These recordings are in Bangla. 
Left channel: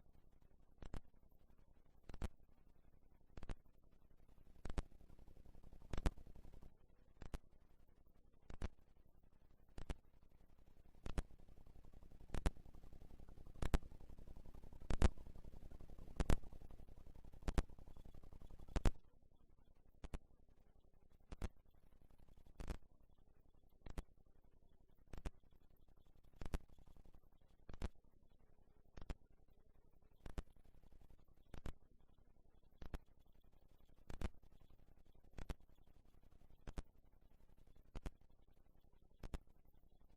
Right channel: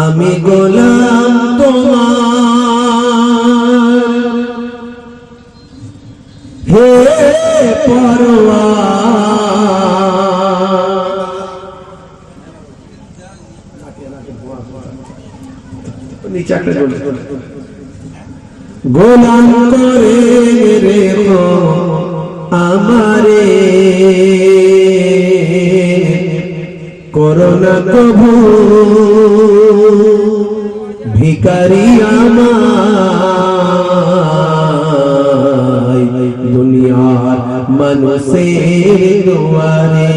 আমি গোলাম তোমার হে পরওয়ার গোলাম করে রেখো আমারে করোনা কভু ভিখারি আমায় দুনিয়ার মানুষের দুয়ারে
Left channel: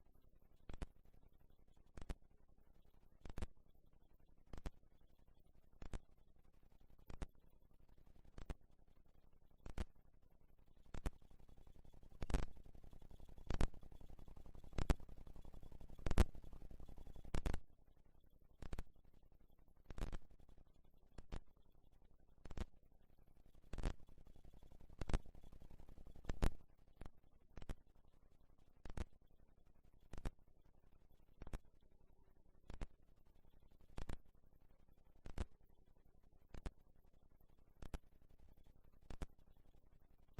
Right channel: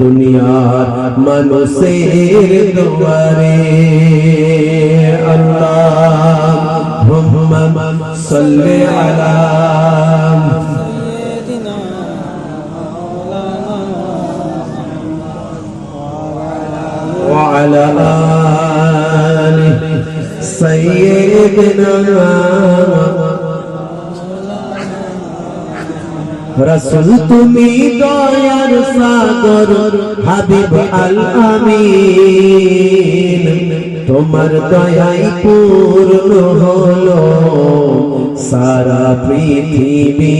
দুনিয়ার মানুষের দুয়ারে আল্লাহুম্মা সাল্লি আলা وعلى آل سيدنا رسول তুমি দয়ার সাগর হাবিব আল আমিন তোমার দয়াই পূর্ণ হলো সারা পৃথিবী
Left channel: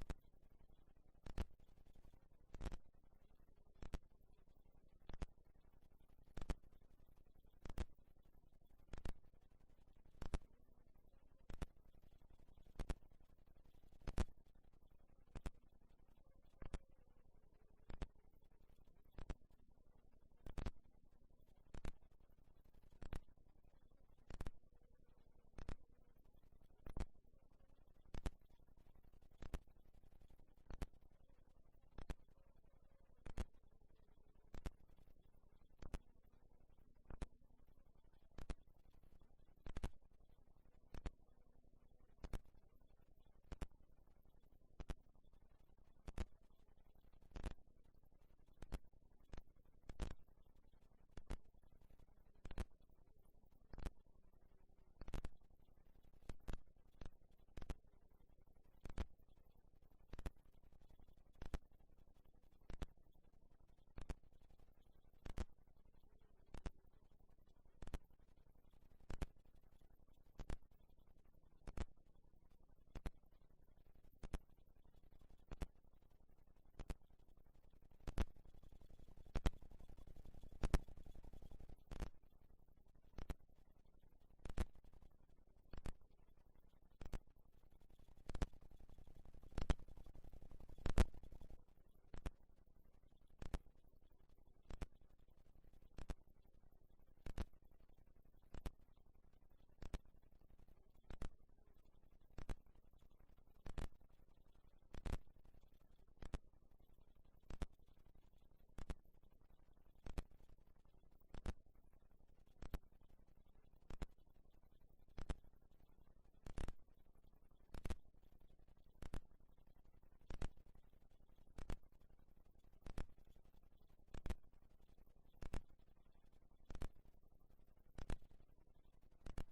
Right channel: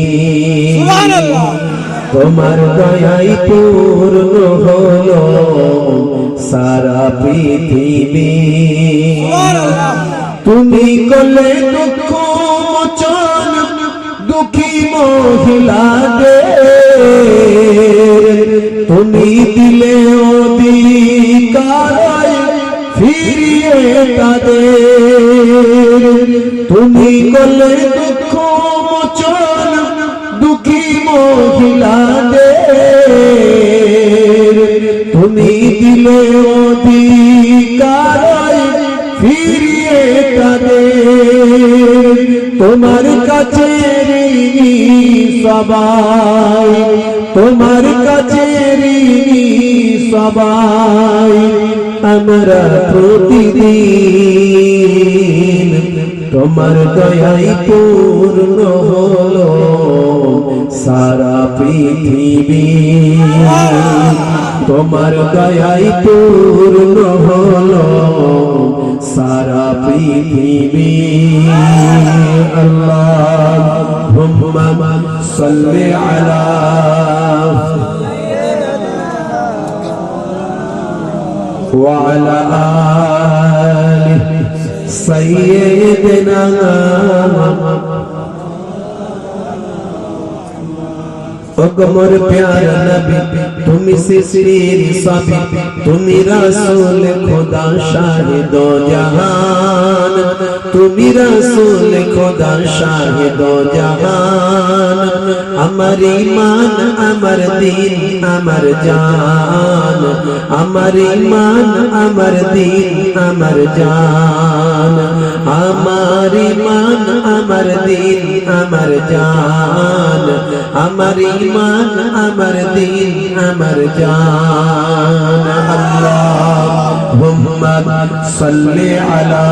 সুবহানাল্লাহ তোমার দয়াই পূর্ণ হলো সারা পৃথিবী তুমি করলে দুঃখ মোচন দুঃখী মহিলাদের তুমি দিলে অধিকার ফিরিয়ে তাদের তুমি করলে দুঃখ মোচন দুঃখী মহিলাদের তুমি দিলে অধিকার ফিরিয়ে তাদের তোমার কাছে সবাই তোমার কাছে সবাই আমরা প্রতিদিন তোমার দয়াই পূর্ণ হলো সারা পৃথিবী তোমার দয়াই পূর্ণ হলো সারা পৃথিবী আল্লাহুম্মা সাল্লি আলা ওয়া আলা আলি সাইয়্যিদিনা अकबर प्यारा नबी तुम सिर साबी तुम रसूल खुदा शाहिद जहान तुम रसूल खुदा शाहिद जहान अमर ईमान अमर दीन अमर जान अमर ईमान अमर दीन अमर जान अमर ईमान अमर दीन अमर जान अमर ईमान अमर दीन अमर जान अल्लाहुम्मा सल्ली अला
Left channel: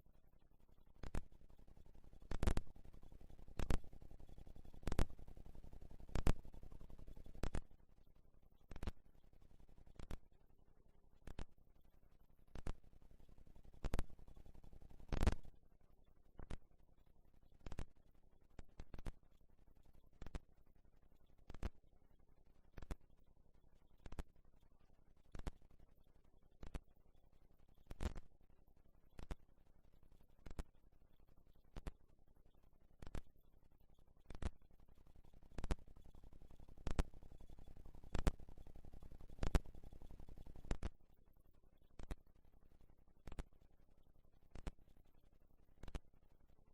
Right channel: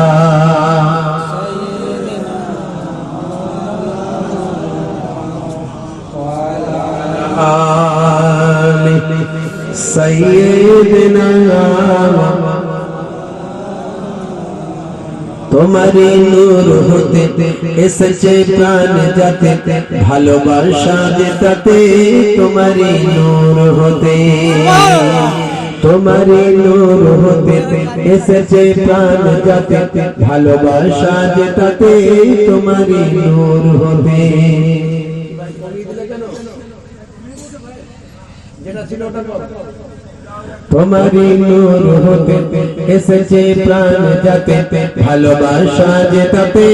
आलि सय्यिदिना तुम्हारी नूर होते एसेছে প্রাণ যাতে ভালোবাসা যেতে तुम्हारी नूर होते तुम्हारी नूर होते एसेছে প্রাণ যাতে ভালোবাসা যেতে तुम्हारी नूर होते যেটা ছিল ওটা तुम्हारी नूर होते एसेছে প্রাণ যাতে ভালোবাসা যেতে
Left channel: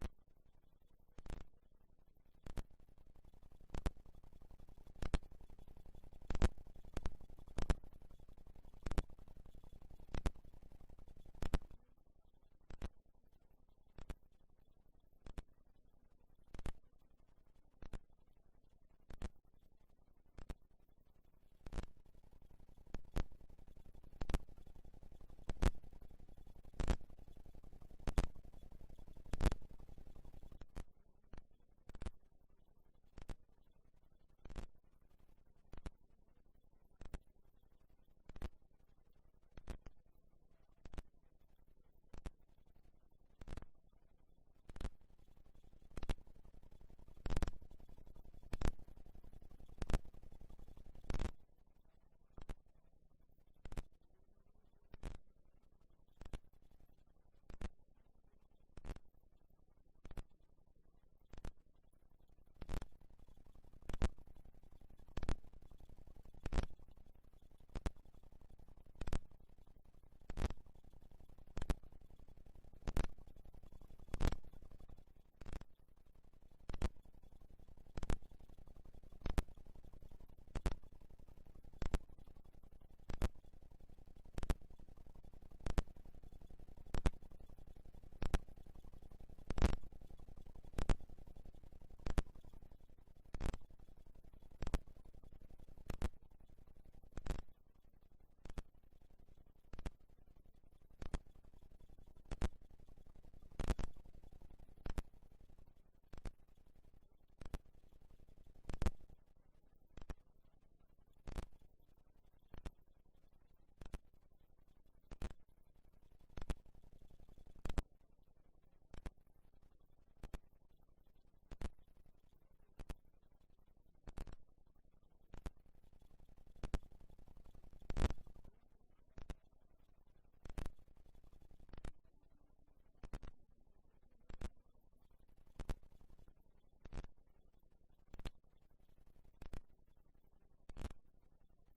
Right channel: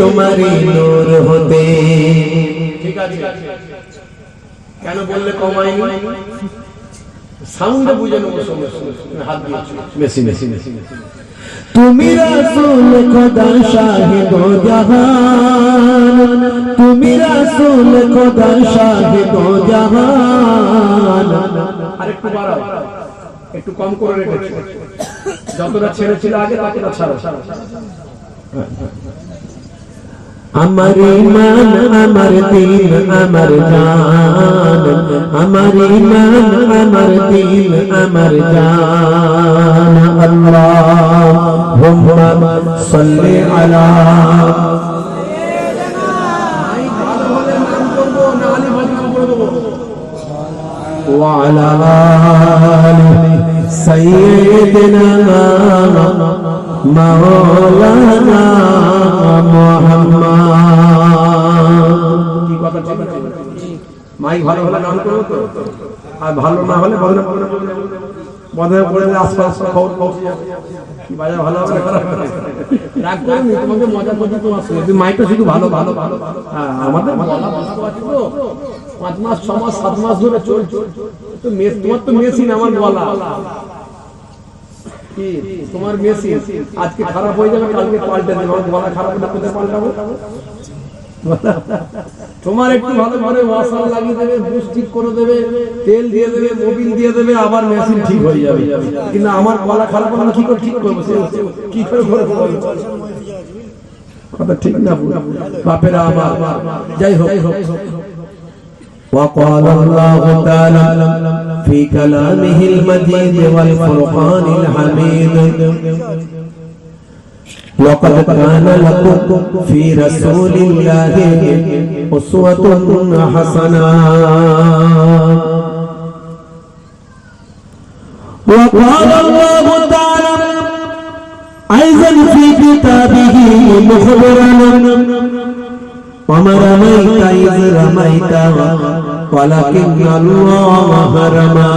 तुम्हारी नूर होते ঠিক আছে কেন বললে কমাইনি সাউন্ড বুঝে নেব সমস্যা হাত দিয়ে মেশি তুমি রাসূল খোদা শাহিদ জাহান তুমি রাসূল খোদা শাহিদ জাহান আরেকটু বাড়াও একটু কম করে রেখেছি যতটা ছেড়েছিল আগে ততটা ছাড়ো আমার ঈমান আমার দিন আমার জান আমার ঈমান আমার দিন আমার জান সাল্লি আলা وعلى آل سيدنا مولانا محمد কি কথা ঠিক আছে মাইক ভালো হলে নাম করব তো আর ভালো না হলে বন্ধ করে আশপাশ খবর পৌঁছে যাবে কি বাজার ভালো হবে রাগ করে নি তোমাকে মজা করতে তোমার সঙ্গে মাইকটা শুধু ভালো ভালো ভালো হ্যাঁ আমাদের বলা ভালো আছে তো 5 মাস 6 মাস 7 মাস ধরে চলছে তো তোমার তো মেশিন আমার বলা কি তোমার মেশিন আজকে খারাপ হয়ে যাবে কালকে পাল্টে দেবে আমার বলা খারাপ হলে কোথায় পাল্টাবো তোমার একটু ভালো করে ওয়াশার লাগিয়ে দেবে বুশ ঠিক করে দেবে তেল দিয়ে দেবে মোবিল দিয়ে দেবে আবার মেশিন ঠিক হয়ে যাবে কিন্তু আমার গলা খারাপ হলে কি করে ঠিক করব কি করে কথা ঠিক না বাপেরা আমার যাই হোক وقال الله تعالى في كلامه المجيد والفرقان الحميد لقد كان لكم في رسول الله أسوة حسنة وقال الله تعالى أيضا في كتابه مخبرا وما رميت إذ رميت ولكن الله رمى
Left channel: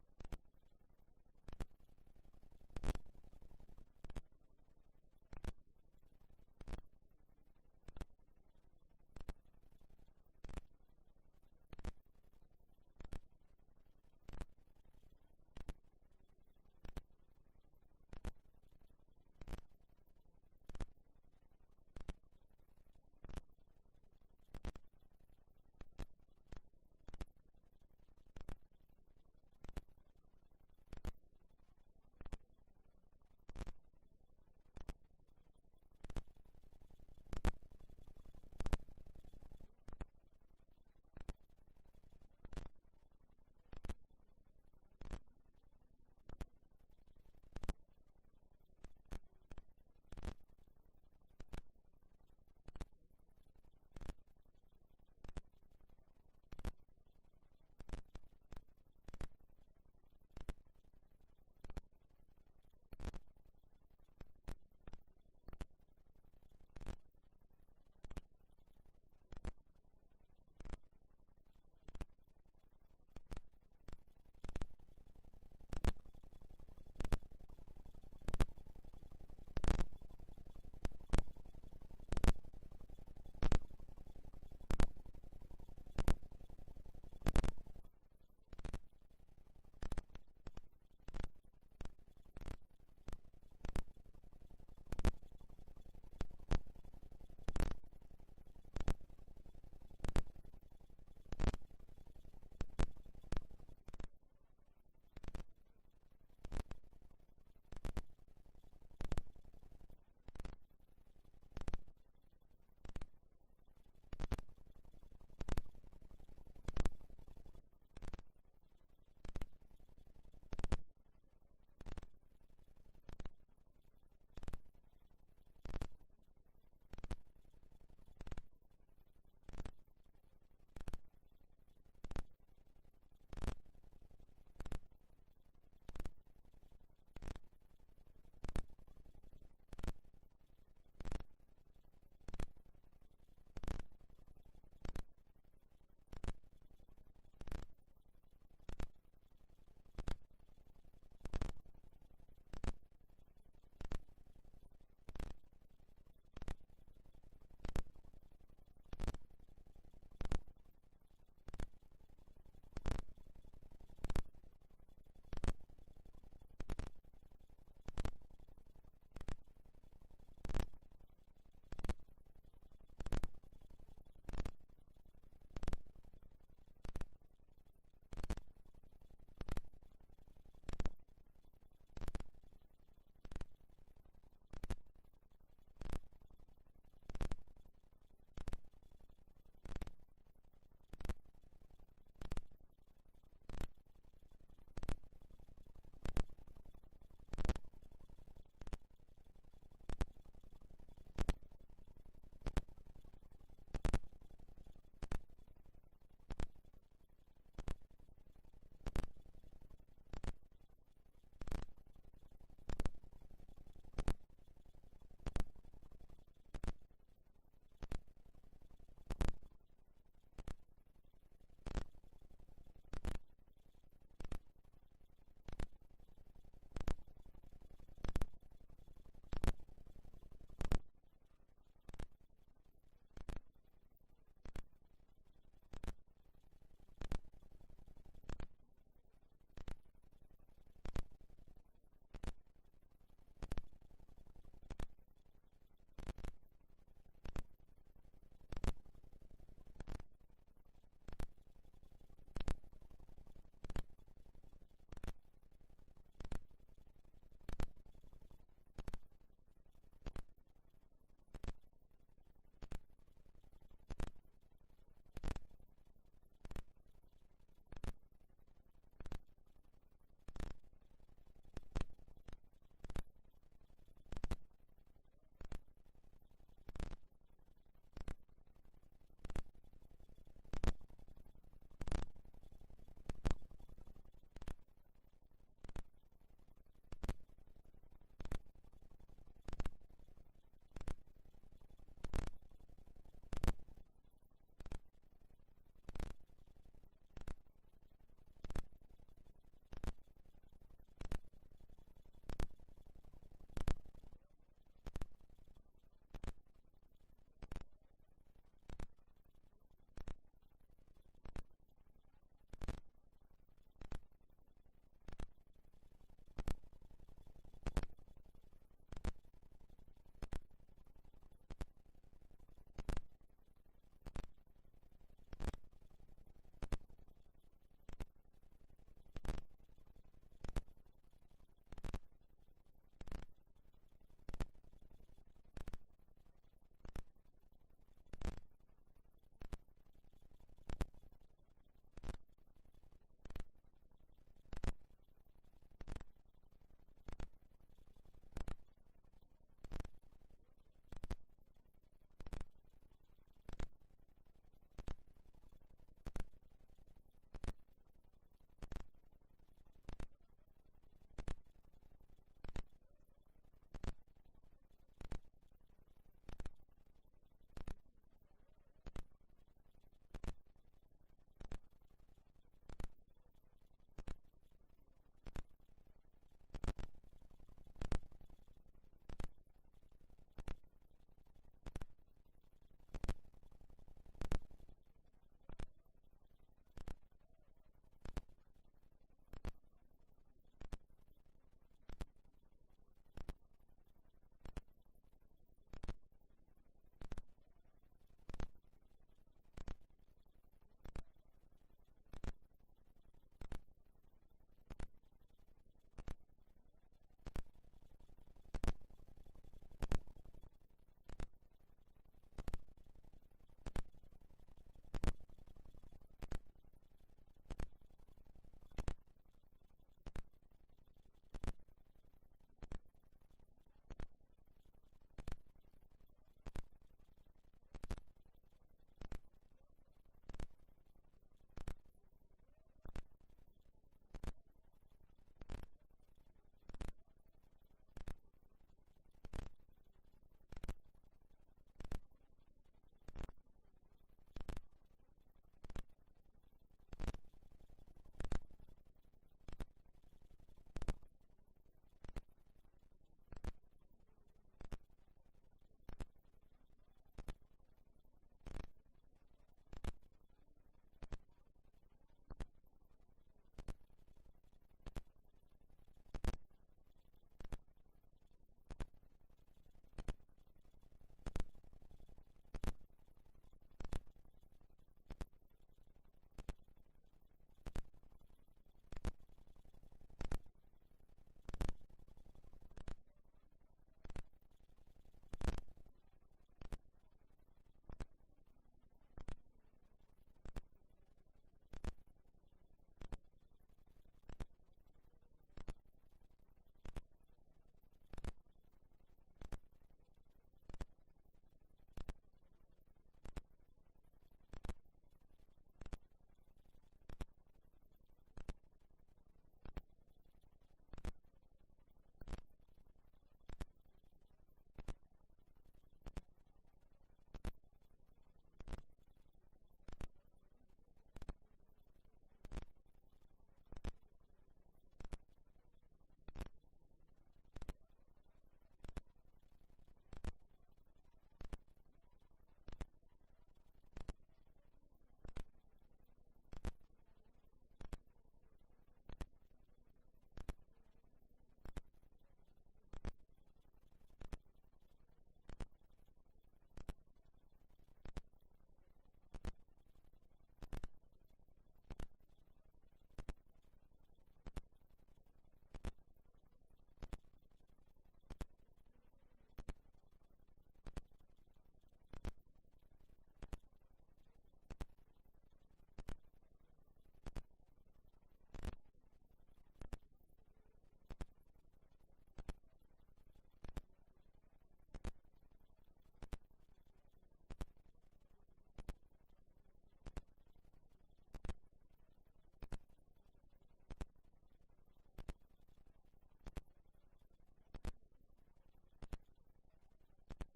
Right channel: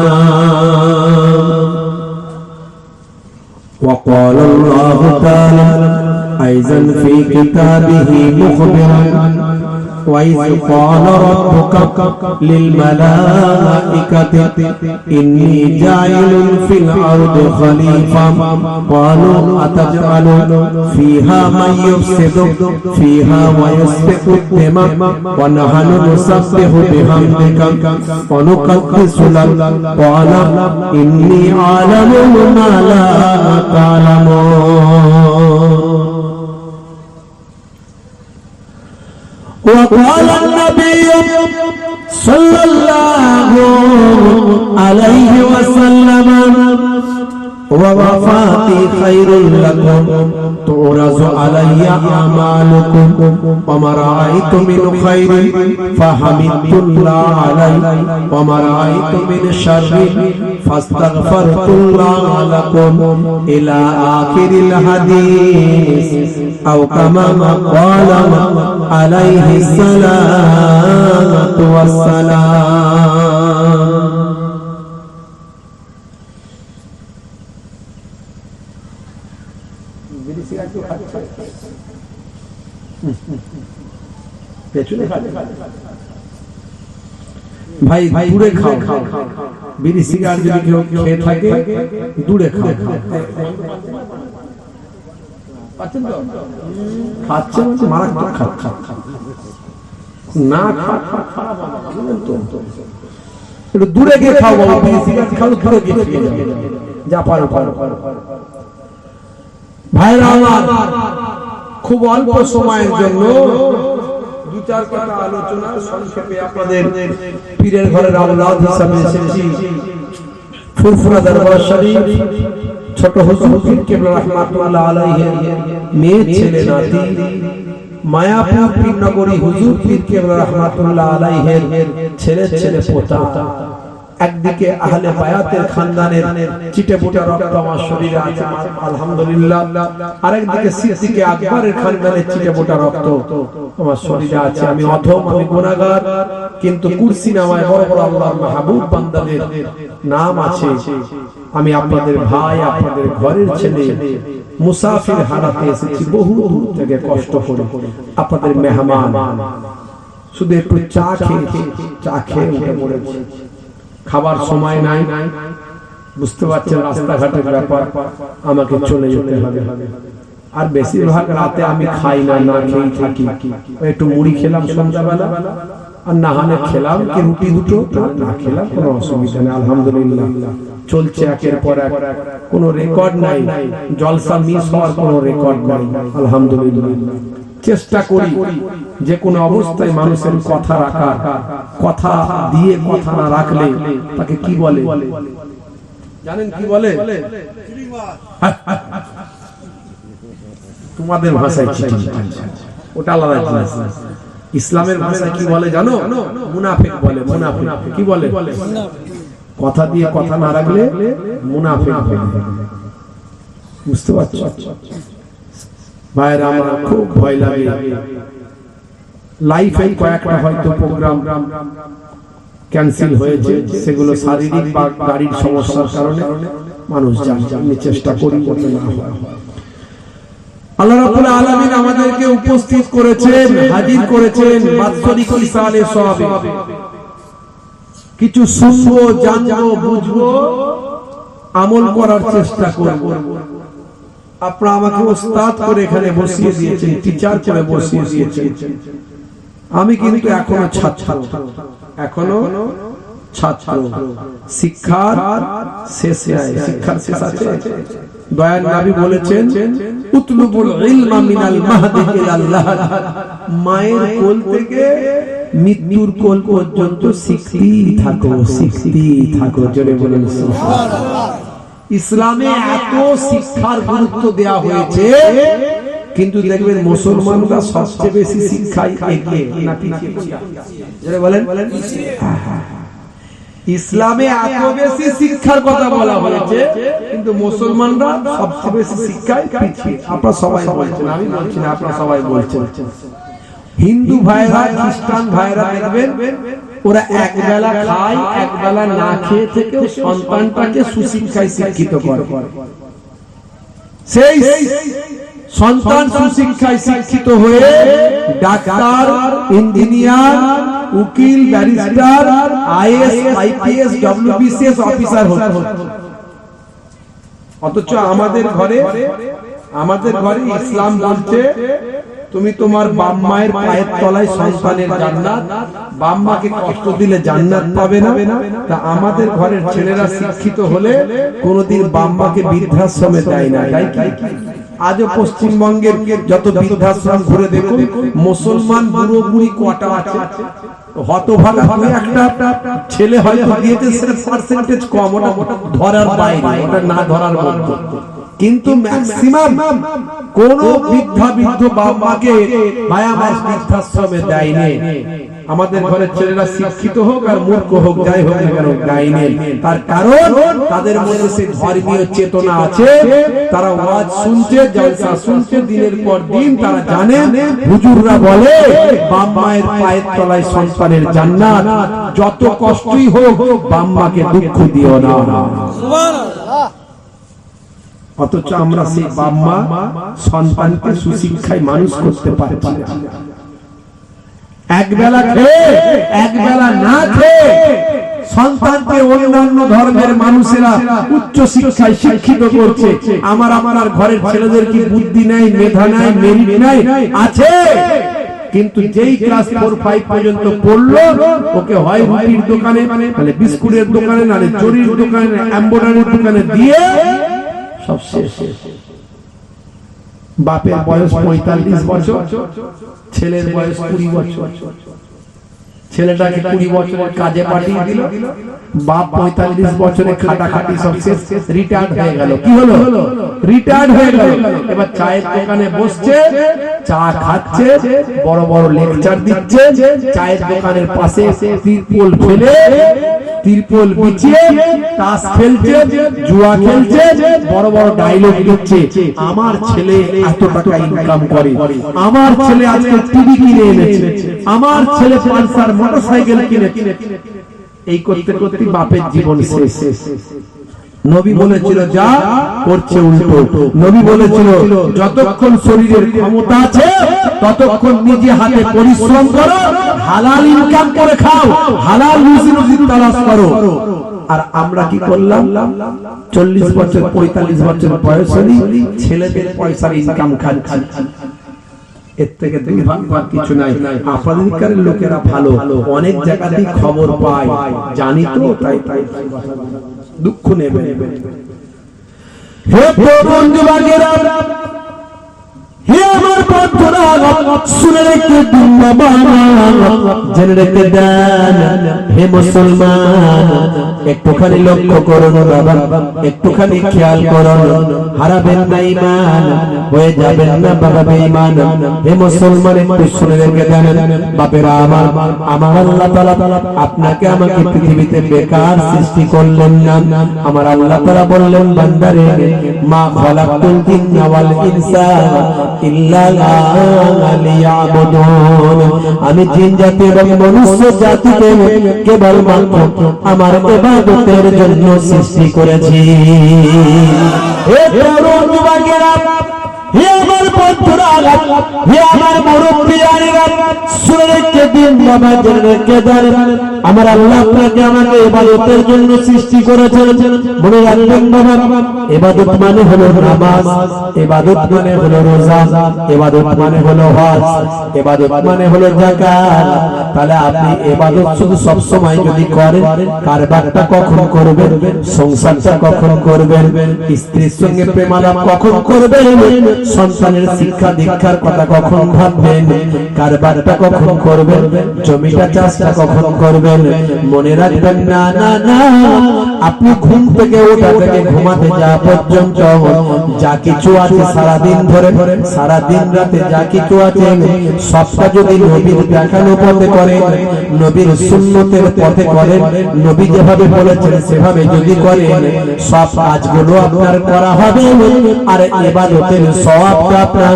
وقال الله تعالى أيضا في كتابه مخبرا وإذ قال ربك للملائكة إني جاعل في الأرض خليفة قالوا أتجعل فيها من يفسد فيها ويسفك الدماء ونحن نسبح بحمدك ونقدس لك قال إني أعلم ما لا تعلمون وقال النبي صلى الله عليه وسلم ووفاتي خير لكم تعرض علي أعمالكم وما رأيت من خير فحمدت الله عليه وما رأيت من شر فاستغفرت الله لكم إلى آخر الحديث أو كما قال عليه الصلاة والسلام ভাই দূরে খাও বিড়ি সিগারেট যদি কেউ খেয়ে থাকে দূরে খাও খাচ্ছে মারাত্মক না একটু দূরে গিয়ে খাও বাবা বিড়ি সিগারেট খাও দূরে গিয়ে খেয়ে যাও যা পারো ভাইরা আমার খুব অল্প সময়ের জন্য দু চার কথা আলোচনা সংক্ষেপে আপনাদের পীরের ঘরের আওলাদ হিসাবে এসেছি ফুরফুরা দরবার শরীফ ছোট হুজুর পীর কেবলা রাহমাতুল্লাহ আলাইহি মেয়ে ছেলে নাতি মায়াপুর পীরনগরী হুজুর পীর কেবলা রাহমাতুল্লাহ আলাইহির ছেলে পোতা একদিকে আহলে বায়াতের খানদানের চিটেপুটা রক্ত আমার শরীরে আছে আলহামদুলিল্লাহ আরেকদিকে সিদ্দিকে আকবরের খানদানের চিটেপুটা রক্ত আমার শরীরে আছে আমি অধম আমি গুনাহগার কিন্তু কুরসি নামায় বড় বড় আল্লাহর মাহবুব বান্দাদের নাম আছে আমি আপনাদের ভাই আপনাদের ঘরের ছেলে মুসাফির হারাতে এসেছি বহু দূর থেকে কষ্ট করে আপনাদের মেহমান শুধু একটু চা খেয়ে উঠে পড়েছি খাবার সময় নাই বুঝতে পারছেন রাস্তাঘাটের ব্যাপার আমাকে চলে যেতে হবে আর বেশিরভাগ রাতে আমি খাই না খেয়ে থাকি একটু মুড়ি খেলাম সন্ধ্যাবেলা আর না হলে খেলাম কি রুটি দুটো না খেলাম কোনো অসুবিধা নেই আলহামদুলিল্লাহ চলছে একের পর এক কোনো রেকর্ড নাই জলসা মিস হওয়ার কোনো রেকর্ড নাই আলহামদুলিল্লাহ চেষ্টা করি যে কোনো অবস্থায় মানুষের কথা রাখার কথা দিয়ে কথা না রাখলে তাকে কি বলে জানেন কি বলে তোমাদের ভাষায় চিঠি, ওটা আলাদা জিনিস। ইসলামের ভাষায় কি বলে জানো? মুনাফিক বলে। মুনাফিক কি বলে? কথা দিয়ে কথা না রাখলে মুনাফিক বলে। বুঝতে পারছো ভাইরা? আমার খুব ভয় লাগে। লাইফে কয়েকটা হয়তো প্রোগ্রাম ক্যান্সেল হয়েছে, সেগুলো শারীরিক বা গাড়ির সমস্যার কারণে মানুষ জানি চেষ্টা করি করতে না হয়। আল্লাহ রাব্বুল আলামিন আমাদেরকে উপস্থিত করেছেন, হাজির করেছেন বাৎসরিক ইসালে সওয়াবে। কিছু শুনবো, জানবো, বুঝবো, আমল করার চেষ্টা করব। আপনারা আমাকে ওস্তাদ করে এখানে বসিয়ে দিয়েছেন, টিচার করে বসিয়ে দিয়েছেন। আমি কিন্তু এখনো ছাত্র, এখনো ছাত্র। শিক্ষার শেষ নাই, শিক্ষার শেষ আছে। দয়ার নবী বলেছেন, উতলুবুল ইলমা মিনাল মাহদি ইলাল লাহদ। মায়ের কোল থেকে মৃত্যুর কোল পর্যন্ত শিখতেই থাকো, শিখতেই থাকো। জোরে বলেন সুবহানাল্লাহ। ইসলামে এত শিক্ষার গুরুত্ব দেওয়া হয়েছে, কিন্তু দেখবেন মুসলমানরা সবচেয়ে বেশি শিক্ষায় এগিয়ে না পিছিয়ে? জোরে বলেন। ইসলামে এত বেশি শিক্ষার কথা বলা হয়েছে, কিন্তু মুসলমানরা সবচেয়ে বেশি শিক্ষায় পিছিয়ে। আপনারা সবাই বলছেন, আমি বলছি না, আপনারা সবাই বলছেন। হিন্দু ভাইরা, খ্রিস্টান ভাইরা দেখবেন ওরা এক বেলা খায়, এক বেলা না খেয়ে থেকে সন্তানটাকে সুশিক্ষায় শিক্ষিত করে। সেই সন্তান সুশিক্ষায় শিক্ষিত হয়ে ডাক্তার, ইঞ্জিনিয়ার, উকিল, barrister, is, IPS, WBCS officer হচ্ছে। অথচ আমাদের ঘরে ইসলাম বলছে, তুমি তোমার বাপ মায়ের পায়ের তলায় সন্তানের জান্নাত, বাপ মাকে কষ্ট দিলে জান্নাত পাবে না। তা আমাদের ঘরের ছেলেরা শিক্ষিত হলে কোনোদিন বাপ মাকে বৃদ্ধাশ্রমে দেয় না। তাই কি? আজও পশ্চিমবঙ্গের যত বৃদ্ধাশ্রম ঘুরে দেখুন, মুসলমান বুড়ো বুড়ি কটা আছে। হতভাগা একটা ছেলে হয়তো দিয়েছে, সেটা পার্সেন্টেজ কম, ওটা ধরার বাইরে, ওটা না ধরার মতো। কিন্তু ম্যাক্সিমাম কোন বৃদ্ধ বাপ মাকে মায়া মাস বৃদ্ধাশ্রমে দেয়নি। আমাদের ঘরের ছেলেরা শিক্ষিত হোক আর মূর্খ হোক, যাই হোক না কেন, দেয়নি। তার কারণ তাদের মধ্যে সেই ধর্মীয় চেতনা আছে। তারা ওয়াজ শুনছে, জলসা শুনছে দিনের পর দিন। তারা জানে হুজুররা বলে বাপ মায়ের পায়ের তলায় সন্তানের জান্নাত। যত কষ্টই হোক বাপ মাকে দুঃখ দিও না। সুবহানাল্লাহ। অথচ আমরা সেই বাপ মা সন্তানকে সুশিক্ষায় মানুষ করতে পারছি না। এক বেলা খেয়ে, এক বেলা না খেয়ে সন্তানকে অন্যান্য ধর্মের মানুষেরা উচ্চ শিক্ষায় শিক্ষিত করছে। আমার ঘরের ছেলেদের কি বুদ্ধি নাই, মেধা নাই, মেরিট নাই? আছে। কিন্তু যেই ক্লাস 4-5 পর্যন্ত পড়লো, ওকে হয় রুটির দোকানে, নাহলে বিস্কুটের দোকানে, নাহলে চুরির দোকানে, এমব্রয়ডারির দোকানে দিয়ে সব শেষ। বাপের বয়স 45 বছর, ছেলের বয়স 20 বছর। ছেলেটাকে 20 বছরের কাজে পাঠিয়ে দিল, বাপ 45 বছরে খাটাখাটি সব শেষ, রিটায়ার্ড হয়ে গেল। কি হলো? রিটায়ার্ড হয়ে গেল। এবার চায়ের দোকানে বসছে, চা খাচ্ছে, বড় বড় লেকচার দিচ্ছে। চায়ের দোকানের পাশে তিরপল ফেলে, তিরপল বিছিয়ে তাস খেলছে, জুয়া খেলছে, বড় বড় ডায়লগ দিচ্ছে। আমার ছেলে এত টাকা ইনকাম করে, আমার ছেলে আজকে টিভি কিনে এনেছে, আমার ছেলে পালসার মোটরসাইকেল কিনেছে। এই করতে করতে বাপের জীবন শেষ। নবী বলেছিল যা করছে উল্টো। নবী বলেছিল যতক্ষণ শরীরের ক্ষমতা আছে ততক্ষণ নিজে হাতে পরিশ্রম করো, হালাল ইনকাম করে খাও, হালাল রুজি তালাশ করো। আর আমরা কি করলাম? 40 বছর 45 বছর বয়স হলে ছেলেদের পয়সার ইনকাম খাচ্ছি। এর থেকে দুর্ভাগ্যের কিছু নাই। আপনাদের লোকেরা ভালো, অনেক জায়গাতেই খবর পায়, জানি তো, তাই দুঃখ নেবে। হে বন্ধু বাগেরা, হে আমার বন্ধুরা শুনে রেখে দিন বাবা, জেনে রেখে দেন হে মুসলমান, একটুখানি লক্ষ্য করুন বাবা, একটুখানি খেয়াল করুন, হারাবেন না ঈমান, হয়ে যাবেন না বাবা বেঈমান। হে মুসলমান, একটু শুনে রেখে দেন বাপেরা আমার, আমার আল্লাহ তাআলা আপনাকে আমাকে পৃথিবীতে বেকার সৃষ্টি করলেন না। আমার আল্লাহ তাআলা বললেন বান্দারে, মা খালাকতুল জিন্না ওয়াল ইনসা ইল্লা লিয়াবুদুন, আমি জিন জাতি এবং মনুষ্য জাতিকে কেবলমাত্র আমার ইবাদতের জন্য সৃষ্টি করেছি। হে তরুণ যুবকেরা, হে আমার বন্ধুরা, হে আমার মুরব্বিয়ানেরা, শুনে রেখে দিন বাবা, জেনে রেখে দেন আমার আল্লাহ আপনাকে আমাকে ইবাদতের জন্য সৃষ্টি করেছেন। মনে রাখবেন বাবা, ইবাদত মানে হলো নামাজ, ইবাদত মানে হলো রোজা, ইবাদত মানে হলো হজ, ইবাদত মানে হলো যাকাত। তাহলে আপনি ইবাদত শুধু সব সময় যদি করেন, কারবারটা কখন করবেন, সংসারটা কখন করবেন, স্ত্রীর সঙ্গে প্রেমালাপ কখন করবেন, সন্তানের শিক্ষা দীক্ষার কথা কখন ভাববেন, কারবারটা কখন করবেন, জমিটা চাষটা কখন করবেন, মনে রাখবেন না না না, আপনি ঘুম থেকে ওঠা থেকে ঘুমাতে যাওয়া পর্যন্ত যা কিছু আছে সারাদিন ধরে, সারাদিন রাতে যা কিছু আছে সবটা যদি নবীর দেখানো পথে করেন, নবীর সুন্নতের পথে করেন, নবী যেভাবে বলেছেন সেভাবে যদি করেন, সব কাজগুলো আপনার করা হবে, আর ইবাদতের সওয়াবটা আপনার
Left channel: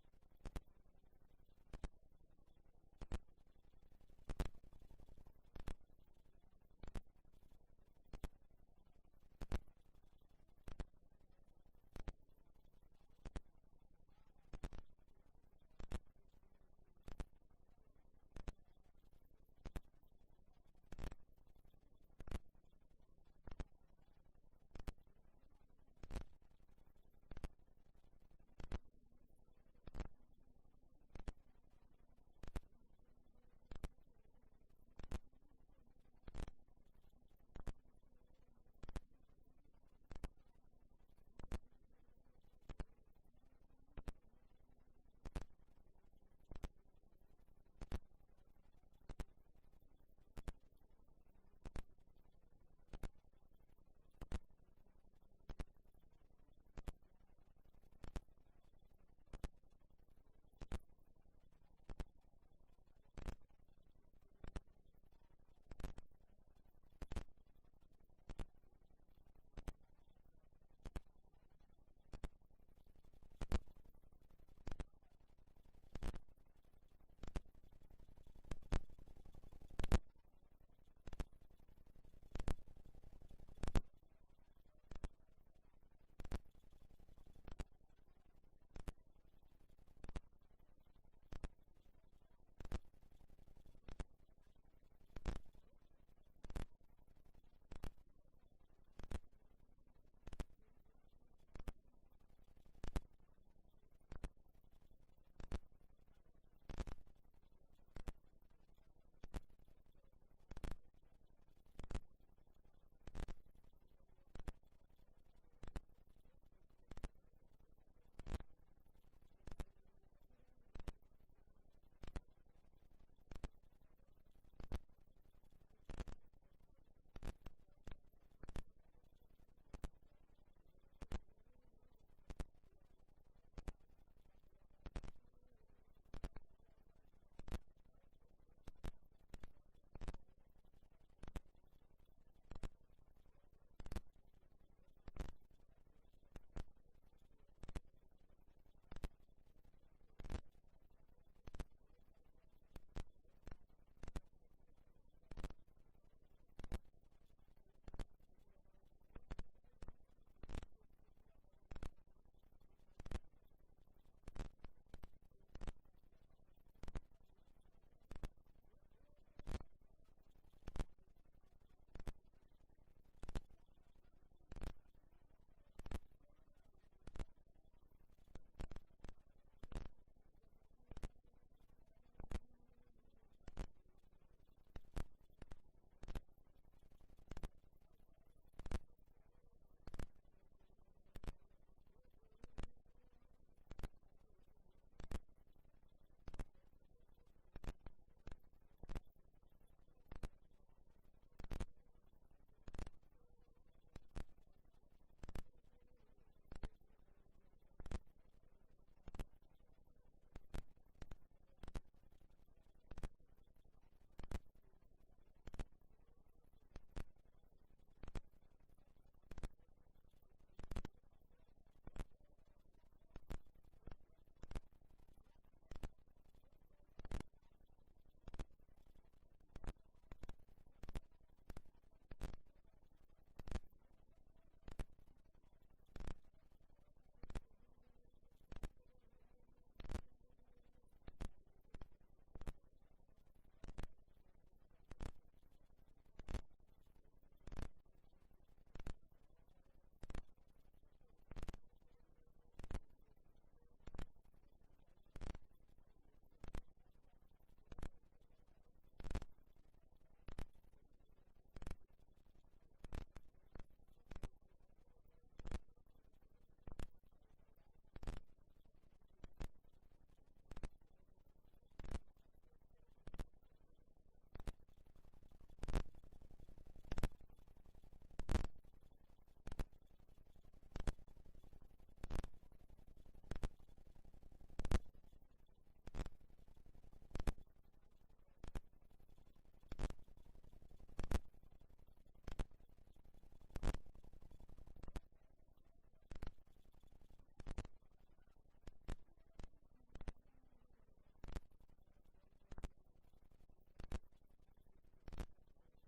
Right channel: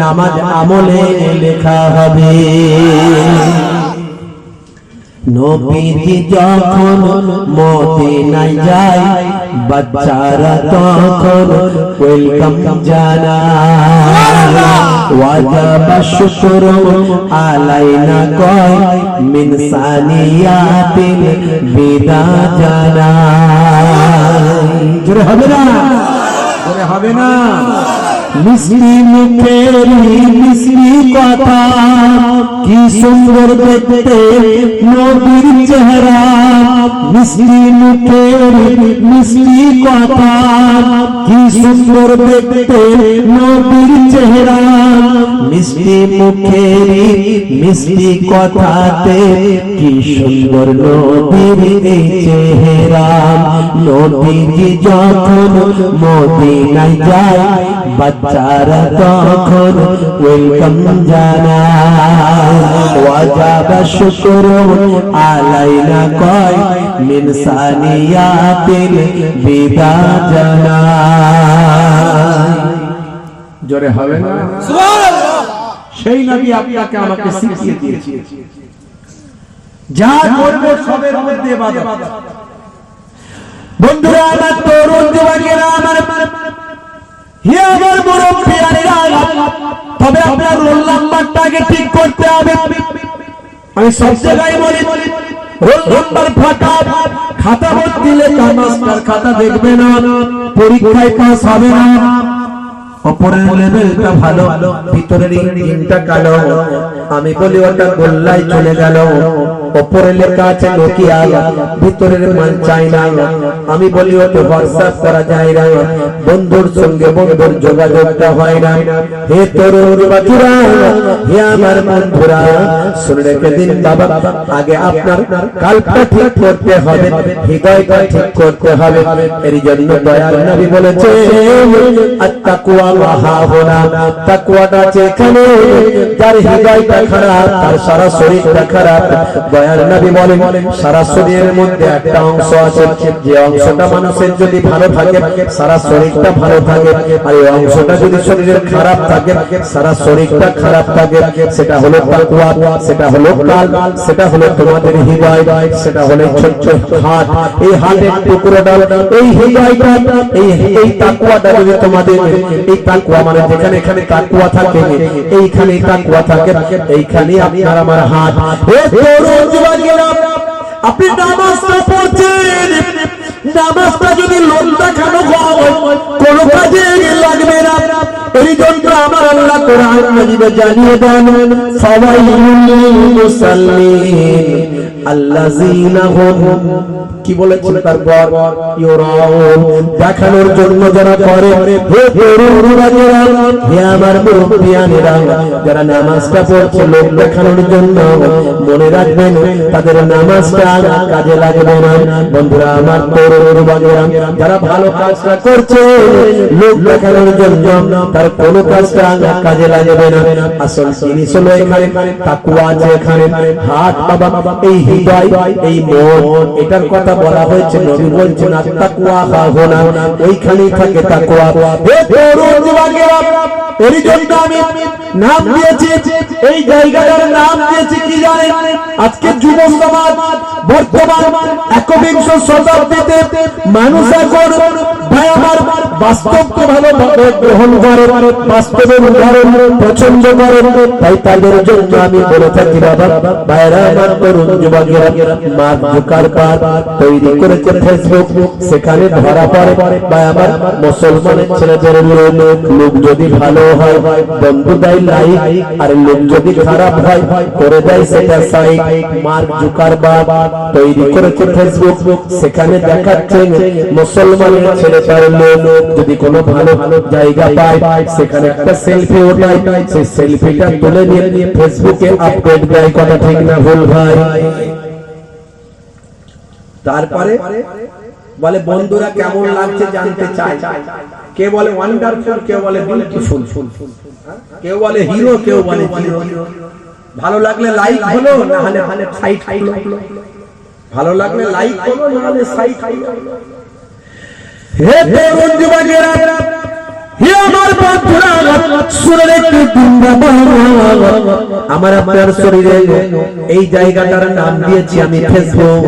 নামাজ আমলে লেখা হবে। নবীজি যখন মদিনায় যায়, বাচ্চারা তখন ওয়েলকাম জানায়, ওয়াজাবা শুকরু আলাইনা কয় মিন সানিয়াতিল বিদা জানায়। জোরে হবে না, জোরে হবে না। মিষ্টি মুখের মিষ্টি কথা, কি সুন্দর দেখতে নবীর চেহারা, মিষ্টি মুখের মিষ্টি কথা, কি সুন্দর দেখতে নবীর চেহারা, মিষ্টি মুখের মিষ্টি কথাতে কি সুন্দর নবীর চেহারা। নবীজি যখন মদিনায় যায়, বাচ্চারা তখন ওয়েলকাম জানায়, ওয়াজাবা শুকরু আলাইনা কয় মিন সানিয়াতিল বিদা জানায়। জোরে হবে না সুবহানাল্লাহ। সেই নবী আপনাকে আমাকে শিখিয়ে দিয়েছে, যা করবে সবের মধ্যে ইবাদত। বন্ধুরা আমার, তরুণ যুবকেরা আমার, হে আমার মুরব্বিয়ানেরা, তবে আপনার রোল নাম্বারটাকে ঠিক করতে হবে। আমি সব জায়গায় বলি, রোল নাম্বার ফাঁকা, খাতা ভর্তি লেখা, মাস্টার খাতা দেখবে না, পরীক্ষায় পাস হবে না। উপরের লেভেলটা ভালো, ভিতরের ইঞ্জিনটা কালো, আমি বলি ওটা গোল্লাই চলে গেল। উপরে লেখা আছে নোকিয়া, ভিতরের মাল চাইনা, আমি বলি ওটা হোয়াটসঅ্যাপ করা যায় না, বন্ধুর সঙ্গে বন্ধুর যোগাযোগটা হয় না। হে তরুণ বাচ্চারা, হে আমার বন্ধুরা, শুনে রেখে দিন বাবা, আগে আপনার কালটা ঠিক করতে হবে, হৃদয়টা ঠিক করতে হবে। এর জন্য দয়ার নবী বলেছে, আত্তাকওয়া ওয়াহাহুনা, তাকওয়াটা যেখানে, যার হৃদয়টা খারাপ তার সারা শরীরটা খারাপ। দয়ার নবী বলেন, সারা শরীরের মধ্যে একটা অংশ আছে, যে অংশটা মানুষের যদি ভালো থাকে সারা শরীরটা ভালো থাকে, আর এই অংশটা যদি শরীরের খারাপ থাকে সারা শরীরটা খারাপ থাকে। সেটা হলো তাকওয়া, সেটা হলো কাল, সেটা হলো তোমাদের হৃদয়, সেটা হলো ছোট্ট হাত। এই হাতের টুকরোটা, এই হৃদয়টা, এই তাকওয়াটা যদি তোমাদের, এই তাকওয়া মানে যেখানে এখানে তাকওয়া থাকে, এইখানে তাকওয়া থাকে, এইখানে আপনার আমার হাত। হে তরুণ যুবকেরা, আপনি নামাজটা পড়ছেন, নামাজটা যদি লোক দেখানো হয় কোন কাজে লাগবে না। এই জন্য আমার আল্লাহ কোরআন মাজিদে জানিয়ে দেন, ফাওয়াইলুল লিল মুসাল্লিন, আল্লাযীনা হুম কি বলেছেন তারপর ইউরাউন দেখানোর জন্য যারা করে হে তরুণরা হে আমার মুরব্বিয়ানেরা যারা নামাজটা পড়ছে লোক দেখানোর জন্য মনে রাখবেন তাদের নামাজটা কাজে লাগবে না বন্ধুরা আমার তরুণরা যারা ভালো কাজটা করছে লোক দেখানোর জন্য তার কোনো কাজটা কাজে লাগবে না আসল জিনিস হলো এখানে তাকওয়া আছে এখানে হাত বাবা এই হৃদয় এই মন এটার কথা বলা হয়েছে নবী বলছেন তাকওয়া হাহুনা ওইখানেই থাকে তাকওয়া হে তরুণ যুবকেরা এর জন্য আমি নাম দিয়েছি এই জায়গাটার নাম দিয়েছি কি জানেন আজকে যুব সমাজ বর্তমান একবিংশ শতাব্দীতে মানুষ এখন ভাই আমার বাস্তবকে ভালোভাবে গ্রহণ করে বাস্তবের উদাহরণ পছন্দ করে তাই তাদের জন্য আমি বলে থাকি বাবা ভাইরা আমার তরুণ যুবকেরা মার্ক জুকারবার্গ তৈরি করেছে ফেসবুক সেখানে ধরা পড়ে ভাই আমার মুসলমানের ছেলেদের লোক যদি ভালো হয় বন্ধু দেয় লাইক আর লোক যদি খারাপ হয় করে দেয় সেটা সাইট মার্ক জুকারবার্গ তৈরি করেছে ফেসবুক সেখানে দেখাচ্ছে মুসলমানের ছেলেটার লোক যদি কোনো ভালো জায়গা পায় সেখানে একটা সেলফি ওঠায় সেই সেলফিটা তুলে নিয়ে ফেসবুকে আপলোড দেয় কথা ঠিক না ভুল ভাই তারপরে বলে বন্ধুরা কেমন লাগছে জানতে চায় কে বলে ওয়ান্ডারফুল কেউ বলে বিউটিফুল কেউ বলে হিরো কেউ বলে জিরো ভালো লাগলে লাইক হলো না হলে সাইট হলো ভালো লাগলে লাইক হলো না হলে সাইট হলো হে তরুণ যুবকেরা হে আমার বন্ধুরা শুনে একটু আমার আপনার শরীরে এই জায়গাটার নাম দিয়েছি আমি ফেসবুক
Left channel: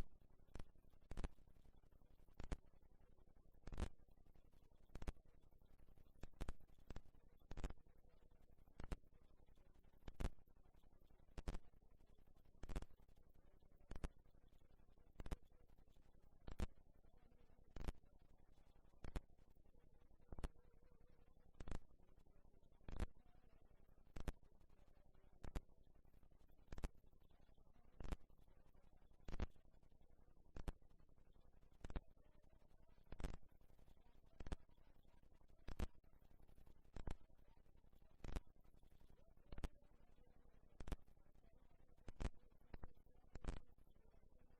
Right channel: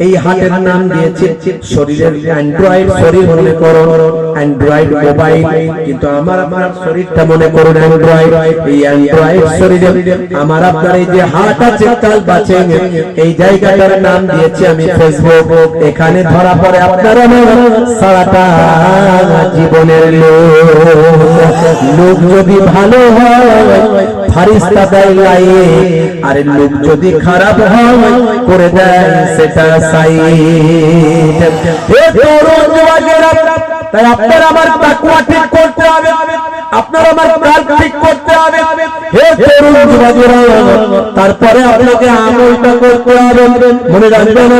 এই হাতের নাম দিয়েছি শরীরের অ্যান্ড্রয়েড শরীর মনে করুন অ্যান্ড্রয়েড মোবাইল কিন্তু আমার আপনার শরীরটা মনে করুন অ্যান্ড্রয়েড এই অ্যান্ড্রয়েড শরীরে আমার আপনার এই যে হাত আছে তাল বাঁচে এই জায়গাটার নাম দিয়েছি আমি ফেসবুক এখানে ধরা পড়ে আপনার সারাটা জীবনের লোক যদি ভালো হয় ফারিস্তা দেয় লাইক আর লোক যদি খারাপ হয় করে দেয় সেটা সাইট হে তরুণ যুবকেরা তাই আপনারা আমার তাকওয়া ঠিক করতে হবে আপনারা আমার কাল ঠিক করতে হবে হে তরুণ যুবকেরা তারপরে আপনাকে আমলটা করতে হবে মনে রাখবেন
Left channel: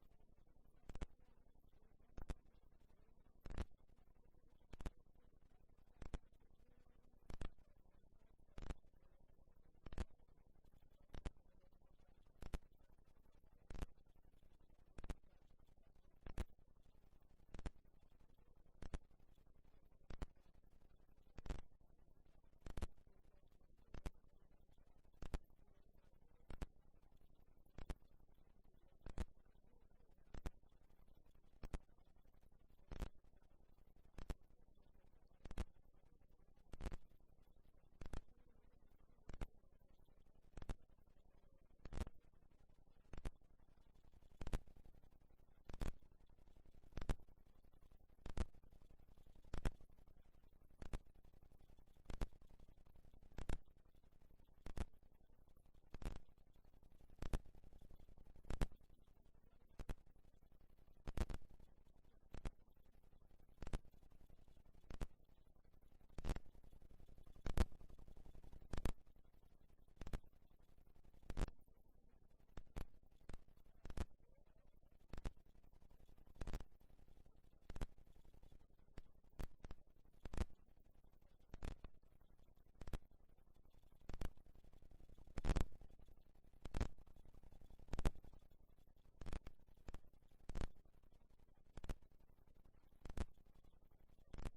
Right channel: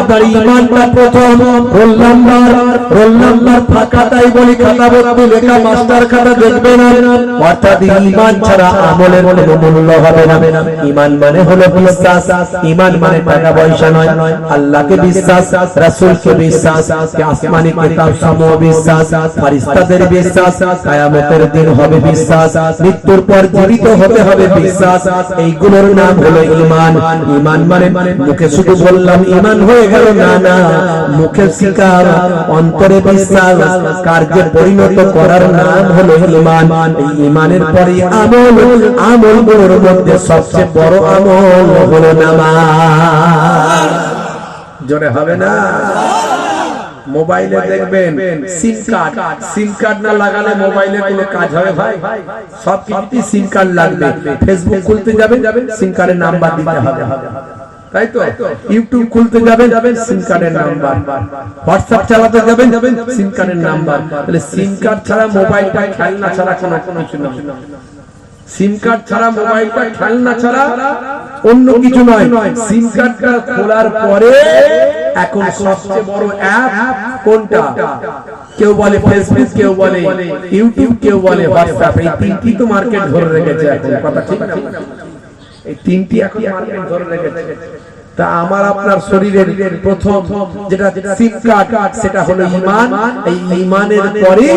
আপনার ঈমানটা প্রথম রোল নাম্বার ফাঁকা তাই বলি খাতা ভর্তি লেখা মাস্টার খাতা দেখবে না অর্থাৎ ঈমান ছাড়া আমলের কোনো মূল্য হবে না ঈমান মানে হলো বিশ্বাস ঈমান মানে টাকা পয়সা নয় আল্লাহকে বিশ্বাস রাসূলকে বিশ্বাস আসমানি কিতাব সমূহ বিশ্বাস ফেরেশতাদের বিশ্বাস কিয়ামতের দিন হবে বিশ্বাস মৃত্যুর পর জীবিত হতে হবে বিশ্বাস এইগুলোর নাম হলো ঈমান ঈমান মানে মুখে শুধু বললাম ঈমান হয়ে গেল না মুখে স্বীকার অন্তরে বিশ্বাস কার্যে পরিণত করার নাম হলো ঈমান এই ঈমানের পরে আমলগুলোর মধ্যে সবচেয়ে বড় আমল হলো নামাজ জোরে হবে না মোবাইলে দেখবেন সিম কার্ড না লাগালে মোবাইলে কোনো কাজ হবে ভাই সব কিছুতে সিম কার্ড লাগবে ফেসবুক খুলতে যাবেন সিম কার্ডের নাম্বার দিতে হবে তাই তো ইউটিউব খুলতে যাবেন সিম কার্ডের নাম্বার হোয়াটসঅ্যাপ চালাতে যাবেন সিম কার্ডের নাম্বার তাহলে সিম কার্ড ছাড়া মোবাইলটা খেলনা ছাড়া কোনো কিছু না সিম কার্ড ছাড়া মোবাইলটা খেলনা ছাড়া অন্য কিছু নয় সিম কার্ডটা খোলার পরে এখন সবচেয়ে বড় অ্যাপ কোনটা কেউ বলে ফেসবুক কেউ বলে ইউটিউব কেউ বলে হোয়াটসঅ্যাপ এই তিনটি তো মার্কেট ধরে রেখেছে এখন কথা ঠিক না এই তিনটি এখন মার্কেট ধরে রেখেছে তা আমার আপনার শরীরের প্রথম যেটা সিম কার্ড সেটা হলো ঈমান এই ঈমানের পরে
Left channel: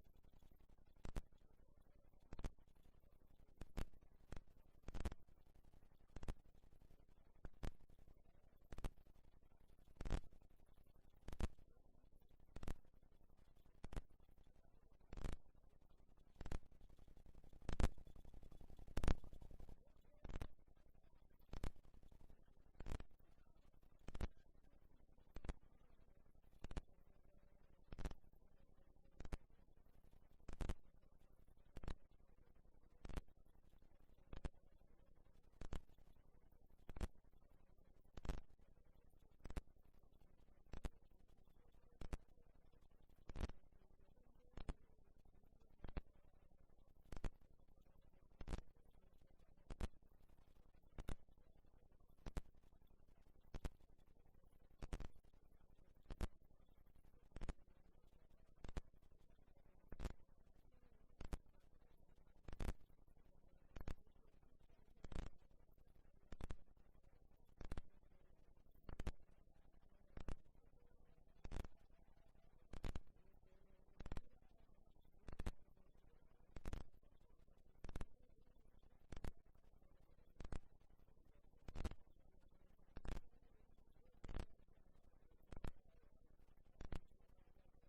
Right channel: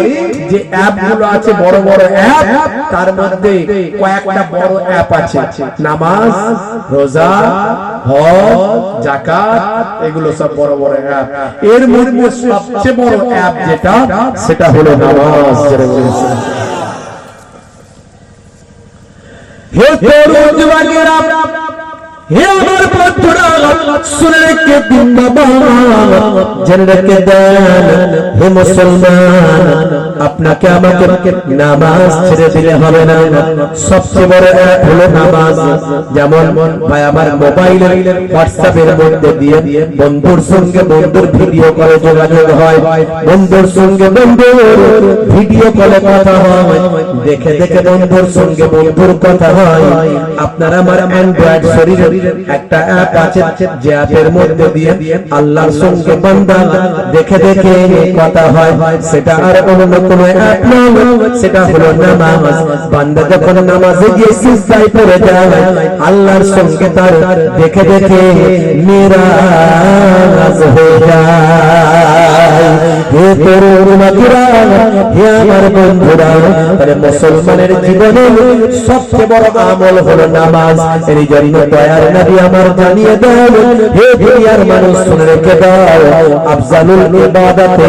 যে অ্যাপগুলো আছে বড় বড় অ্যাপ তার মধ্যে কয়েকটা বড় অ্যাপ আছে নামাজ রোজা হজ যাকাত এগুলো সব বড় বড় অ্যাপ এর মধ্যে সবচেয়ে বড় অ্যাপ যেটা সেটা হলো নামাজ হে তরুণ যুবকেরা হে আমার বন্ধুরা শুনে রেখে দিন বাবা, জেনে রেখে দেন হে মুসলমান, আপনাকে আমাকে নামাজ ছেড়ে দিলে হবে না। সবচেয়ে বড় এক হলো নামাজ। যেমন ভাই আমার মোবাইলের হোয়াটসঅ্যাপের মধ্যে দিয়ে বন্ধুর সঙ্গে বন্ধুর ভিডিও কলে যোগাযোগ হয়, বন্ধুর সঙ্গে বন্ধুর ভিডিও কলে কথা হয়, দেখে দেখে বন্ধুর সঙ্গে বন্ধুর কথা হয়। আপনার আমার অ্যান্ড্রয়েড শরীরে একটা অ্যাপ আছে, যে অ্যাপের মধ্যে দিয়ে আল্লাহর সঙ্গে বান্দা দেখে দেখে কথা হয়। সেটা আর অন্য কোনো অ্যাপ নয়, সেটা হলো নামাজ। বান্দা যখন নামাজে গিয়ে সিজদায় পড়ে যায়, আল্লাহর সঙ্গে তার দেখে দেখে মিরাজ হয়ে যায়। হে তরুণীরা, হে আমার বন্ধুরা, তাহলে মুসলমানের জীবনে সবচেয়ে বড় আমল হলো নামাজ। এই জন্য দয়ার নবী আমার জানিয়ে দেন, হে দুনিয়ার মানুষ শুনে রেখে দাও, আফজালুল ইবাদাত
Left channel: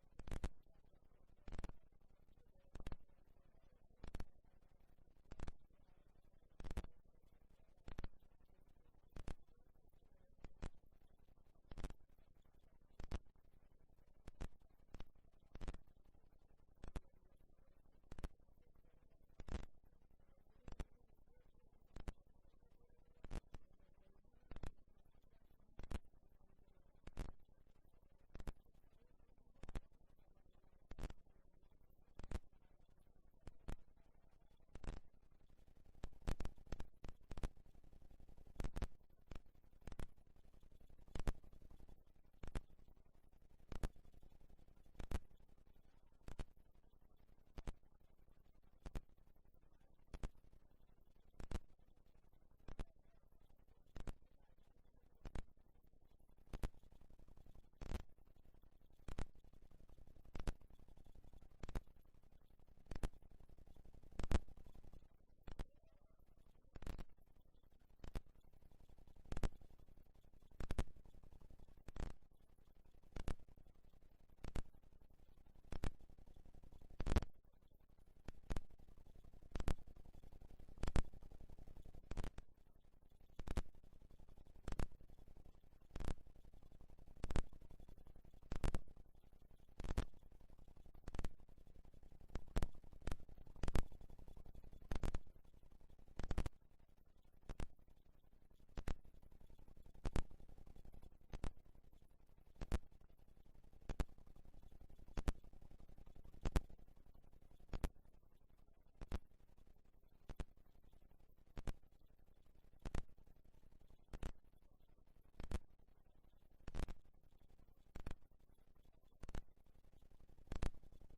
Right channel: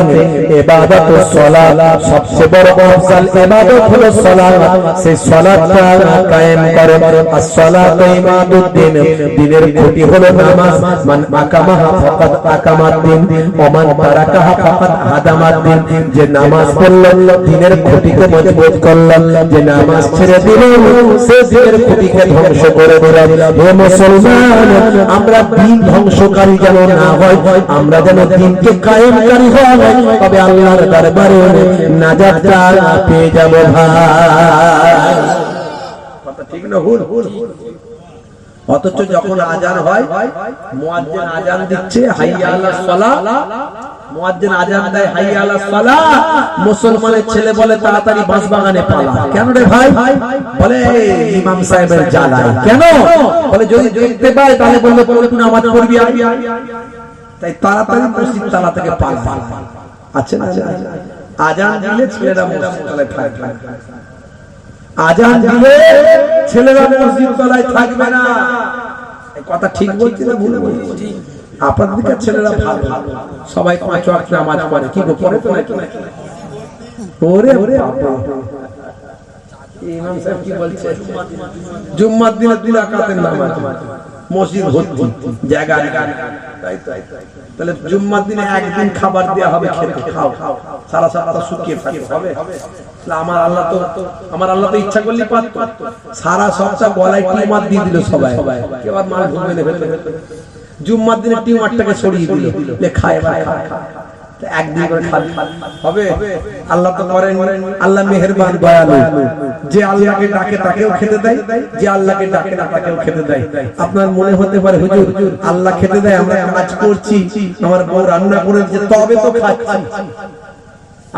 ইবাদাতুস সালাত, সবচেয়ে বড় আফজাল ইবাদত হলো সালাত। সেই সালাতটা কায়েম করো। as-সালাতু ইমাদুদ্দিন, দ্বীনের খুঁটি হলো নামাজ। মান আকামাহা ফাকাদ আকামাদ্দিন ওয়া মান তারাকাহা ফাকাদ হাদামাদ্দিন। যে নামাজ পড়ল দ্বীনের খুঁটিকে মজবুত করল, যে নামাজ ছেড়ে দিল সে দ্বীনের খুঁটিকে ধ্বংস করে দিল। হে মুসলমান, আমরা দ্বীন ধ্বংসকারী যেন না হয়, আমরা যেন দ্বীনকে কায়েমকারী হয়, তবে আল্লাহর দরবারে নাজাতটা পেয়ে যাব ভাই। কথা ঠিক না ভুল? অথচ যখন আজান হয়, মুয়াজ্জিন আজান দিচ্ছে হাইয়া আলাস সালাহ, মুয়াজ্জিন আজান দেয় হাইয়া আলাস সালাহ, মুসলমানের ছেলে বলে তাড়াতাড়ি বাঁশবাগানে পালা। কেন রে ভাই? বলে ইমাম সাহেবের জ্বালায়। কেন? বলে যদি দেখতে পায় তাহলে বলবে তুই নামাজ পড়বি, তাই তাড়াতাড়ি মসজিদ তালা থেকে পালা। আচ্ছা না, আজান দিলে ছেলেরা মসজিদ তলায় থাকবে, আজান দিলে ছেলেরা মসজিদ তলায় থাকবে না। এই কথা ঠিক বলছি না ভুল বলছি? আপনাদের দিকে ছেলেরা ভালো, সবাই 5 ওয়াক্ত নামাজ পড়ে। কি গো, পড়ে তো নাকি? ওরে ওরে, ইমাম সাহেব কি বলছে? জুম্মার দিনে 2 রাকাতের নামাজ, মসজিদ ভর্তি, জায়গা তাই তাই। তাহলে জুম্মার দিনে একদিন খাবার দেয়া হবে, খেতে খাও, সারা সপ্তাহ শুকিয়ে থাকতে হবে। আমার আল্লাহ তো ইচ্ছা করলে পারত, সারা সপ্তাহ গলায় টিউমার দিয়ে দিল সবাই, এবার মাল ঢুকবে না ভেতরে। জুম্মার দিনে টিউমারটাকে সরিয়ে দিল, খায় একদিন করে হবে। আল্লাহ তো করেন, আল্লাহ মেহেরবান দয়ালু, যে আল্লাহকে ডাকে তাকেও খেতে দেয়, যে আল্লাহকে ডাকে না তাকেও খেতে দেয়। আপনার মনে হতে পারে হুজুর আল্লাহ খেতে দেয়, আমরা কাজ করছি, আমার বউ রান্না করে দিচ্ছে তবে তো খাচ্ছি।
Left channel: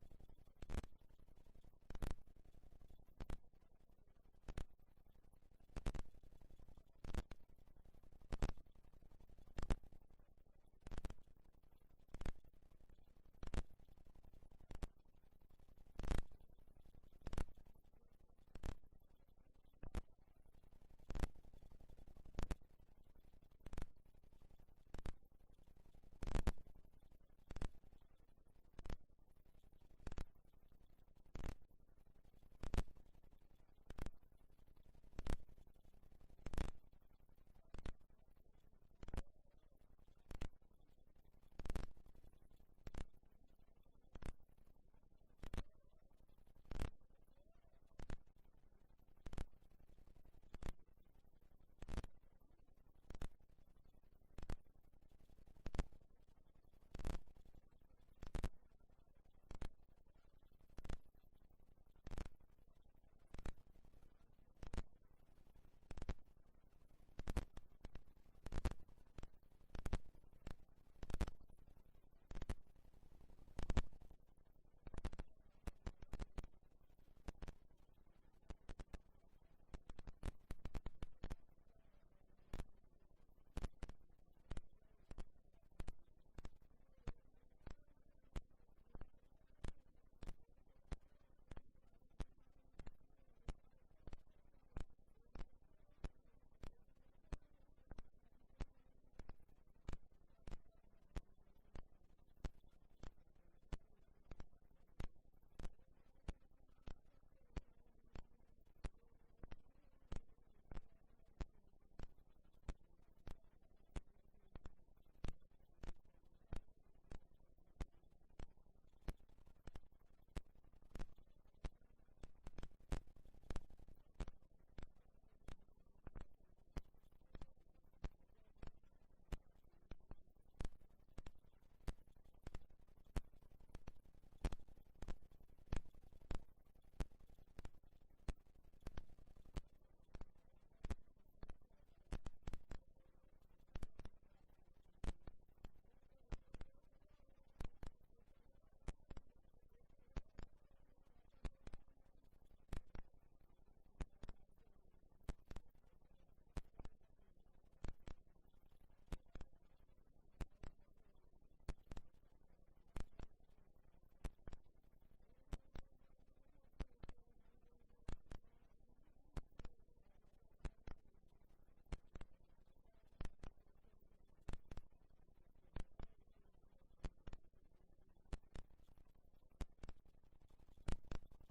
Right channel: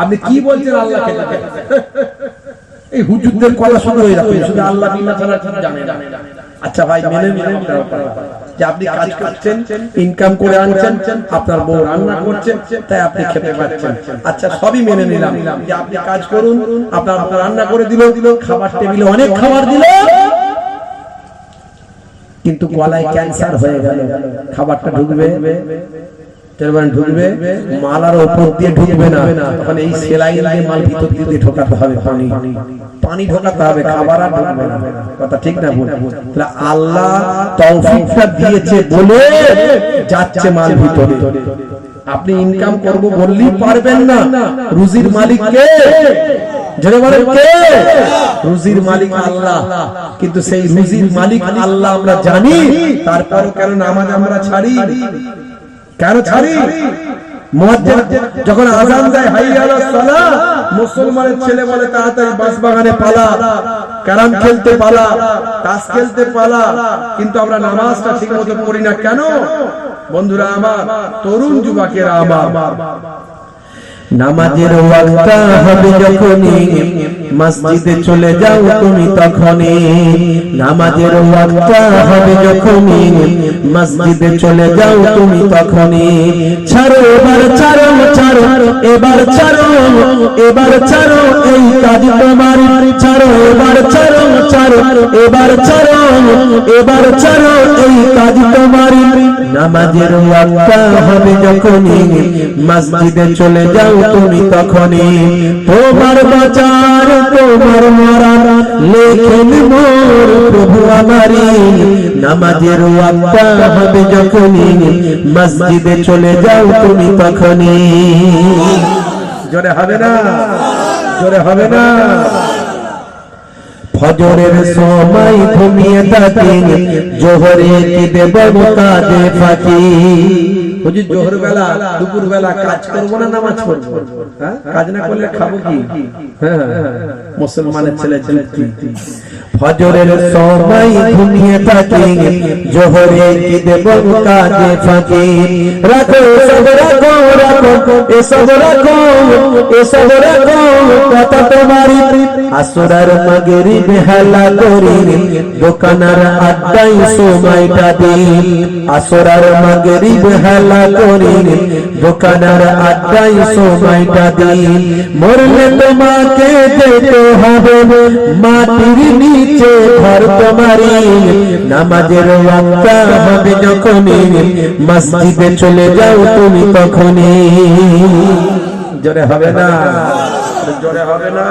আপনি কি বলছেন আল্লাহ খেতে দেয়? এই হুজুরদের কথা শুনে হয়ে যাবে, শুধু আল্লাহ বিনা ছাড়া কি জানে না। আচ্ছা ভাই, মেনে নিলাম যে আপনি কাজ করছেন, ইনকাম করে আনছেন, আপনার বউ রান্না করছে, তাই আপনি খেতে পাচ্ছেন। আচ্ছা সবই মেনে নিলাম যে আপনি কাজ করুন, আপনার রান্না করে দিল, খাবার টেবিলে অনেক খাবার দিল, কিন্তু গলায় ক্যান্সার হয়ে গেল। খাবারটা ঢুকবে, ঢুকবে মালার উপর দিয়ে ঢুকবে না, তখন এই সেলাইন দিয়ে মাল ভিতর দিয়ে ঢোকাতে হবে, পানি ঢোকাতে হবে, খাবার আর ঢুকবে না। কথা ঠিক না ভুল? আল্লাহ তৌফিকটা দিয়েছে বলে যাচ্ছে মাল ভিতরে। আপনি ইনকাম করব বললেই পারবেন না। রুজির মালিক কে? জোরে বলেন কে? রুজির মালিক আল্লাহ। কিন্তু সেই রুজির মালিক আল্লাহ আমরা জানি, তারপরও কেন নামাজ আমরা ছাড়ি? কেন ছাড়ি? মুয়াজ্জিন যখন আযান দেয় হাইয়া আলাস সালাহ, মুসলমানের ছেলে বলে তাড়াতাড়ি বাঁশবাগানে পালা, ক্যারাম খেলতে পালা, তাস খেলতে পালা, কিন্তু আমরা নামাজটা ঠিকমতো পড়ি না। কেন? বন্ধুরা আমার, তরুণ যুবকেরা আমার, নামাজের ওয়াক্ত হবে যখনই মসজিদে চলে যাও তুমি তখনই। নামাজের ওয়াক্ত হবে যখনই মসজিদে চলে যাও তুমি তখনই। ছাড়ো এবার, ছাড়ো ছাড়ো এবার, ছাড়ো এবার, ছাড়ো এই কাজ তোমার, ছাড়ো এবার, ছাড়ো ছাড়ো এবার ছাড়ো এবার ছাড়ো এই কাজ তোমারই নামাজের ওয়াক্ত হবে যখনই মসজিদে চলে যাও তুমি তখনই তোমার বাঁচার তোমার মরার লেখেন মোর প্রভু আমারই নামাজের ওয়াক্ত হবে যখনই মসজিদে চলে যাও তুমি তখনই জোরে হবে না, জোরে হবে না। ফজরের সময় ঘুমিয়ে থাকি জোহরে কি দেব কাজে ফাঁকি বুঝি জোহর বেলা দুপুর বেলা কাজ করবো না নামাজ পড়বো, হ্যাঁ? কাজ না করলে খাবো কি? হ্যাঁ, মুসলমানের ছেলে যুক্তি। ফজরের সময় ঘুমিয়ে থাকি জোহরে কি দেব কাজে ফাঁকি রাখো সব রাখো রাখো এসব রাখো এসব রাখো কথা তোমারই আসরার মাগরিব বেহালা করি দোকানার আড্ডাই সময়টা দিই আসরার মাগরিব বেহালা করি দোকানার আড্ডাই সময়টা দিই মরলে তোমাকে যেতে হবে মাটির নিচে ঘর তোমারই নামাজের ওয়াক্ত হবে যখনই মসজিদে চলে যাও তুমি তখনই জোরে হবে না, জোরে হবে না।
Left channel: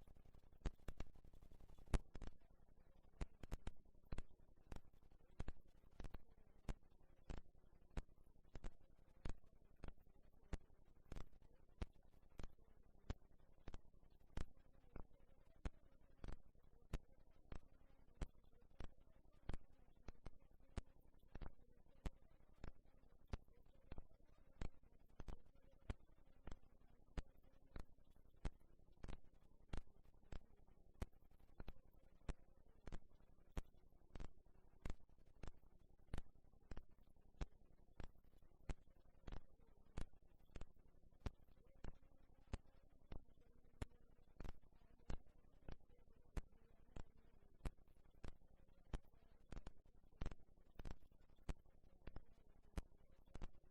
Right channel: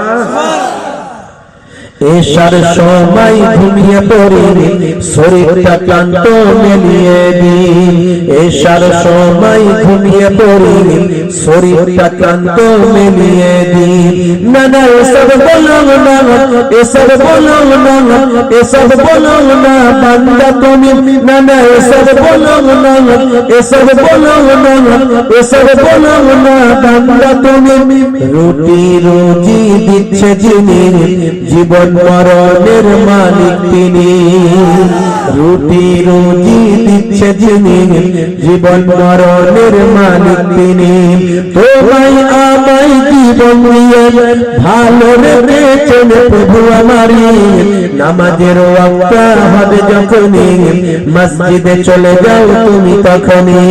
এশার সময় ঘুমিয়ে পড়ি শরীরটা ক্লান্ত মেলিয়ে দিই এশার সময় ঘুমিয়ে পড়ি শরীরটা ক্লান্ত মেলিয়ে দিই না না এসব বলো না এসব বলো না এসব বলো না বান্দা তুমি না না এসব বলো না এসব বলো না এসব বলো না বান্দা তুমি রুটি রুজি দিচ্ছে যিনি জীবন মরণের মালিক তিনি রুটি রুজি দিচ্ছে যিনি জীবন মরণের মালিক তিনি তোমায় আমায় জীবন দিয়ে ভালো রেখেছেন প্রভু আমারই নামাজের ওয়াক্ত হবে যখনই মসজিদে চলে যাও তুমি তখনই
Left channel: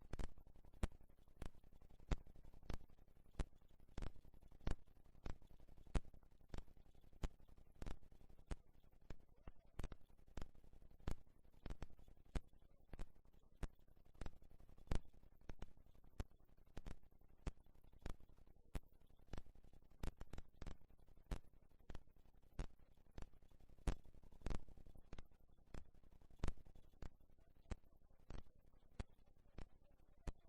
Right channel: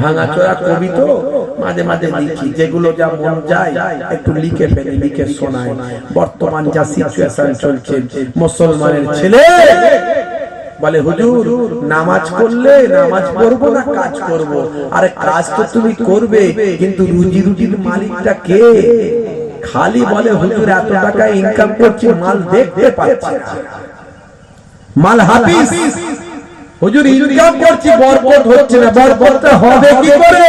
ভাঙাচোরা কবি তো মাঝে মাঝে লিখি, যেগুলো যা মন যায় একটু লিখে ফেলি, লিখে শোনায়। বর্তমান যা সিচুয়েশন চলছে, মুসলমানের ছেলে বলে হুজুর নামাজ পড়লে নামাজ পড়বো না কাজ করব। আরে কাজ তো তুমি করবে, কিন্তু রুজি রুজির মালিকটা কে? খালি বলে হুজুর এত টাকা ইনকাম করছি, মাল দেখতে পাচ্ছি না, মাল হাফিজ। হুজুর ইনকাম করছি, বরকত হচ্ছে না, বরকতটা হবে কি করে?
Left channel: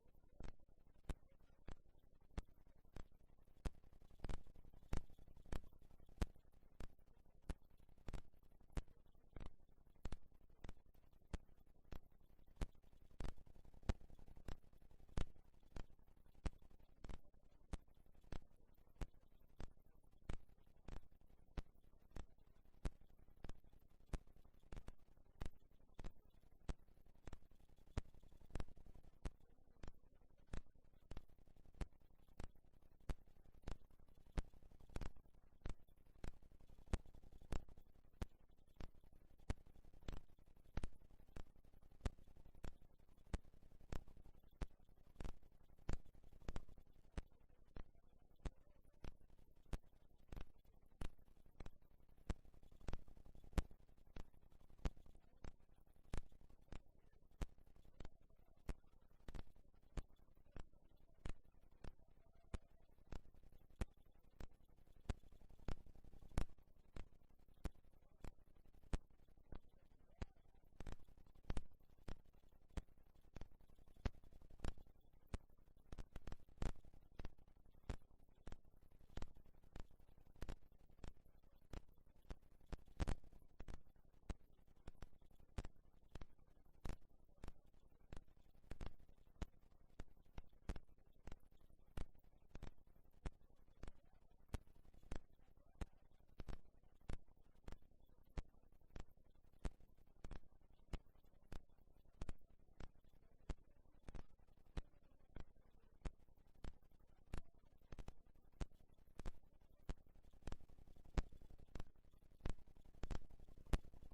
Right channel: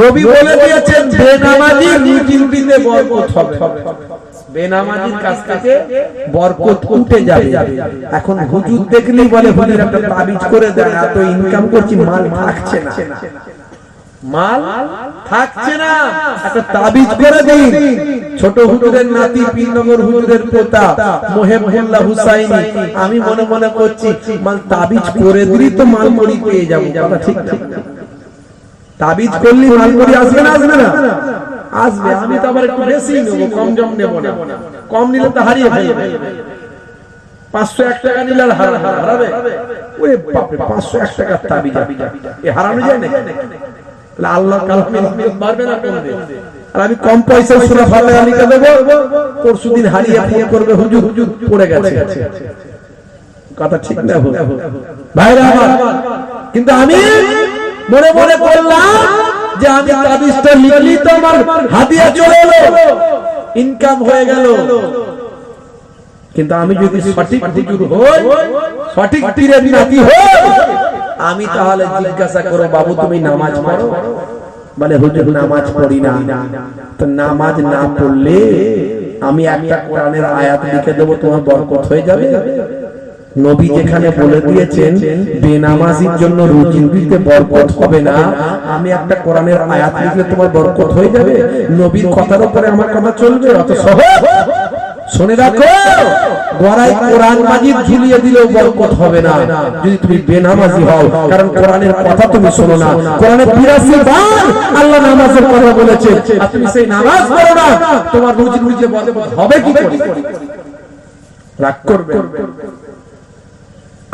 নবী বলে দিয়েছেন বেনামাজি রুজি রুটিতে বরকত হবে, বেনামাজির কাছ থেকে বরকত উঠে যাবে। এখন হুজুর দেখলেই বলে হুজুর একটা তাবিজ করে দেন, এত ইনকাম করছি মাল থাকছে না, মাল থাকছে না, একটা তাবিজ করে দিন। ছোট হুজুরের নাতি পীরনগর হুজুরের পোতা মোহেবুল্লাহ হুসাইনি, আমি মনে মনে করছি মাল তাবিজ করে দিলি তো মাল মুড়ি পেয়ে যাবো। কথা ঠিক ঠিক, তাবিজ করলি মাল মুড়ি আসবে না? আসবে না? আসবে। আমি তো আবার একটু বেশি নেব, কম জম নেব না, কম নিলে তো হারিয়ে ফেলবে। 501 টাকা নিলে আর হারাবে? ওরে বাপ রে, 501 টাকার তাবিজ এ হারানো যায় না? আল্লাহ কালামে পারবে না করবে। আর আমি কম পয়সায় সূরা ফাতিহা লিখে দেব, পরশুদিন হারিয়ে ফোন করবে হুজুর হুজুর পড়ে গেছে। কথা ঠিক না ভাইরা আমার? কিন্তু আমি মনে মনে করলাম যে আমি তাবিজটা লিখলি তো আমার হাদিয়া চলে এলো, ইনকাম হয়ে গেল। কিন্তু আমি যদি সঠিক হুজুর হই, সঠিক পীরের নাতি হই, আমি তাহলে জিজ্ঞাসা করো বাবু তুমি নামাজ পড়ো? বলে হুজুর নামাজ পড়ি না। তো নামাজ না পড়লে আমি একটা কোরআনের আয়াত লিখে দেবো, তোমার বরকত হয়ে যাবে? নবী যেখানে বলে দিয়েছেন বেনামাজির জন্য রুজি রুটিতে বরকত হবে না, আমি একটা কোরআনের আয়াত লিখলে তোমার বরকত হয়ে যাবে? নবীর কথার উপরে আমার কথা চলবে? অত সহজ? শুনে রাখো, গড়াই কোরআন মাজিদ ঝুলিয়ে দিলেও বরকত হবে না যদি তুমি বেনামাজি হও, কারণ কোরআনের কথা তুমি শোনো না। কোরআনে ৮২ বার আল্লাহ নামাজের কথা বলেছে, আর তুমি সেই নামাজ পড়ো না, তোমার রুজি রুজিতে বরকত হবে কি করে? রাগ করবে?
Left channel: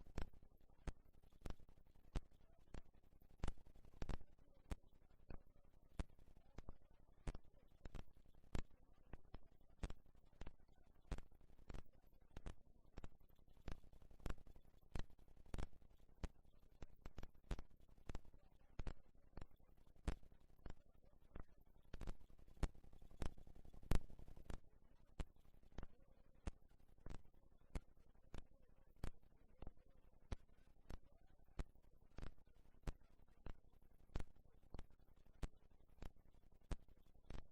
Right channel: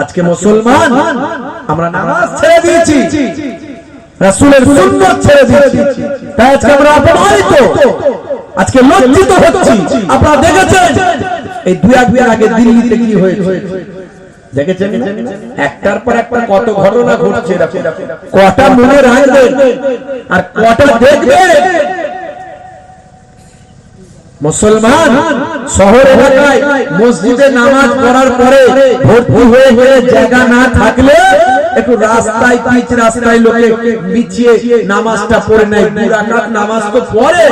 আজকে মুসলমান আমরা নামাজ ছেড়ে দিয়েছি, রাসূলের সুন্নাত ছেড়ে দিয়েছি, তাই আজকে আমরা অপমানিত। আজকে লজ্জিত হচ্ছি। আপনারা দেখেছেন এই দুই একদিন আগে দিল্লিতে কি হয়েছে দেখেছেন? একটার পর একটা কত ঘটনা ঘটছে, কটা মনে রাখবেন আর কটা দেখবেন। মুসলমান শহর এলাকায় মসজিদে নামাজ পড়ার পরে ভর্তি হয়ে গেলে জায়গা না থাকলে একটু রাস্তায় পিচ রাস্তায় লোকে বিছিয়ে নামাজটা পড়ে নেয়। 2 রাকাত নামাজ তো পড়ে,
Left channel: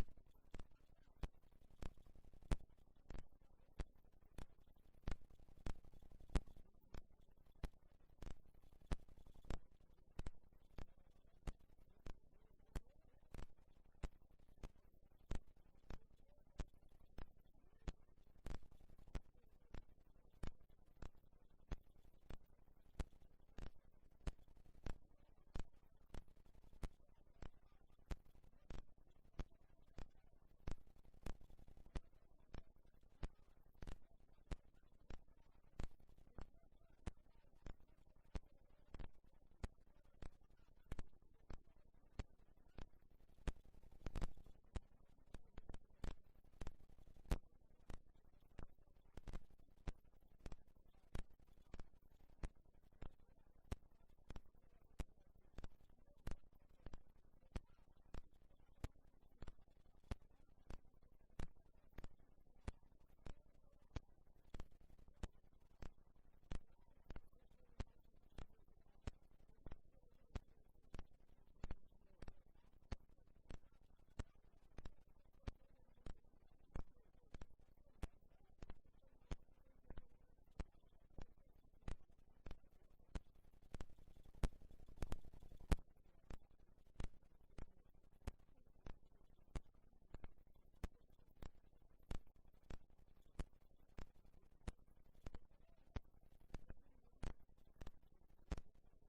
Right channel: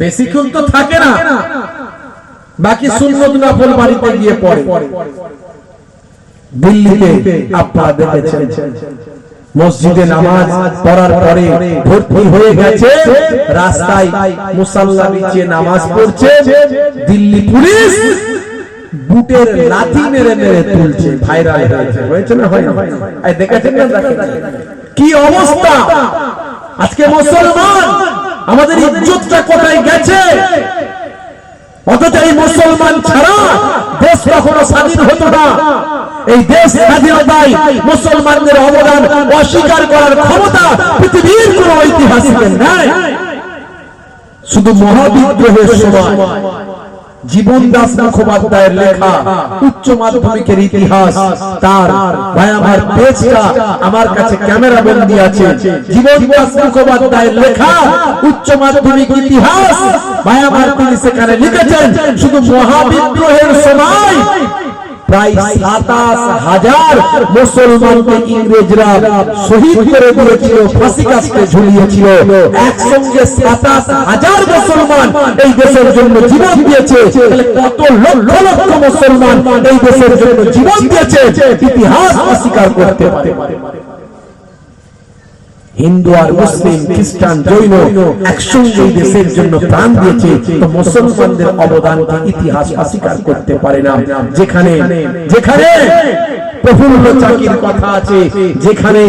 বেশিক্ষণ তো থাকে না, বাকি সুন্নত নফল বাড়িতে গিয়ে পড়ে। দিল্লিতে আপনারা দেখেছেন মসজিদে নামাজ পড়ার পরে ভর্তি হয়ে গেছে, রাস্তায় মুসাল্লা বিছিয়ে নামাজ পড়ছে, দিল্লি পুলিশ বুটের লাথি মেরে মেরে তুলছে। ভাইরাল হয়েছে না? হয় না? এই দেখেছেন না? কি অবস্থা আজকে মুসলমান, আমাদের ইজ্জতটা কোথায় গেছে? অথচ এই মুসলমান ছাড়া দেশ কখনো স্বাধীন হতো না। এই দেশ স্বাধীনতায় মুসলমানদের অবদান অস্বীকার করার ক্ষমতা পৃথিবীর কোন ঐতিহাসিকের নাই। শুধু মহাবিদ্রোহের সময় জীবন দাস মুখোপাধ্যায়ের লেখা উচ্চ মাধ্যমিকের ইতিহাস, তার ভাই আমার পেজটা আমার কাছে ক্যামেরা বন্দী আছে। জীবন দাস মুখোপাধ্যায়ের লেখা উচ্চ মাধ্যমিক ইতিহাস ভাই আমার, তিনি সেখানে লিখেছেন শুধু মহাবিদ্রোহের সময় প্রায় ২৭,০০০ মুসলমানকে ইংরেজরা শহীদ করে দিয়েছিল, ফাঁসি কাস্টে ঝুলিয়েছিল। একসঙ্গে ২৭,০০০ মুসলমান এই দেশের জন্য জীবন দিয়েছে। কত লক্ষ লক্ষ মুসলমান এই দেশের জন্য জীবন দিয়েছে, ইতিহাস অস্বীকার করতে পারে। হিন্দু আর মুসলিম, খ্রিস্টান, জৈন একসঙ্গে এই দেশের জন্য প্রাণ দিয়েছে, তো মুসলমানদের অবদানকে ইতিহাস অস্বীকার করতে পারে না। যেখানে যেখানে প্রফুল্ল চাকির কথা আছে, যেখানে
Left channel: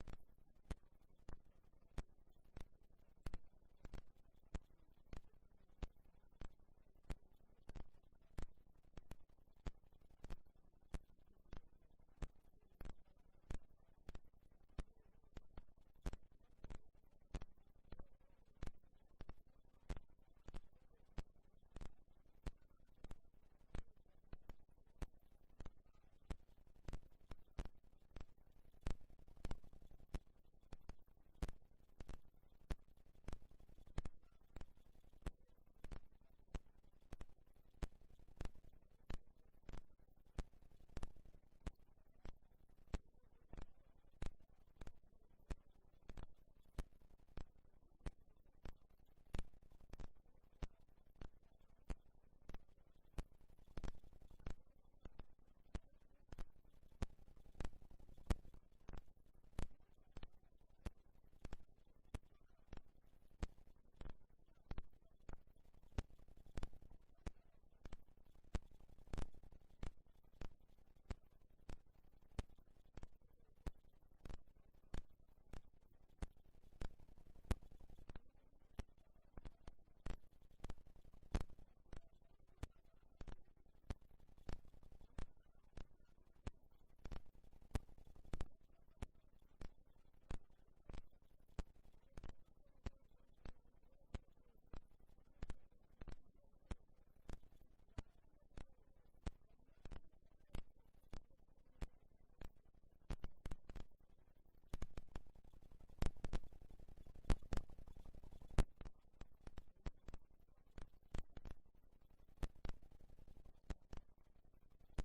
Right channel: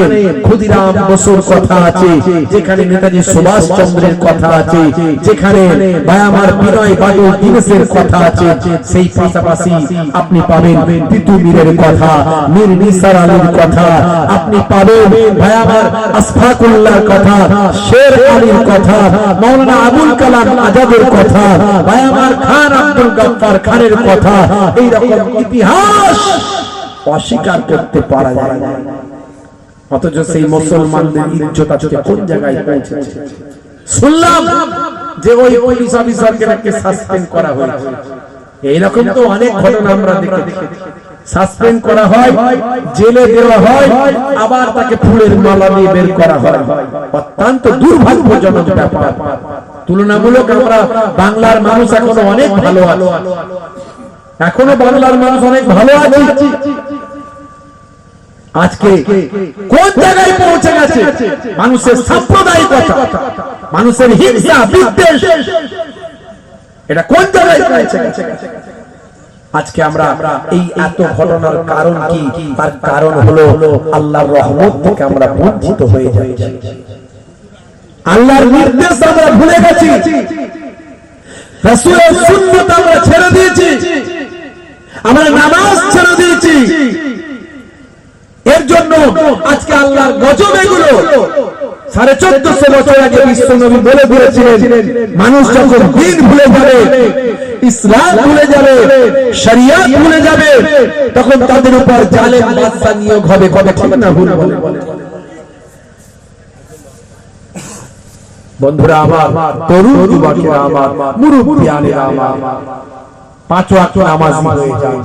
ক্ষুদিরাম বসুর কথা আছে, যেখানে নেতাজি সুভাষ চন্দ্রের কথা আছে, যেখানে ভাই আমার বিনয় বাদল দীনেশের কথা আছে, সেই পাশাপাশি আপনি পাবেন তিতু মীরের কথা, মীর নিসার আলীর কথা, আপনি পাবেন ভাই আমার আশফাকুল্লাহর কথা, শের আলীর কথা, মাওলানা আবুল কালাম আজাদের কথা, ভাই আমার খান আব্দুল গফফার খানের কথা। এই রকম ইতিহাস অস্বীকার করতে পারা যায় না। অথচ সেই মুসলমানদের ইজ্জত আজকে কোন জায়গায় পৌঁছেছে? শুনলাম যে ওই পুলিশ অফিসারকে নাকি সাসপেন্ড করা হয়েছে। এইরকম তো অনেক ঘটনা আমরা দেখেছি। সাসপেন্ড করা হয়, জেলে দেওয়া হয়, আবার তাকে ফুলের মালা দিয়ে বের করা হয়। অত্যন্ত দুর্ভাগ্যজনক ব্যাপার। তুলনামূলক আমরা বাংলার মানুষ এখনো অনেক ভালো আছে, এখনো বাংলার মানুষ অনেক ভালো আছে। আজকে কোন জায়গায় পৌঁছে গেছে? মানুষের সাম্প্রদায়িকতা, মানুষের হিংসা, বিদ্বেষ, এটা কোন জায়গায় পৌঁছে গেছে? আজকে আমরা এই এত ঘটনার কারণ কি? তার কারণ হলো আল্লাহর রহমত থেকে আমরা বঞ্চিত হয়ে যাচ্ছি। আল্লাহর নির্দেশ আমরা ভুলে গেছি, রাসূলের সুন্নাত আমরা ছেড়ে দিয়েছি, আমরা নামাজ ছেড়ে দিয়েছি। এর জন্য আজকে আল্লাহর গজব এগুলো। 1450 বছর আগে বিশ্ব নবী বলে দিয়েছিলেন, মানুষ যখন দ্বীন ভুলে যাবে, ইসলাম ভুলে যাবে, শরিয়ত ভুলে যাবে, তখন তাদের উপর জালেম বাদশা নিয়োগ হবে। কথা ঠিক না ভুল বলে? বন্ধুরা আমার, তরুণ যুবকেরা আমার, মুরব্বিয়ানেরা আমার, 5 ওয়াক্ত নামাজ হয়ে যায়,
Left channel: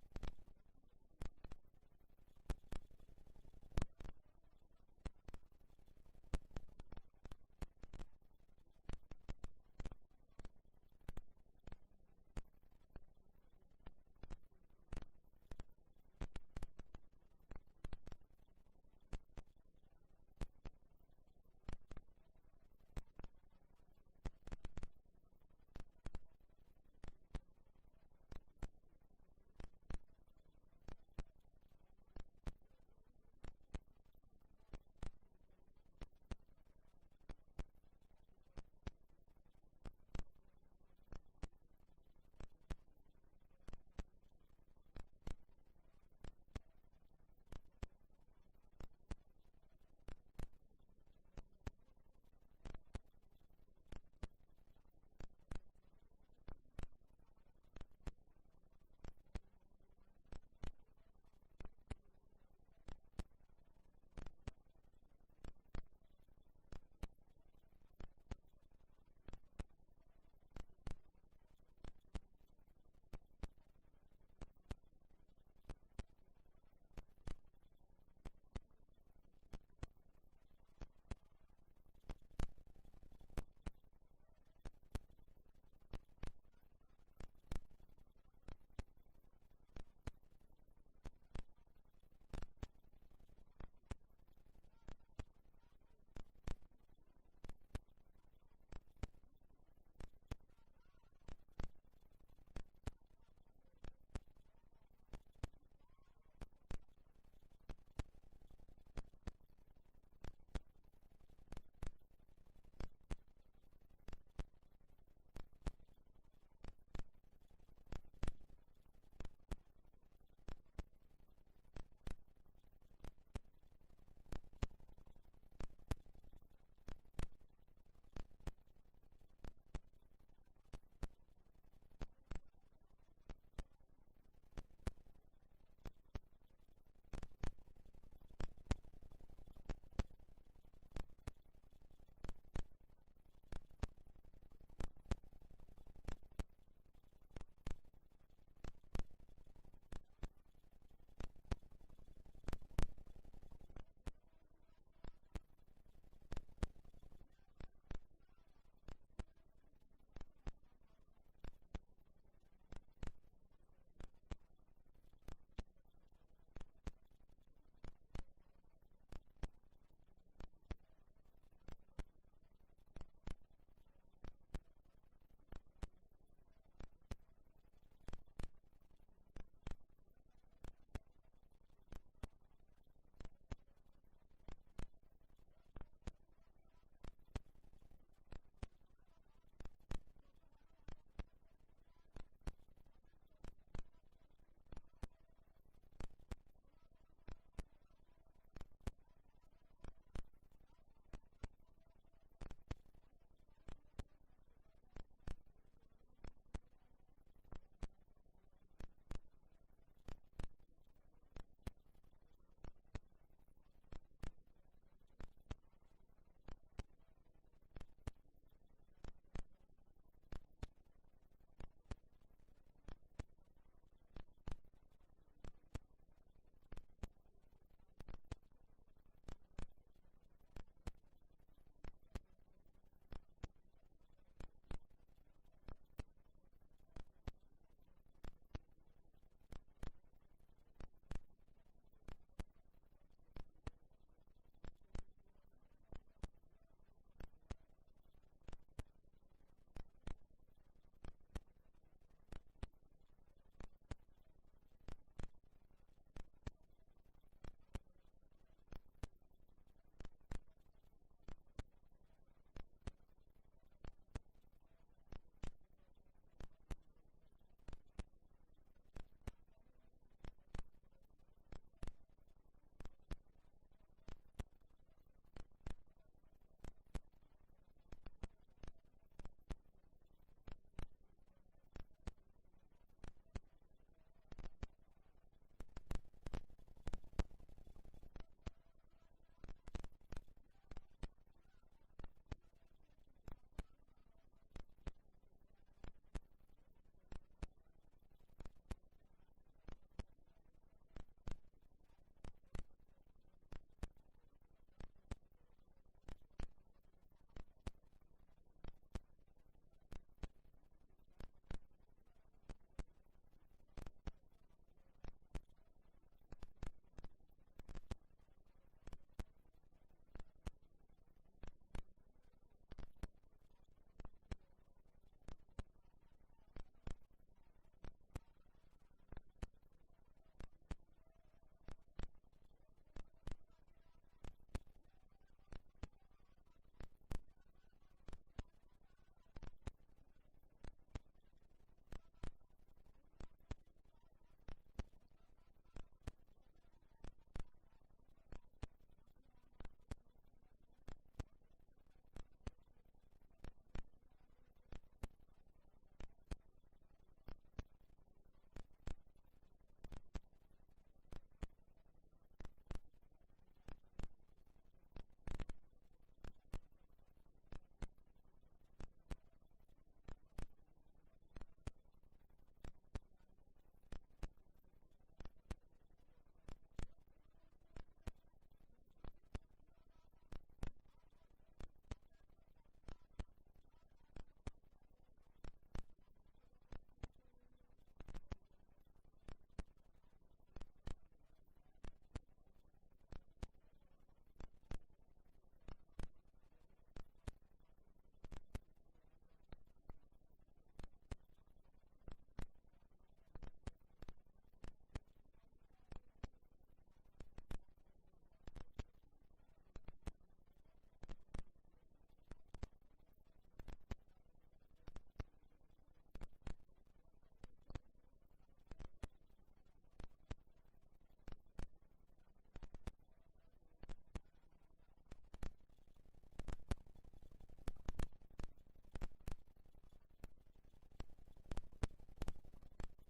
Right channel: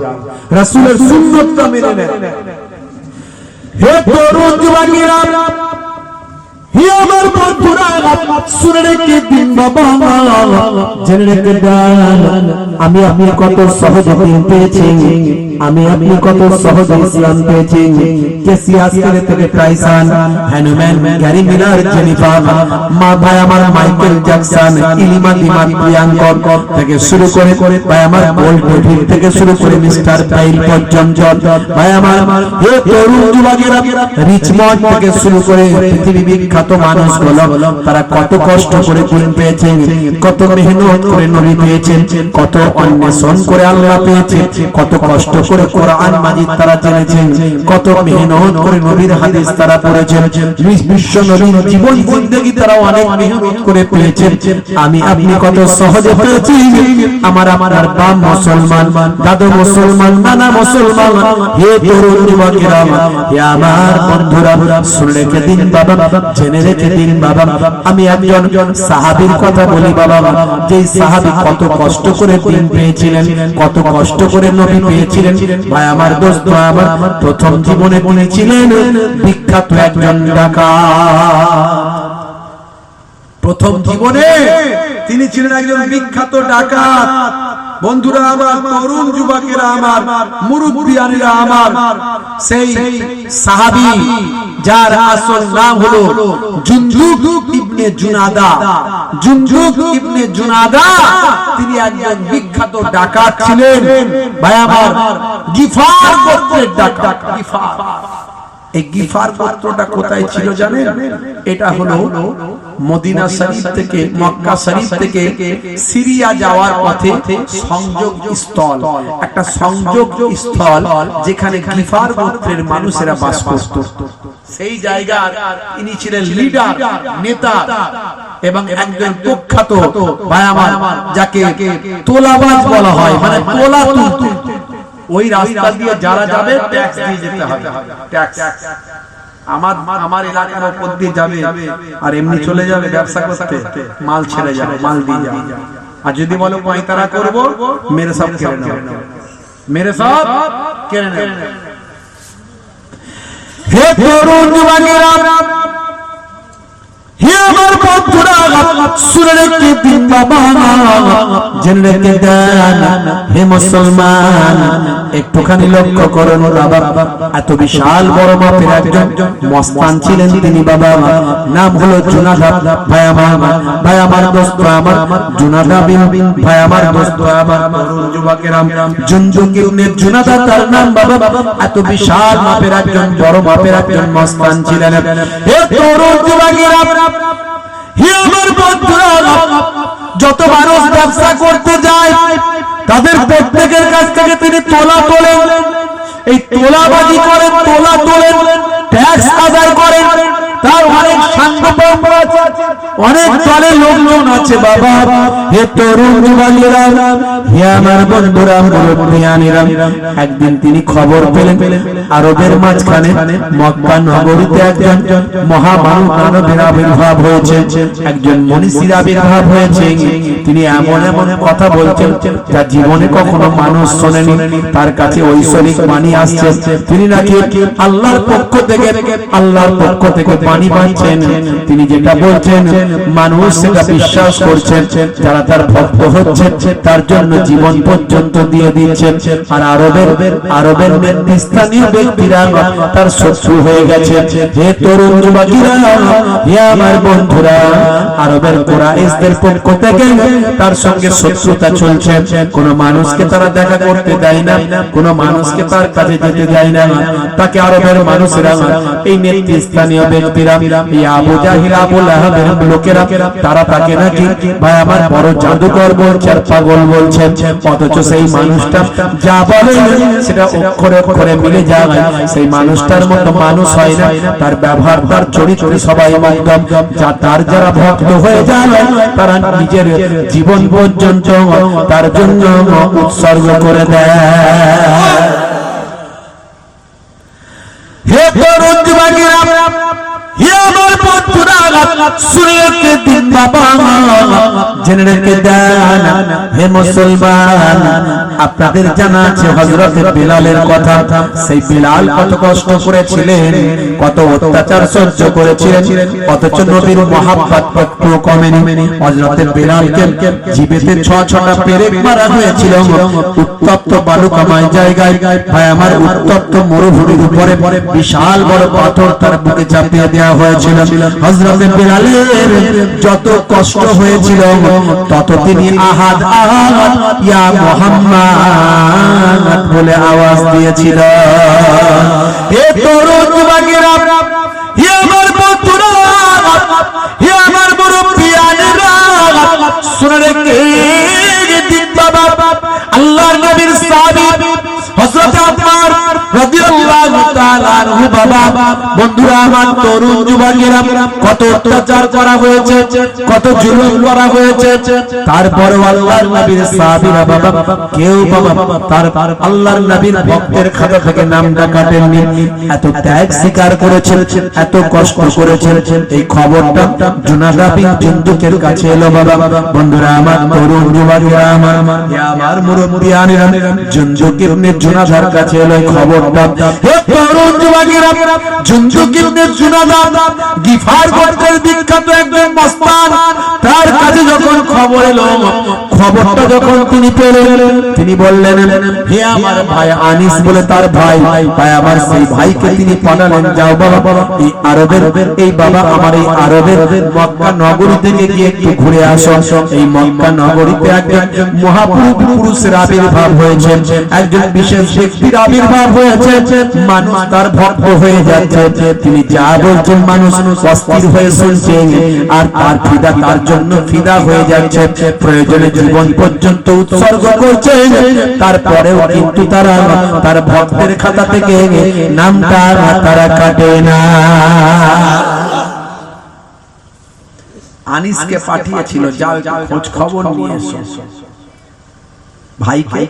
রাসূলের সুন্নাতটা মেনে নেন। হে তরুণ যুবকেরা, হে আমার বন্ধুরা, শুনে রেখে দিন বাবা, জেনে রেখে দেন, আমি আপনি কত সহজে পেয়েছি, আমি আপনি কত সহজে ইসলাম পেয়েছি। কেসিয়াস থেকে Tyson, Hanuman, Gary Miller, Jennifer, মা ভাই আমার মাইকেল জ্যাকসন, ইলিমা দিমার, প্রিয়াঙ্কর থেকে শুরু করে ভাই আমার বোল্ট ডেভিড থেকে শুরু করে মিস্টার পাইল পর্যন্ত, ভাই আমার হে তরুণ যুবকেরা, রিচমন্ড থেকে শুরু করে পৃথিবী বিখ্যাত মানুষগুলো, তারা কত কষ্ট করে গুণ পেয়েছেন, কত মেহনত করে নবী পেয়েছেন, কত অন্বেষণ করে আল্লাহ পেয়েছেন, কত কষ্ট করে কোরআন মাজিদ তারা জেনেছেন, কত মেহনত করে নবীর হাদিস তারা পড়েছেন, বিশ্ব নবীর জীবন জিন্দেগি তারা অনেক মেহনত করে পেয়েছেন। আমি আপনি কত সহজে পেয়েছি। আমার বাপ মুসলমান, দাদু মুসলমান, নানা মুসলমান। হে তরুণ যুবকেরা, হে আমার বন্ধুরা, শুনে রেখে দিন বাবা, জেনে রেখে দিন বাবা। আমি একজন সাহাবীর কথা বলি বাবা, যে সাহাবী কত কষ্ট করে দিন পেয়েছিলেন, কত কষ্ট করে নবী পেয়েছিলেন। ভাই আমার, দোস্ত আমার, প্রথম জীবনে উনি ছিলেন বিখ্যাত একজন ডাকাত। প্রথম জীবনে তিনি ছিলেন একজন বিখ্যাত ডাকাত। বন্ধুরা আমার, তরুণ যুবকেরা আমার, মুরব্বিয়ানেরা আমার, সেই সাহাবী যার আসল নাম হলো জুনদুব ইবনে জুনাদা। জুনদুব ইবনে জুনাদা তিনি একজন বিখ্যাত ডাকাত ছিলেন। ভাই আমার, গিফার গোত্রের ডাকাত। গিফার, এই গিফার গোত্রটা কোথায় ছিল জানেন? এটা হলো মদিনা শরীফ থেকে, মক্কা শরীফ থেকে সিরিয়া যাওয়ার পথে সংযোগ স্থল, একটা সংযোগ স্থল যেখানে গিফার গোত্রের মানুষেরা বাস করত। সেই জায়গার ইনি ছিলেন লিডার, নেতা এবং একজন প্রখ্যাত ভাই আমার, যাকে তোলাবাজ বলা হয়, মানে তোলা তুলতে। ওই রাস্তা দিয়ে যারা যাবে ট্যাক্স দিয়ে যেতে হবে। ট্যাক্স আমার এলাকার উপর দিয়ে যাবে আর এমনি চলে যাবে ব্যবসা করতে, মাল ছেড়ে যাবে, মাল দিয়ে যাবে। আর যদি বলো পয়তারা করব, মেরে সব কেড়ে নেবে, মেরে সব কেড়ে নেবে। হে তরুণ যুবকেরা, হে আমার বন্ধুরা, শুনে রেখে দিন বাবা, জেনে রেখে দেন। হে মুসলমান, একটুখানি লক্ষ্য করুন বাবা, এত বিশাল বড় মাপের একজন মস্তান ছিলেন তিনি বাবা, নাম হলো জুনাদা। ভাই আমার দোস্ত আমার, জুনাদা বিন ভাই আমার দোস্ত আমার, তরুণ যুবকেরা, জুনদুব ইবনে জুনাদা তার নাম বাবা। এত বিশাল মাপের একজন, বড় মাপের একজন মস্তান ছিলেন। হে তরুণ যুবকেরা, হে আমার বন্ধুরা, যত মানুষ ব্যবসা করতে যায় তাদের প্রত্যেকের কাছ থেকে তিনি তোলা তোলেন। এই তোলাবাজি করেন, তোলা তোলেন, ট্যাক্স আদায় করেন। তার অনেক সাংগঠন আছে, অনেক দলের লোকজন আছে বাবা। হে তরুণ যুবকেরা, হে আমার বন্ধুরা, মুরব্বিয়ানেরা, একদিন তিনি খবর পেলেন আরবের মাঝখানে মক্কা নগরীতে একজন মহামানবের আবির্ভাব হয়েছে, একজন মনীষীর আবির্ভাব হয়েছে। তিনি এমন এমন কথা বলছেন যা জীবনে কখনো মানুষ শোনেনি। তার কাছে ঐশ্বরিক বাণী আসছে, তিনি নাকি আল্লাহর পক্ষ থেকে বাণী পাচ্ছেন। তিনি যেটা বলছেন মানুষ সেটা বিশ্বাস করছেন। যারা তার ভক্ত হচ্ছে তার জন্য জীবন পর্যন্ত দিয়ে দিচ্ছেন। আর আরবের নেতৃস্থানীয় ব্যক্তিরা তার শত্রু হয়ে গেছে। হে তরুণ যুবকেরা, হে আমার বন্ধুরা, আরবের কুরাইশদের পক্ষ থেকে তার সঙ্গে শত্রুতা চলছে। কোন মানুষকে তারা দেখা করতে দেয় না, কোন মানুষকে তার কাছে যেতে দেয় না। তাকে আরবের মানুষেরা, এই নেতৃস্থানীয় ব্যক্তিরা, আবু জাহিল, আবু লাহাবের লোকেরা, তারা তাকে নাকি ভাই আমার বড় জাদুকর বলছে, পাগল বলছেন। অথচ সেই মানুষটা যা বলে সেটা অক্ষরে অক্ষরে মিলে যায়। সেই মানুষটার মতো মানুষ হয় না, তার ব্যবহার, তার চরিত্র সবাই একদম। তার যারা ভক্ত হয়ে যায় তারা নিজের জীবন পর্যন্ত তার জন্য উৎসর্গ করে দেয়। হে তরুণ যুবকেরা, হে আমার বন্ধুরা, শুনে রেখে দিন বাবা, জেনে রেখে দেন। হে মুসলমান, আপনাদের জানা আছে হযরত বিলালের কথা। সেই বিলাল কত কষ্ট করেছিলেন, কত অত্যাচার সহ্য করেছিলেন, অথচ নবীর মহাব্বত একটু কমেনি। হযরত বিলালকে জীবেতে 6টা পেরেক মারা হয়েছিল উত্তপ্ত বালুকাময় জায়গায়। ভাই আমার, উত্তপ্ত মরুভূমির উপরে বিশাল বড় পাথর তার বুকে চাপিয়ে দেওয়া হয়েছিল। হযরত বিলালের যত কষ্ট হয়েছিল তত তিনি আহাদ আহাদ ইয়া মুহাম্মদ বলে আওয়াজ দিয়েছিল। হে তরুণ যুবকেরা, হে আমার বন্ধুরা, হে আমার মুরব্বিয়ানেরা, শুনে রেখে দিন বাবা, আল্লাহর নবীর সাহাবী হযরত আনহু বাবা। বন্ধুরা আমার, তরুণ যুবকেরা কত অত্যাচার করা হয়েছে, কত জুলুম করা হয়েছে, তারপরে আল্লাহর নবীর সাহাবীরা বাবা কেউ বাবা তার আল্লাহর নবীর ভক্তের খাতা থেকে নামটা কাটেননি। এত ত্যাগ স্বীকার করেছেন, এত কষ্ট করেছেন। এই খবরটা জুনাদা বিন জুনদুকের কাছে এলো বাবা। বন্ধুরা আমার, তরুণ যুবকেরা আমার মুরব্বিয়ানেরা, জুনদুক ইবনে জুনাদার কাছে এলো এই খবরটা। হে তরুণ যুবকেরা, জুনদুক ইবনে জুনাদা গিফার গোত্রের বিখ্যাত একজন মস্তান, তার কাছে যখন খবর এলো, খবরটা যখন তিনি পেলেন, তিনি বললেন, হে আমার ভাই আনিস বলে তার ভাই, ভাই আমার সেই ভাইকে তিনি পাঠালেন, যাও বাবা এই আরবের, এই বাবা আমার এই আরবের মক্কা নগরী থেকে গিয়ে একটু ঘুরে আসো। এই মক্কা নগরীতে একজন মহাপুরুষের আবির্ভাব হয়েছে, একজন বিশেষ ব্যক্তির আবির্ভাব হয়েছে, মানুষ তার ভক্ত হয়ে যাচ্ছে। তিনি যা বলছেন মানুষ অস্থির হয়ে শুনছে, আর তার ফিদা, তার জন্য ফিদা হয়ে যাচ্ছে, প্রয়োজনে জীবন পর্যন্ত উৎসর্গ করছে। তারপরেও কিন্তু তারা তার ভক্তের খাতা থেকে নামটা তারা কাটে না। আনিসকে পাঠিয়েছিল, যাও খোঁজ খবর নিয়ে এসো। ভাইকে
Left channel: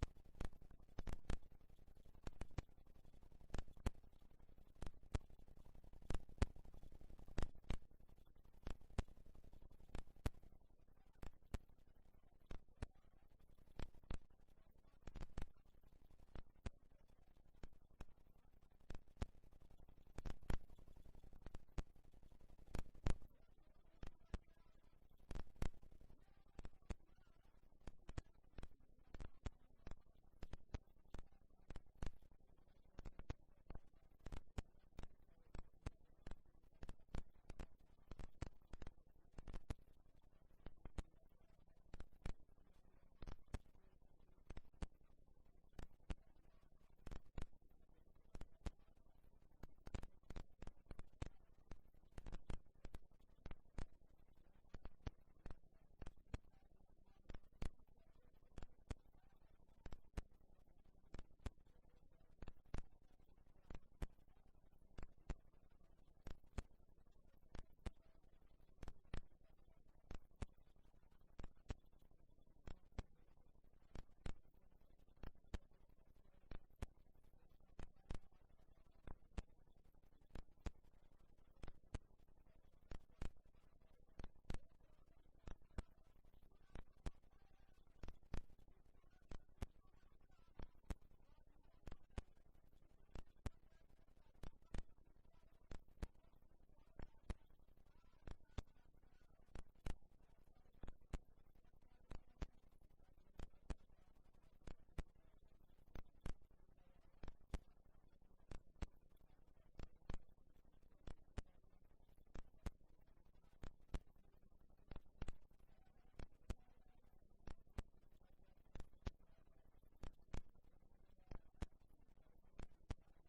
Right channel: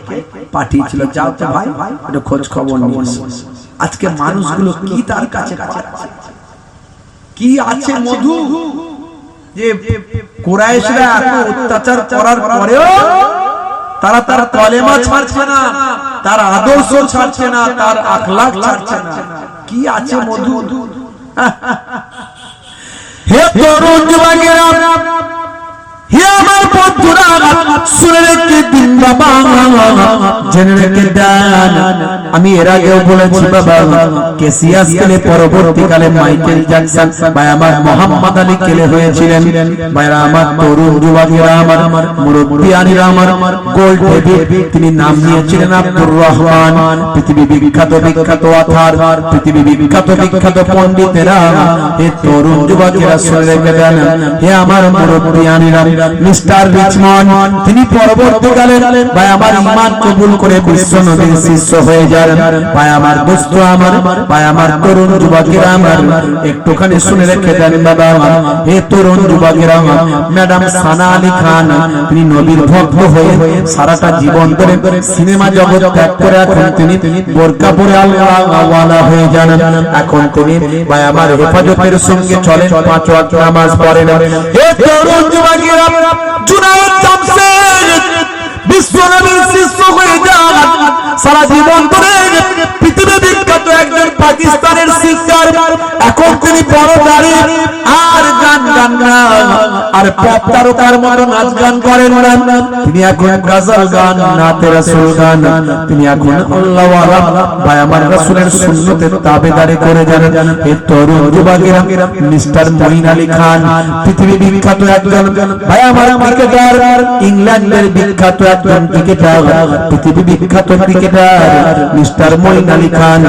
পাঠিয়েছিল, যাও তো ভাই একটু খোঁজ খবর নিয়ে এসো। আজকে মানুষগুলো কি তার কাছে পাচ্ছে, কি আছে মধু, যে কুরাইশরা এত অত্যাচার করার পরেও তারা তার কলেমা ছাড়ছে না, তার আদর্শ ছাড়ছে না, তার আখলাক ছাড়ছে না। কি আছে মধু? হে তরুণ যুবকেরা, হে আমার বন্ধুরা, শুনে রেখে দিন বাবা, জেনে রেখে দেন। আমি এর আগেও বলেছি বাবা, কেসিয়াস কেলে পরবর্তীকালে মাইকেল জ্যাকসন ভাই আমার মোহাম্মদ আলী কেলে হয়েছিলেন। ভাইরা আমার, তরুণ যুবকেরা আমার, মুরব্বিয়ানেরা আমার, গোল্ড ডেভিড তিনি নাম নিয়েছিলেন আব্দুর রহমান। পৃথিবী বিখ্যাত বিখ্যাত অথার, পৃথিবী বিখ্যাত বিখ্যাত পণ্ডিতেরা, হে তরুণ যুবকেরা শুনে রেখে দেন। হে আমার মুরব্বিয়ানেরা, মিস্টার রিচমন্ড তিনি পরবর্তীকালে ভাই আমার ঈমান কবুল করে বিশ্ব নবীর শিষ্য হয়ে যান। ভাই আমার দোস্ত আমার, ভাই আমার তরুণ যুবকেরা আমার, একটুখানি শুনে রেখে দেন বাবা। হে তরুণ যুবকেরা, ম্যাডাম সানা আলী খান তিনি নবীর ভক্ত হয়ে সারাটা জীবন ধরে সিনেমা জগৎ ত্যাগ করে এখন তিনি বোরকা পরে আল্লাহওয়ালা হয়ে যান। এখন তিনি ভাই আমার হেফাজতের সঙ্গে চলেন, 5 ওয়াক্ত নামাজ পড়েন। হে তরুণ যুবকেরা, জুনায়েদ জামশেদ বিশ্ব নবীর শিষ্য হয়ে যান। সারা জীবন ধরে পৃথিবী বিখ্যাত একজন পাকিস্তানের সিঙ্গার, এখন তিনি বড় দাঁড়িয়ে আর গান গান না, আর পপ তারকার মতো নাচ গান করেন না। তিনি এখন গজল গান, নাতে রাসূল গান, তিনি এখন আল্লাহওয়ালা ভাই আমার রাসূলের সুন্নতের তাবেদারি করে যান। এই তরুণ যুবকেরা, মিস্টার মঈন আলী খান পৃথিবী বিখ্যাত একজন ভাই আমার ক্রিকেটার, ইংল্যান্ডের বিখ্যাত একজন ক্রিকেটার, পৃথিবী বিখ্যাত ক্রিকেটার মিস্টার মঈন আলী খান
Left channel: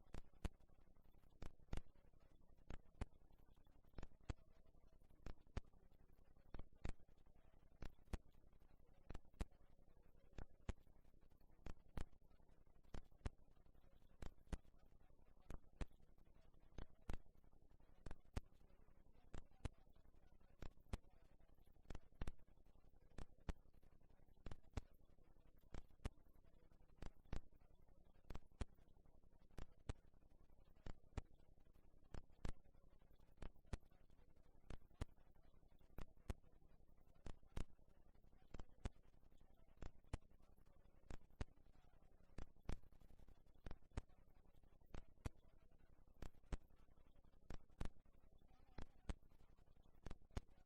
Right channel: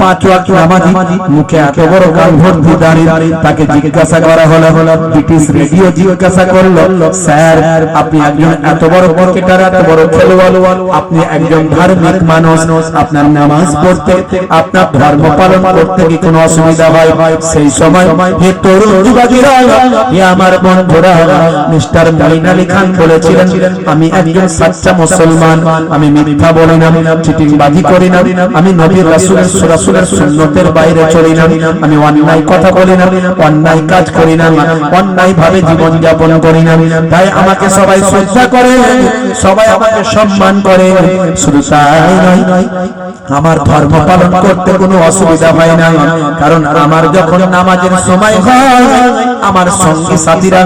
5 ওয়াক্ত নামাজি, মুখে এত বড় গাল ভর্তি দাড়ি। তাকে জিজ্ঞাসা করা হলো, ব্রিটিশ রেডিও জিজ্ঞাসা করলো, স্যার আপনি একজন এত বড় ক্রিকেটার, এত বড় খেলোয়াড়, আপনি একজন ধার্মিক মানুষ, আপনার নামাজ পড়তে, আপনার ধর্ম পালন করতে কি কোনো অসুবিধা হয়? সেই সময় হে তরুণ যুবকেরা, হে আমার বন্ধুরা, মিস্টার মঈন আলী খান বলেছিলেন, আমি একজন সাচ্চা মুসলমান, আমি মিথ্যা বলি না, চিটিংবাজি করি না, আমি নবীর রাসূলের সুন্নতের বাইরে চলি না, আমি অন্যায় কথা বলি না, অন্যায় কাজ করি না, অন্যায় ভাবে জীবন যাপন করি না। তাই আমাকে সবাই শ্রদ্ধা করে, সবাই আমাকে সম্মান করে। শুধু তাই নয়, আমার ধর্ম পালন করতে কোনো অসুবিধা হয় না, কারণ আমার যখন নামাজের সময় হয়, আমার সঙ্গী সাথীরা,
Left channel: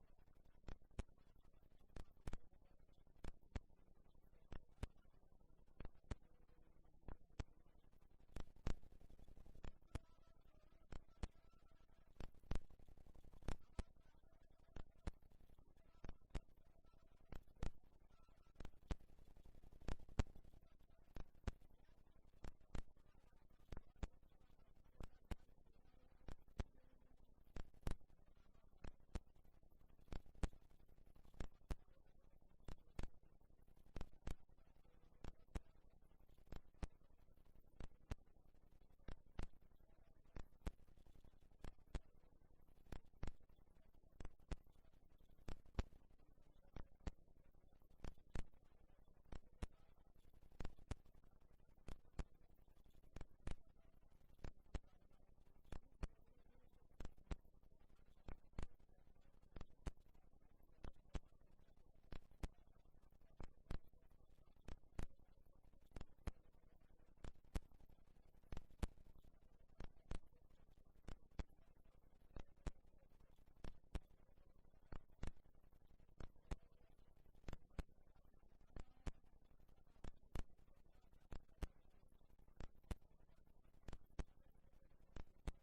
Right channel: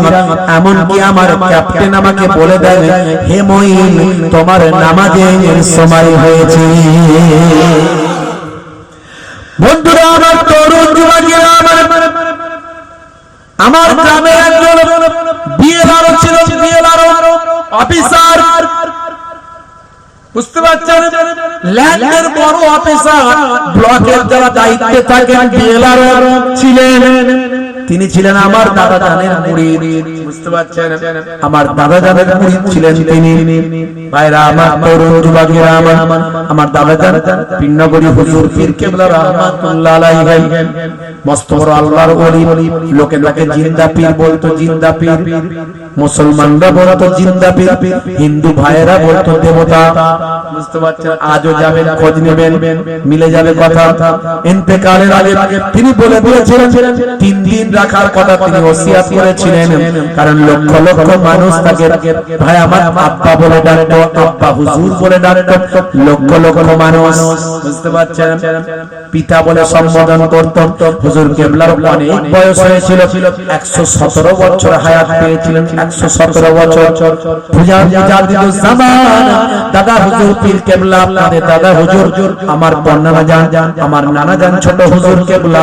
এমনকি আমার ক্যাপ্টেন আমাকে বলে দেয়, হে মঈন তোমার নামাজের সময় হয়েছে। বন্ধুরা আমার, তরুণ যুবকেরা আমার গ্রামে একজন বিএলআরও ছিল, বিএলআরও অফিসার, বুঝতে পারছেন, ল্যান্ডের বড় অফিসার, ব্লকের যারা দায়িত্বে থাকেন বিএলআরও ছিলেন। তিনি ছিলেন আমার দাদা জানের মুরিদ, বুঝতে পারছেন আমার দাদা জানের মুরিদ ছিলেন তিনি ভাইরা আমার তরুণ যুবকেরা আমার দাদা জান পিন্নগরী হুজুর পীর কেবলা রাহমাতুল্লাহ আলাইহি মস্ত বড় আল্লাহর ওলি লোকে লোকে জিন্দা পীর বলতো জিন্দা পীর মুসলমানরা বলতো জিন্দা পীর হিন্দু ভাইয়েরা বলতো দেবতা বুঝতে পারছেন আজও যাবেন খোঁজ নেবেন মিলে যাবে কথা ইন্তেকালের আগে তিনি বলে দিয়েছিলেন 3 দিন রাখার কথা তিনি ওসিয়ত করেছিলেন কারণ লক্ষ লক্ষ মানুষ তাকে ভাই আমার আব্বা বলে ডাকতো আব্বা হুজুর বলে ডাকতো লক্ষ লক্ষ মানুষ বুঝতে পারছেন পিতা বলে সম্বোধন করত হুজুর কেবলার অনেক বয়স হয়েছিল 117 বছর হায়াত পেয়েছিলেন 117 বছর দাদা হুজুর পীর কেবলা আপনাদের দাদা হুজুর আমার বর্ণনা জান আমার নানা জান ছোট হুজুর কেবলা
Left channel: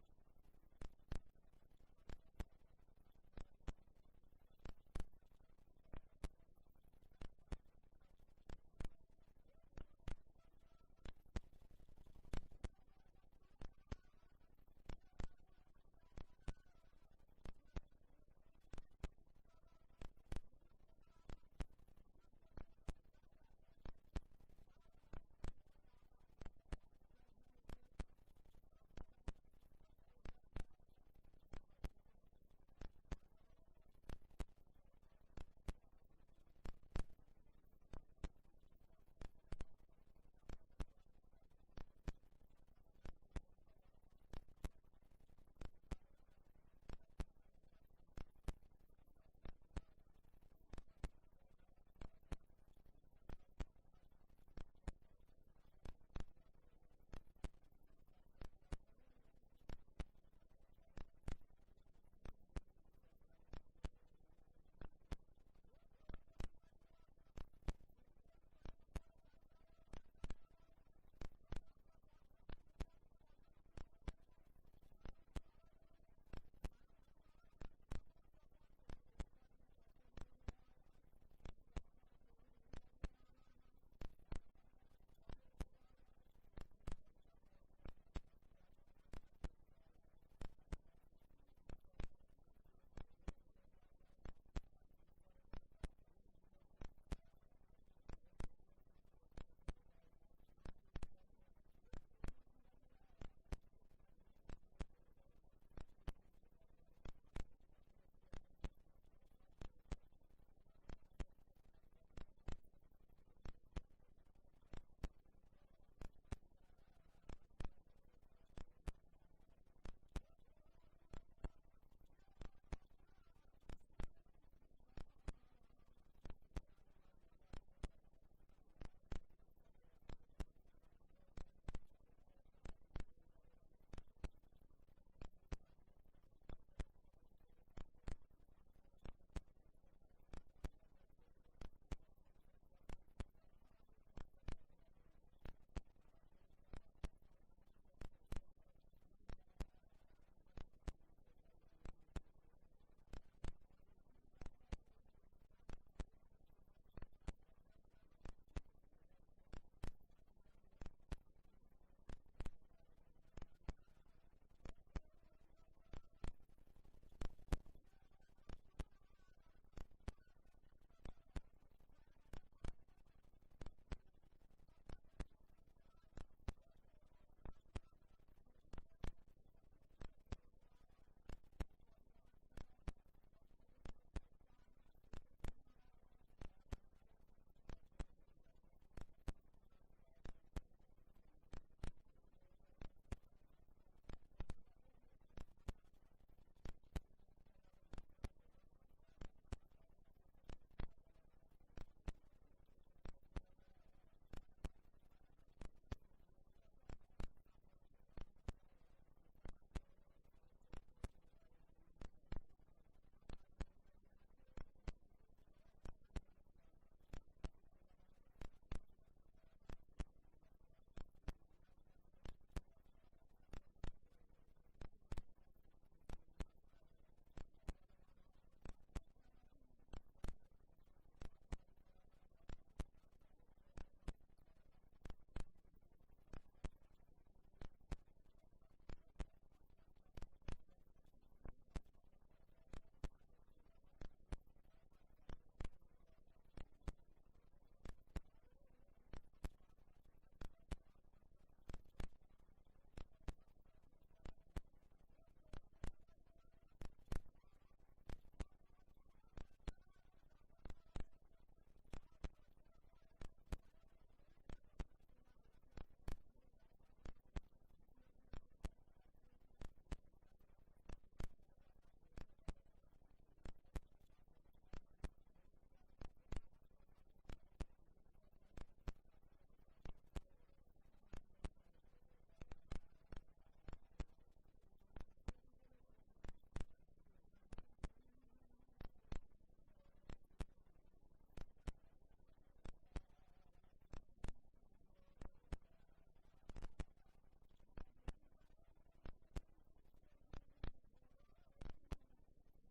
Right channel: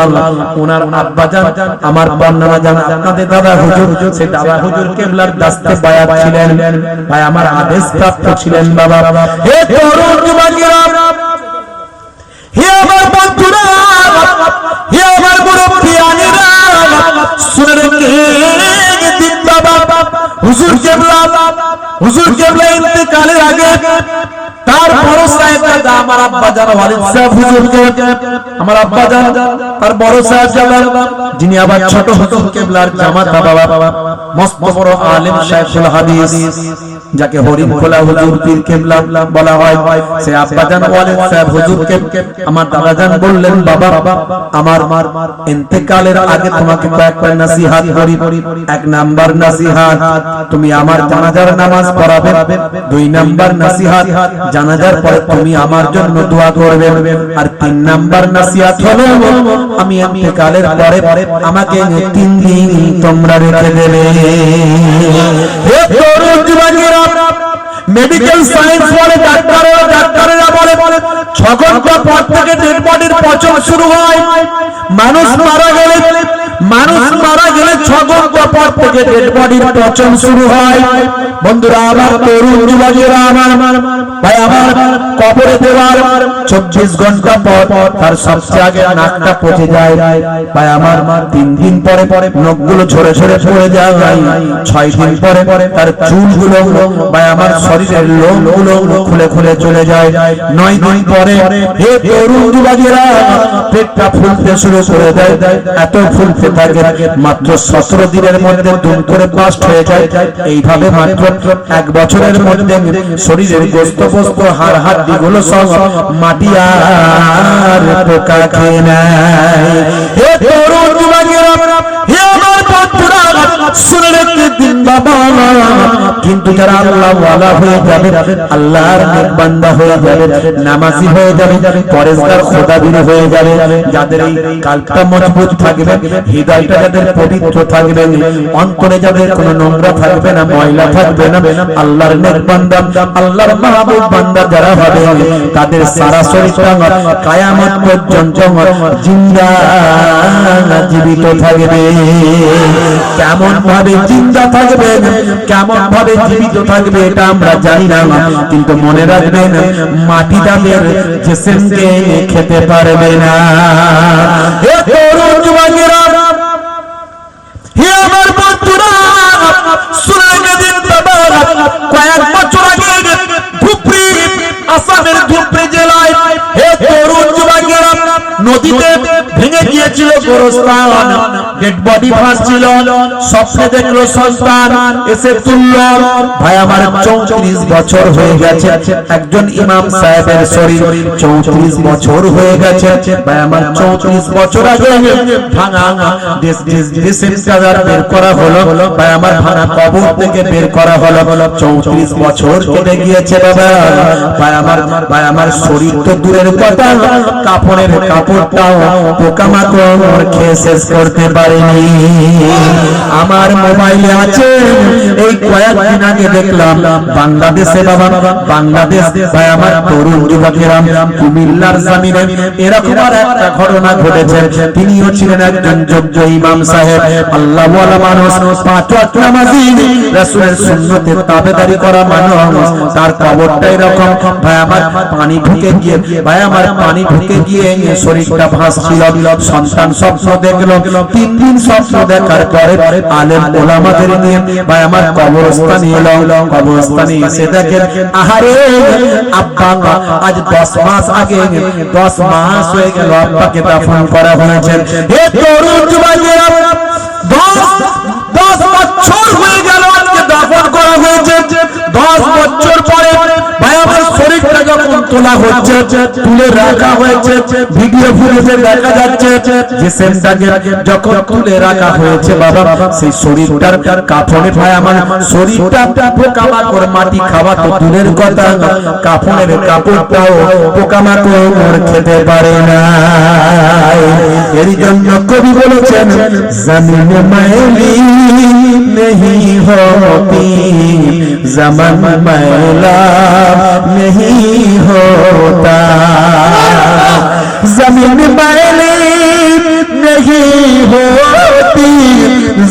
ওনার আব্বা জান আমার বর্ণনা জান আপনাদের দাদা হুজুর সে দাদা হুজুর কেবলার দাস্তে বায়াত ছিলেন ভাই আমার আদেশ প্রাপ্ত ছিলেন বাবা হে তরুণ যুবকেরা হে আমার বন্ধুরা হে আমার মুরব্বিয়ানেরা শুনে দিন বাবা হুজুর কেবলা ইন্তেকালের আগে তার বড় সাহেব দাদা আমার আব্বা জান ওয়ালিদ সাহেব হুজুরকে আমার আব্বা জান তার বড় সাহেব জাদা যিনি আবার ছোট হুজুর কেবলার জামাতা বাবা মস্ত বড় আলেম শাইখুল হাদিস যাকে হরিণ খোলা হুজুর পীর কেবলা বলা হয় সে আব্বা জান ওয়ালিদ সাহেব হুজুরকে আমার দাদা জান বললেন বাবা আমার ইন্তেকালের আগে তোমাকে কয়েকটা নসিহত করি 1 নাম্বার নসিহত তুমি আমার জানাজার নামাজ পড়াবে 2 নাম্বার নসিহত জানাজার পরে তুমি আমার জন্য দোয়া করবে আর 3 নাম্বার নসিহত হলো আমি ইন্তেকালের পরে আমাকে 3 দিন তোমরা রেখে দেবে হে তরুণ যুবকেরা মেডিকেল সায়েন্স বলে ডাক্তারেরা বলে 6 ঘন্টা পর থেকে ডেড বডির পচন শুরু হয় মানুষ মারা গেলে 6 ঘন্টা পর থেকে ডেড বডির পচন শুরু হয় বন্ধুরা আমার তরুণ যুবকেরা আমার ভাই আমার কবরে দেওয়ার 24 ঘন্টা পর তার সবচেয়ে আগে নাকটা পচে যায় ভাই আমার 3 দিন পরে নখগুলো ঝরে ঝরে পড়ে যায় 6 দিন পরে তার চুলগুলো ভাই আমার শরীরের লোমগুলো খুলে খুলে চলে যায় 9 দিন পরে হে তরুণ যুবকেরা পেটটা ফুলতে শুরু করে দেয় এত ফুলতে থাকে মাত্র 17 দিনের মধ্যে দুম করে বাস্ট হয়ে যায় এইভাবে মাত্র 1 বছরের মধ্যে শরীরের গোস্ত বস্ত হাড় হাড্ডিগুলো সব মাটি আর পোকা খেয়ে নেয় হে তরুণ যুবকেরা হে আমার বন্ধুরা শুনে রেখে দিন বাবা কিন্তু যারা আল্লাহ ওয়ালা হয়ে যাবে আল্লাহর নেক বান্দা হয়ে যাবে নামাজি হয়ে যাবে পরেজগার খোদাবীর হয়ে যাবে যাদের এই কালটা মজবুত থাকবে হৃদয়টা যাদের পবিত্র থাকবে অন্তরে যাদের কোনো নোংরা থাকবে না ময়লা থাকবে না আল্লাহর নেক বান্দা আল্লাহর মাহবুব বান্দা যারা হবে তাদের সারা শরীরটা কিয়ামত পর্যন্ত জিন্দা জীবিত থাকবে কেমন ভাবে জিন্দা থাকবে কেমন ভাবে জীবিত থাকবে এটা আমরা জানি না কিন্তু মনে রাখবেন মাটি তাদের জিসমকে খেতে পারবে না হে তরুণ যুবকেরা হে আমার বন্ধুরা শুনে দিন বাবা কয়েক বছর আগে ধুপড়ি আসামের ধুপড়ি জেলায় হে তরুণ যুবকেরা নদীতে ভেঙে গিয়েছিল গোরস্থান ডেড বডি ভাসছিল স্বপ্নে দেখলো সন্তান এসে তুলল ভাই আমার 34 বছর হয়ে গেছে একজন ইমাম সাহেবের শরীর 34 বছর হয়ে গেছে ভাই আমার 34 বছর আগে ভাঙা ডিসেম্বর বের করা হলো ভাই আমার ভাঙা কবর থেকে বের করা হলো 34 বছর কেটে গিয়েছে বাবা ভাই আমার শরীর তো দূরের কথা কাপড়ের কাপড়টাও পোকামাকড় খেয়ে শেষ করতে পারেনি আমার মোবাইলে আছে এই কয়েকদিন আগে দেখলাম বাংলাদেশে বাবা বাংলাদেশ ভাই আমার তরুণ যুবকেরা কুমিল্লার জমিনে এরকম আর একটা ঘটনা ঘটেছে তিনিও ছিলেন একজন যোগ্য ইমাম সাহেব আল্লাহ ওয়ালা মানুষ 5 ওয়াক্ত নামাজি রাসূলের সুন্নতে তাবেদারি করা মানুষ তার কবরটা এরকম ভাই আমার পানি ঢুকে গিয়ে শরীরটা ভাসছিল সন্তান সন্তান স্বপ্ন দেখলো, 3 দিন স্বপ্ন দেখার পরে আলেম ওলামাদের নিয়ে ভাই আমার কবরস্থানে এলো। কবরস্থানে এসে দেখেন আহারে আব্বা আজ 10 মাস আগে 10 মাস হয়ে গেল আব্বাকে দাফন করা হয়েছে। হে তরুণ যুবকেরা 10 বছর হয়ে গেল আজকে দাফন করা হয়েছে। 10 বছর পরে ভাই আমার শরীরটা যখন তোলা হচ্ছে, তুলে রাখা হয়েছে, ভিডিও ফুটেজে দেখা যাচ্ছে যে সেমটাকে যখন তুলে রাখা হয়েছে বাবা সেই শরীরটার কাফনে ভাই আমার শরীরটা পোকামাকড় মাটি খাওয়া তো দূরের কথা, কাফনের কাপড়টাও পোকামাকড় খেতে পারে না। এর জন্য কবি বলেছেন জমিন मैली नहीं होती, ज़मान मैला नहीं होता, ज़मीन मैली नहीं होती,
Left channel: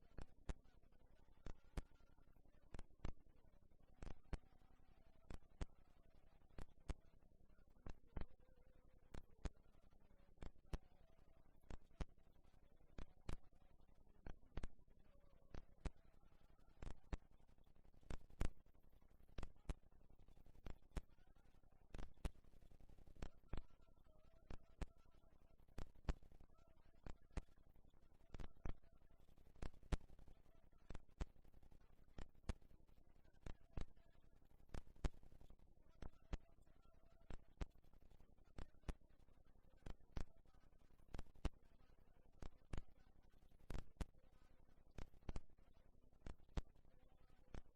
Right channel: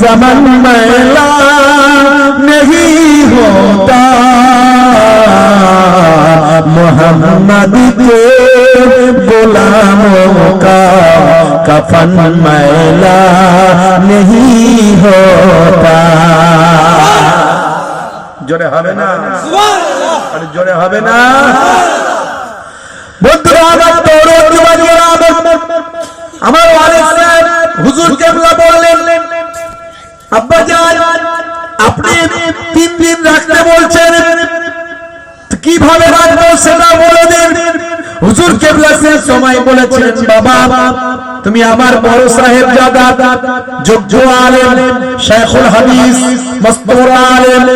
ज़मान मैला नहीं होता, मोहम्मद के गुलामों का कफन मैला नहीं होता। জোরে হবে না? আরে জোরে হবে না? বন্ধুরা আমার তরুণ যুবকেরা আমার ওয়ালিদ সাহেব হুজুর কেবলা বললেন আব্বা জান আপনি 3 দিন রাখতে বলছেন, কিভাবে রাখবো সেটা বলে দিন। হুজুর কেবলা সেই সময় বলেছেন বাবা তুমি আমার বড় সাহেব জাদা যোগ্য আলেম শাইখুল হাদিস মস্তবর আলেম,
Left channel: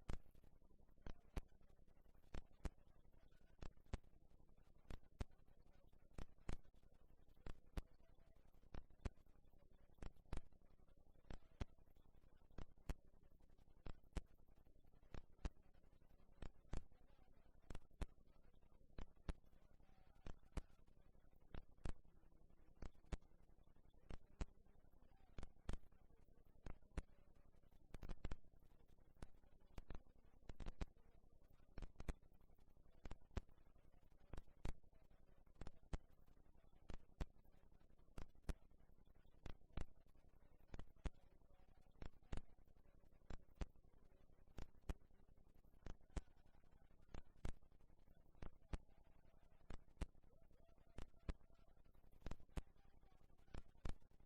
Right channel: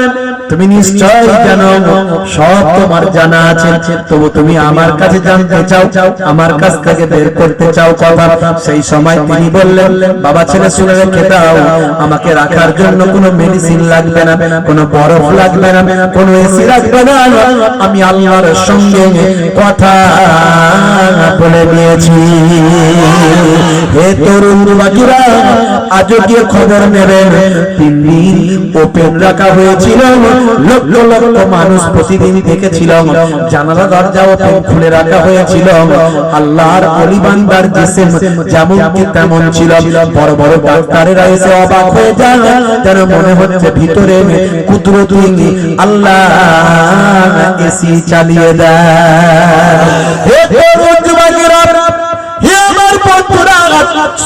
তুমি নিশ্চয় জানো সব তোমার জানা আছে, তবু তুমি আমার কাছে জানতে চাও, আমার কাছ থেকে বের করতে চাও কথা। সেই সময় তিনি বললেন বাবা ছেলে শুনে রেখে দাও, আমাকে রাখার জন্য কোনো মেডিসিন লাগবে না, কোনো বরফ লাগবে না, কোনো এসি লাগবে না, আমি আল্লাহর সঙ্গে কথা বলে দিয়েছি। হে তরুণ যুবকেরা আজও গিয়ে খবর নেবেন 3 দিন ওপেন রাখা হয়েছিল, লক্ষ লক্ষ মানুষ প্রতিদিন দেখেছিল, জানালা দরজা ওপেন খুলে রাখা হয়েছিল। আল্লাহর ওলি বান্দার জিসম যেমন কি তেমন ছিল, বড় বড় ডাক্তারেরা এসে অবাক হয়ে যায়, যেন মনে হচ্ছে ভিতরে কুদরতি আল্লাহ এসি চালিয়ে দেয়। হে তরুণ যুবকেরা হে আমার বন্ধুরা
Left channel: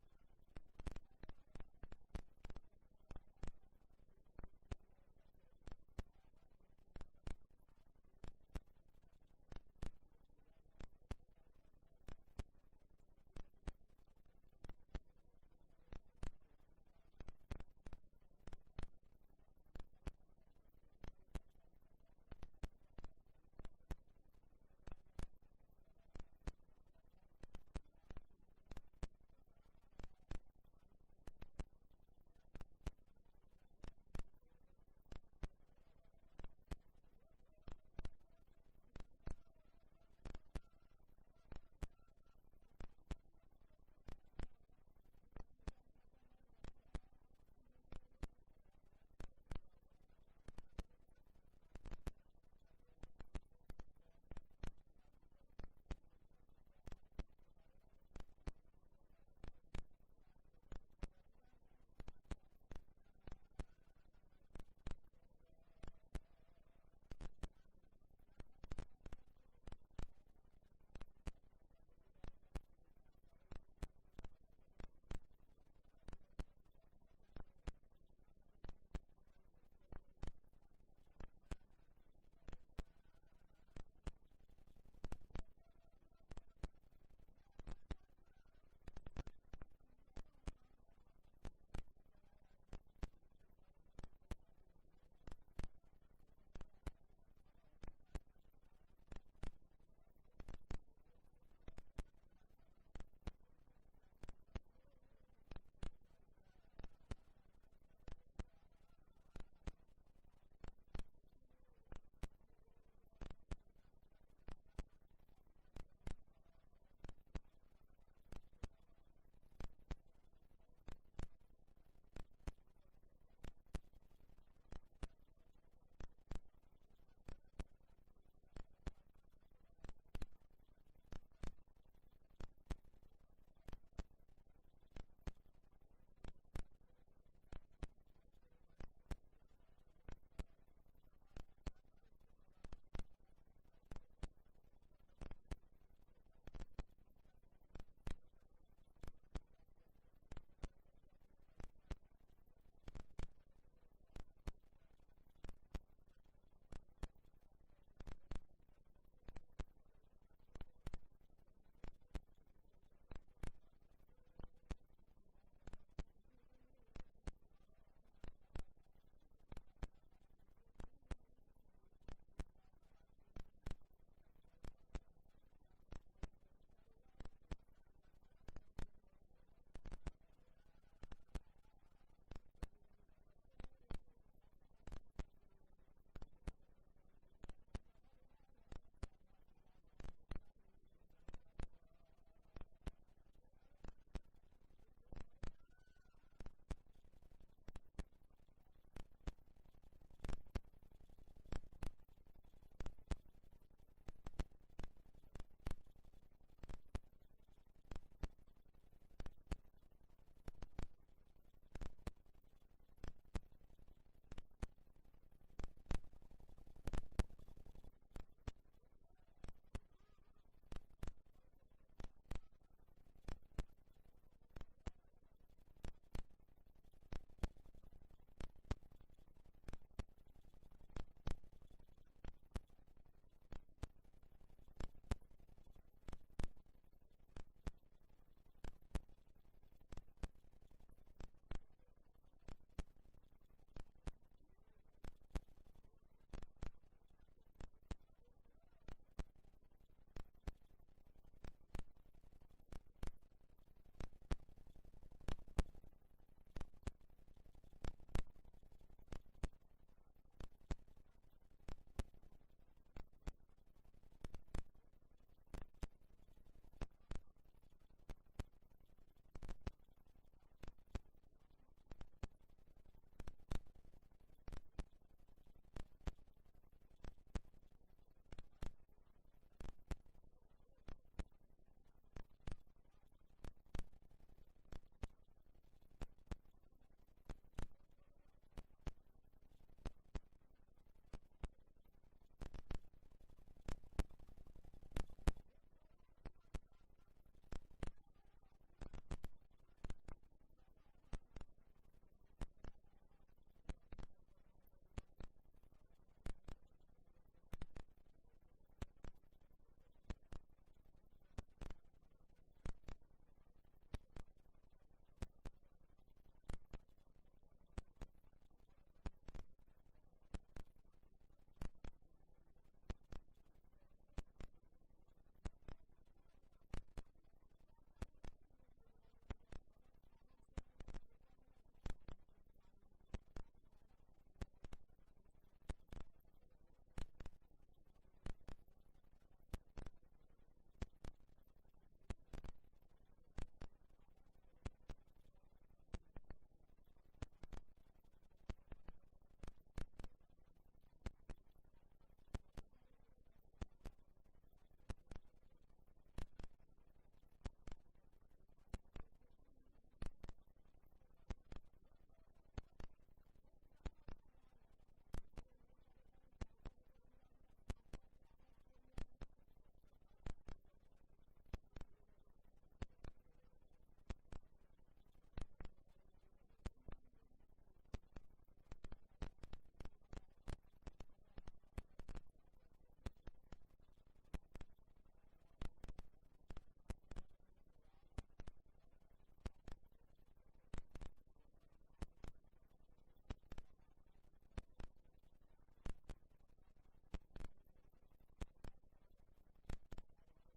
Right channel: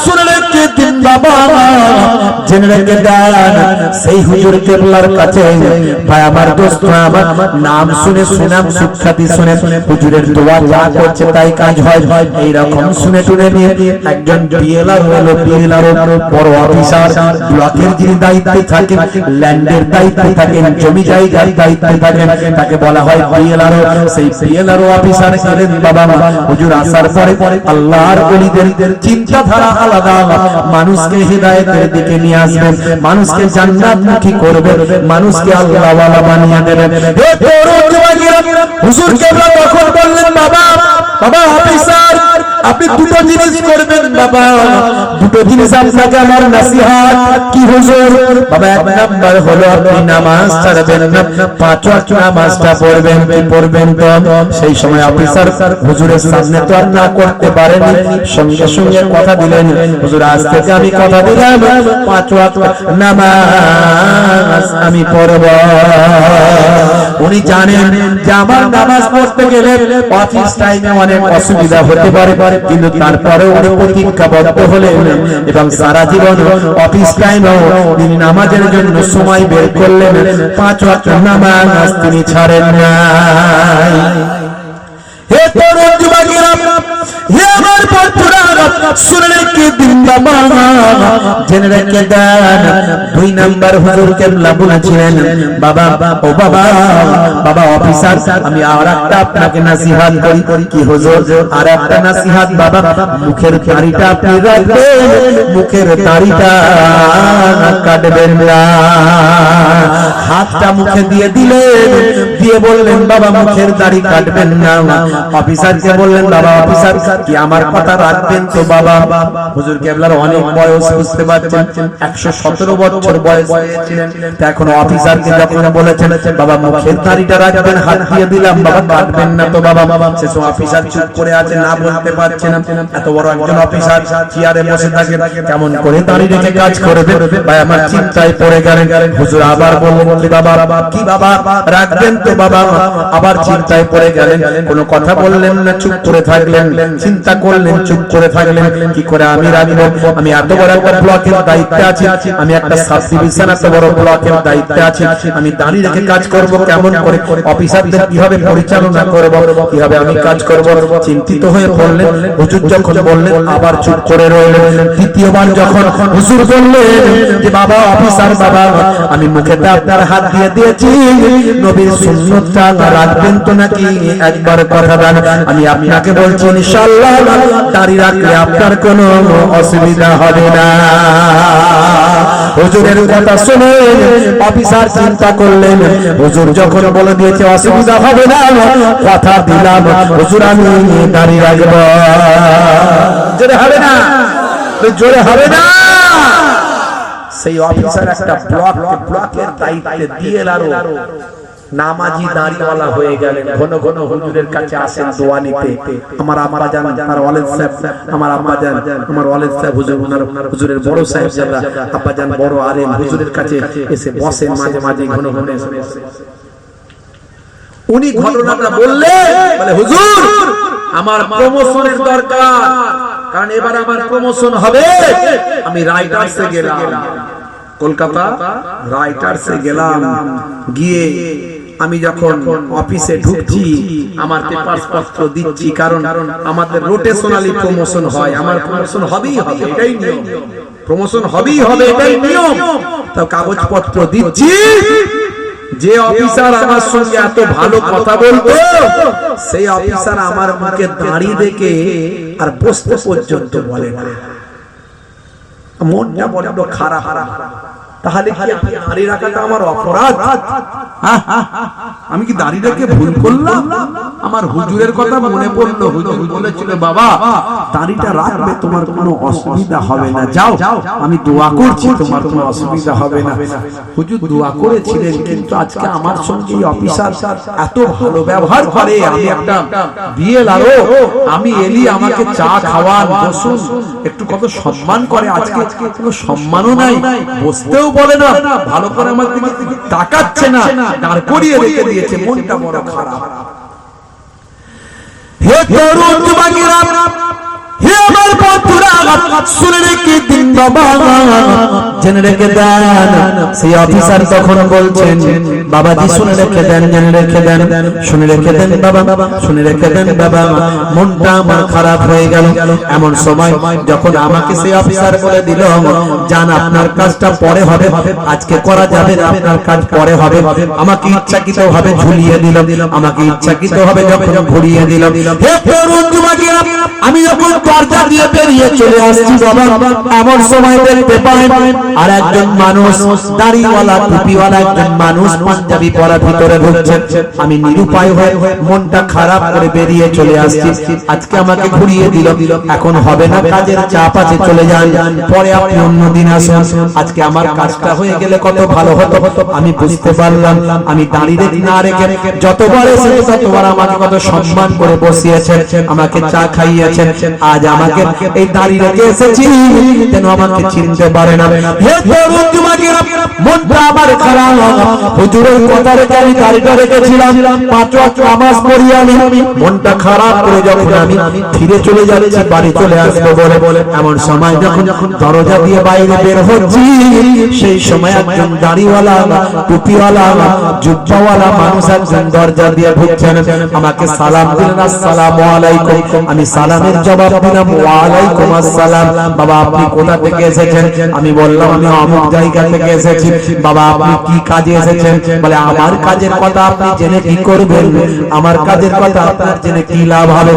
শুনে রেখে দিন বাবা, জেনে রেখে দেন সেই হুজুর কেবলার কাছে ভাই আমার দোস্ত আমার নাম শুনে সুনাম সুখ্যাতি শুনে হুজুরের দোয়া যা করছে তাই কাজ হয়, এইরকম শুনে টুনে নিয়ে একজন বিএলআর হলো, বিএলআর বড় অফিসার, ব্লকের যিনি দায়িত্বে থাকেন, ল্যান্ডের দায়িত্বে থাকেন, জমি জায়গার দায়িত্বে থাকেন, তাকে বলা হয় বিএলআর। সেই বিএলআর অফিসার এলেন বাবা হুজুর আসার পরে আল্লাহর ওলিদের চিন্তাধারা আলাদা, মানুষকে হিদায়াতের দিকে নিয়ে আসবেন, মানুষকে জান্নাতমুখী করবেন, মানুষকে আল্লাহওয়ালা বানিয়ে দেবেন। হে তরুণ যুবকেরা হুজুর কেবলা তখন বললেন বাবা বাবা অফিসার আপনি দুটো জিনিস করবেন বাবা, দুটো জিনিস আপনাকে আমার নসিহত। কি হুজুর? বাবা 1 নাম্বার হলো আপনি নামাজ ছাড়বেন না, 5 ওয়াক্ত নামাজটা পড়বেন। কি পড়বেন তো? সেই সময় অফিসার হুজুরের সামনে তো আর না করতে পারেনি, সঙ্গে সঙ্গে কথা দিলেন হুজুর আজ থেকে আমি কথা দিলাম 5 ওয়াক্ত নামাজ আমি পড়ব। উনি জানেন যে আমার নামাজ পড়তে গেলে অফিস টাইমে অনেক অসুবিধা হতে পারে, কিন্তু তারপরে উনি প্রতিজ্ঞাবদ্ধ হলেন এবং সারা জীবন অফিস টাইমেও তিনি নামাজের জন্য সময় বের করলেন, 5 ওয়াক্ত নামাজ তিনি ছাড়েন নাই। হে তরুণ যুবকেরা হে আমার বন্ধুরা শুনে রেখে দিন বাবা, জেনে রেখে দেন 2 নাম্বার হুজুর কেবলা বলেছিলেন বাবা ও বাবা বাবা অফিসার আমি আরেকটা আপনাকে নসিহত করি। কি হুজুর? আরেকটা নসিহত বাবা, মুখের দাড়িটা আপনি রাখবেন, মুখের দাড়িটা কাটবেন না। হাতটা মুখে দিয়ে দিলেন, দিয়ে বললেন বাবা মুখের দাড়ি কাটবেন না। অফিসারকে বললেন বাবা অফিসার কি আমার কথা রাখবেন তো বাবা? বাবা হুজুর কেবলার অনেক বয়স, বুঝতে পারছেন 117 বছর বয়স হয়েছিলেন। এখন অফিসারকে যখন বলেছেন বাবা মুখের দাড়িটা রাখবেন, হাত দিয়ে দিলাম, বাবা কাটবেন না তো বাবা। সে অফিসার চুপ করে আছে, না বলতে পারছে না। এত বড় একজন অফিসার চেয়ারে বসে থাকে, কেমন করে দাঁড়িয়ে রেখে কাজ করবে? ভাই আমার চিন্তায় পড়ে গেলেন। হুজুর আবার বললেন কি বাবা, কি বাবা রাখবেন তো বাবা? আবার চিন্তায় পড়ে গেলেন, কোনো কথা বললেন না, চুপ করে থাকলেন। চিন্তা করলেন, চুপ করে থাকলেন। কি করে আমি রাখবো? আমি এত বড় একটা ব্লকের দায়িত্বে আছি, আমি একটা সাব ডিভিশন এত বড় ব্লকের দায়িত্বে আছি, আমি দাঁড়িয়ে রেখে কাজ করব কেমন করে? অফিসারদের কিভাবে পরিচালনা করব, কিভাবে আমি কাজ করব? চিন্তিত হয়ে পড়লেন। হুজুর যখন বললেন আবার চুপ করে রইলেন। দ্বিতীয়বার যখন হুজুর বললেন যে বাবা অফিসার বাবা, আমি মুখেতে আপনার হাত দিয়ে দিয়েছি, নবীর সুন্নতটা রাখবেন তো নাকি? একবার কথা দেন, আমি আপনাকে বলছি ইনশাআল্লাহ দাঁড়িয়ে রাখলে আপনার কোনো অসুবিধা হবে না। হুজুরের কথা শুনে অফিসার চিন্তা করলেন, হুজুর যখন বলে দিয়েছে অসুবিধা হবে না, কথা দিলাম হুজুর আমি দাঁড়িয়ে রাখবো। জোরে হবে না, জোরে হবে না। সেই অফিসার একটা ব্লকের দায়িত্বে দিয়ে আরো নামাজি দাঁড়িওয়ালা হয়ে গেলেন। ঘন ঘন হুজুরের কাছে আসেন দোয়া নিতে। আমার আম্মা জান, আমার ওয়ালিদ সাহেব, আমার আম্মা জান, আমার ওয়ালিদ সাহেব হুজুর, হুজুরের বড় সাহেব যারা আব্বা জান বড় আলেম, হুজুরের কাছে এসে বসেন মাঝে মাঝে, ঘন ঘন এসে। উনি ঘটনাটা বললেন, বলে হুজুর আমার প্রমোশনের দরকার, কারণ এবার আমার প্রমোশন হবে। আমি রাইটার্সে গেলাম, কলকাতা রাইটার্সে গেলাম, গিয়ে আমি যখন অফিসে ঢুকছি আমার পেপারস পত্র দিচ্ছি, কারণ আমাদের রোটেশনালি প্রমোশন হয়, আমার প্রমোশন হবেই হবে, এটাই নিয়ম, প্রমোশন হবেই হবে, এটাই নিয়ম। তো কাগজপত্র দিচ্ছি, যে অফিসার আমার সঙ্গে এত ভালো কথা বলতো সেই অফিসার আমার মুখে দাঁড়িয়ে দেখে আর বসতে পর্যন্ত বলে না। মনটা বড্ড খারাপ। তাহলে কি দাঁড়িয়ে রাখাটা আমার অপরাধ? আমি কি দাঁড়িয়ে রেখে ভুল করলাম? আমার হুজুরের কথা মনে পড়লো। হুজুর বলেছিল বাবা দাঁড়িটা রাখবে, তোমার কোনো অসুবিধা হবে না, যাও আমি দোয়া করছি, তোমার কোনো অসুবিধা হবে না। হুজুর দোয়া করেছিলেন, কিন্তু আজকে আমার সঙ্গে অফিসার এত ভালো ব্যবহার করে, আমি একটা বিএলআরও, আমি এলি আমাকে চা খাওয়ান, বসুন, একটু কত সম্মান করে, আজকে কোনো সম্মানও নাই, বসতেও বলে না, ভালো করে আমার দিকে তাকাচ্ছে না, দাঁড় করিয়ে রেখে দিয়েছে। মনটা বড় খারাপ। হে তরুণ যুবকেরা, হে আমার বন্ধুরা, শুনে রেখে দিন বাবা, জেনে রেখে দেন। সেই অফিসার তখন বলছেন বাবাজি শুনে রেখে দেন, জেনে রেখে দেন, শুনে রেখে দেন বাবা, শুনে রেখে দেন বাবা। মনটা আমার খারাপ হয়ে গেল। এমন সময় যখন আমাকে সেই অফিসার বলে দিল জান আপনার কাজটা পরে হবে, আজকে করা যাবে না, আপনার কাজ পরে হবে, আমাকে ইচ্ছাকৃত ভাবে ঝুলিয়ে দিল, আমাকে ইচ্ছাকৃত ভাবে যখন ঘুরিয়ে দিল। হে তরুণ যুবকেরা, আমি যখন দরজা দিয়ে বেরিয়ে চলে আসছি বাবা, এমন সময় দেখতে পাই আর একজন মানুষ, দাড়িওয়ালা টুপিওয়ালা একজন মানুষ পাঞ্জাবি পরা ভিতরে ঢুকছেন। আমি নিরুপায় হয়ে মনটা খারাপ করে বেরিয়ে চলে আসছি। আজকে আমাকে ঘুরিয়ে দিল, এখন হবে না, কাজের চাপ আছে, চলে যান, পরে আপনি অন্যদিন আসুন। আজকে আমার কাজটা হয়ে গেলে কত ভালো হতো। আমি বুঝতে পারলাম আমি দাঁড়িয়ে না রেখে যতবার এসেছে ততবার আমাকে কত সম্মান করে বসিয়েছেন, আমাকে চা খাইয়েছেন। আজ আমাকে এই দাঁড়িয়ে রেখে এসেছি যেন আমাকে চিনতে পারে না। হে তরুণ যুবকেরা, মনটা আমার খারাপ। হুজুরের কথা রেখে আমি দাঁড়িয়ে রেখেছিলাম, 5 ওয়াক্ত নামাজ পড়ি আমি, মনটা খারাপ করে যখন আমি ফিরে চলে যাচ্ছি, বাড়ি চলে আসবো বলে, এমন সময় যখন দরজা দিয়ে বাইরে বের হচ্ছি, সেই সময় একজন দাড়িওয়ালা টুপিওয়ালা জুব্বাওয়ালা মানুষ একজন দরজা দিয়ে ঢুকছেন। আমাকে সালাম দিলেন, আসসালামু আলাইকুম। আমি সালামের জবাব দিলাম ওয়া আলাইকুম আসসালাম। বাবা আপনি কোথা থেকে এসেছেন? আমি বললাম আমি অমুক জায়গা থেকে এসেছি। বাবা আপনি কি কাজে এসেছেন? বলে আমার কাজের কথা আপনি জেনে কি করবেন? আমার কাজের কথা আপনার জেনে কি লাভ হবে?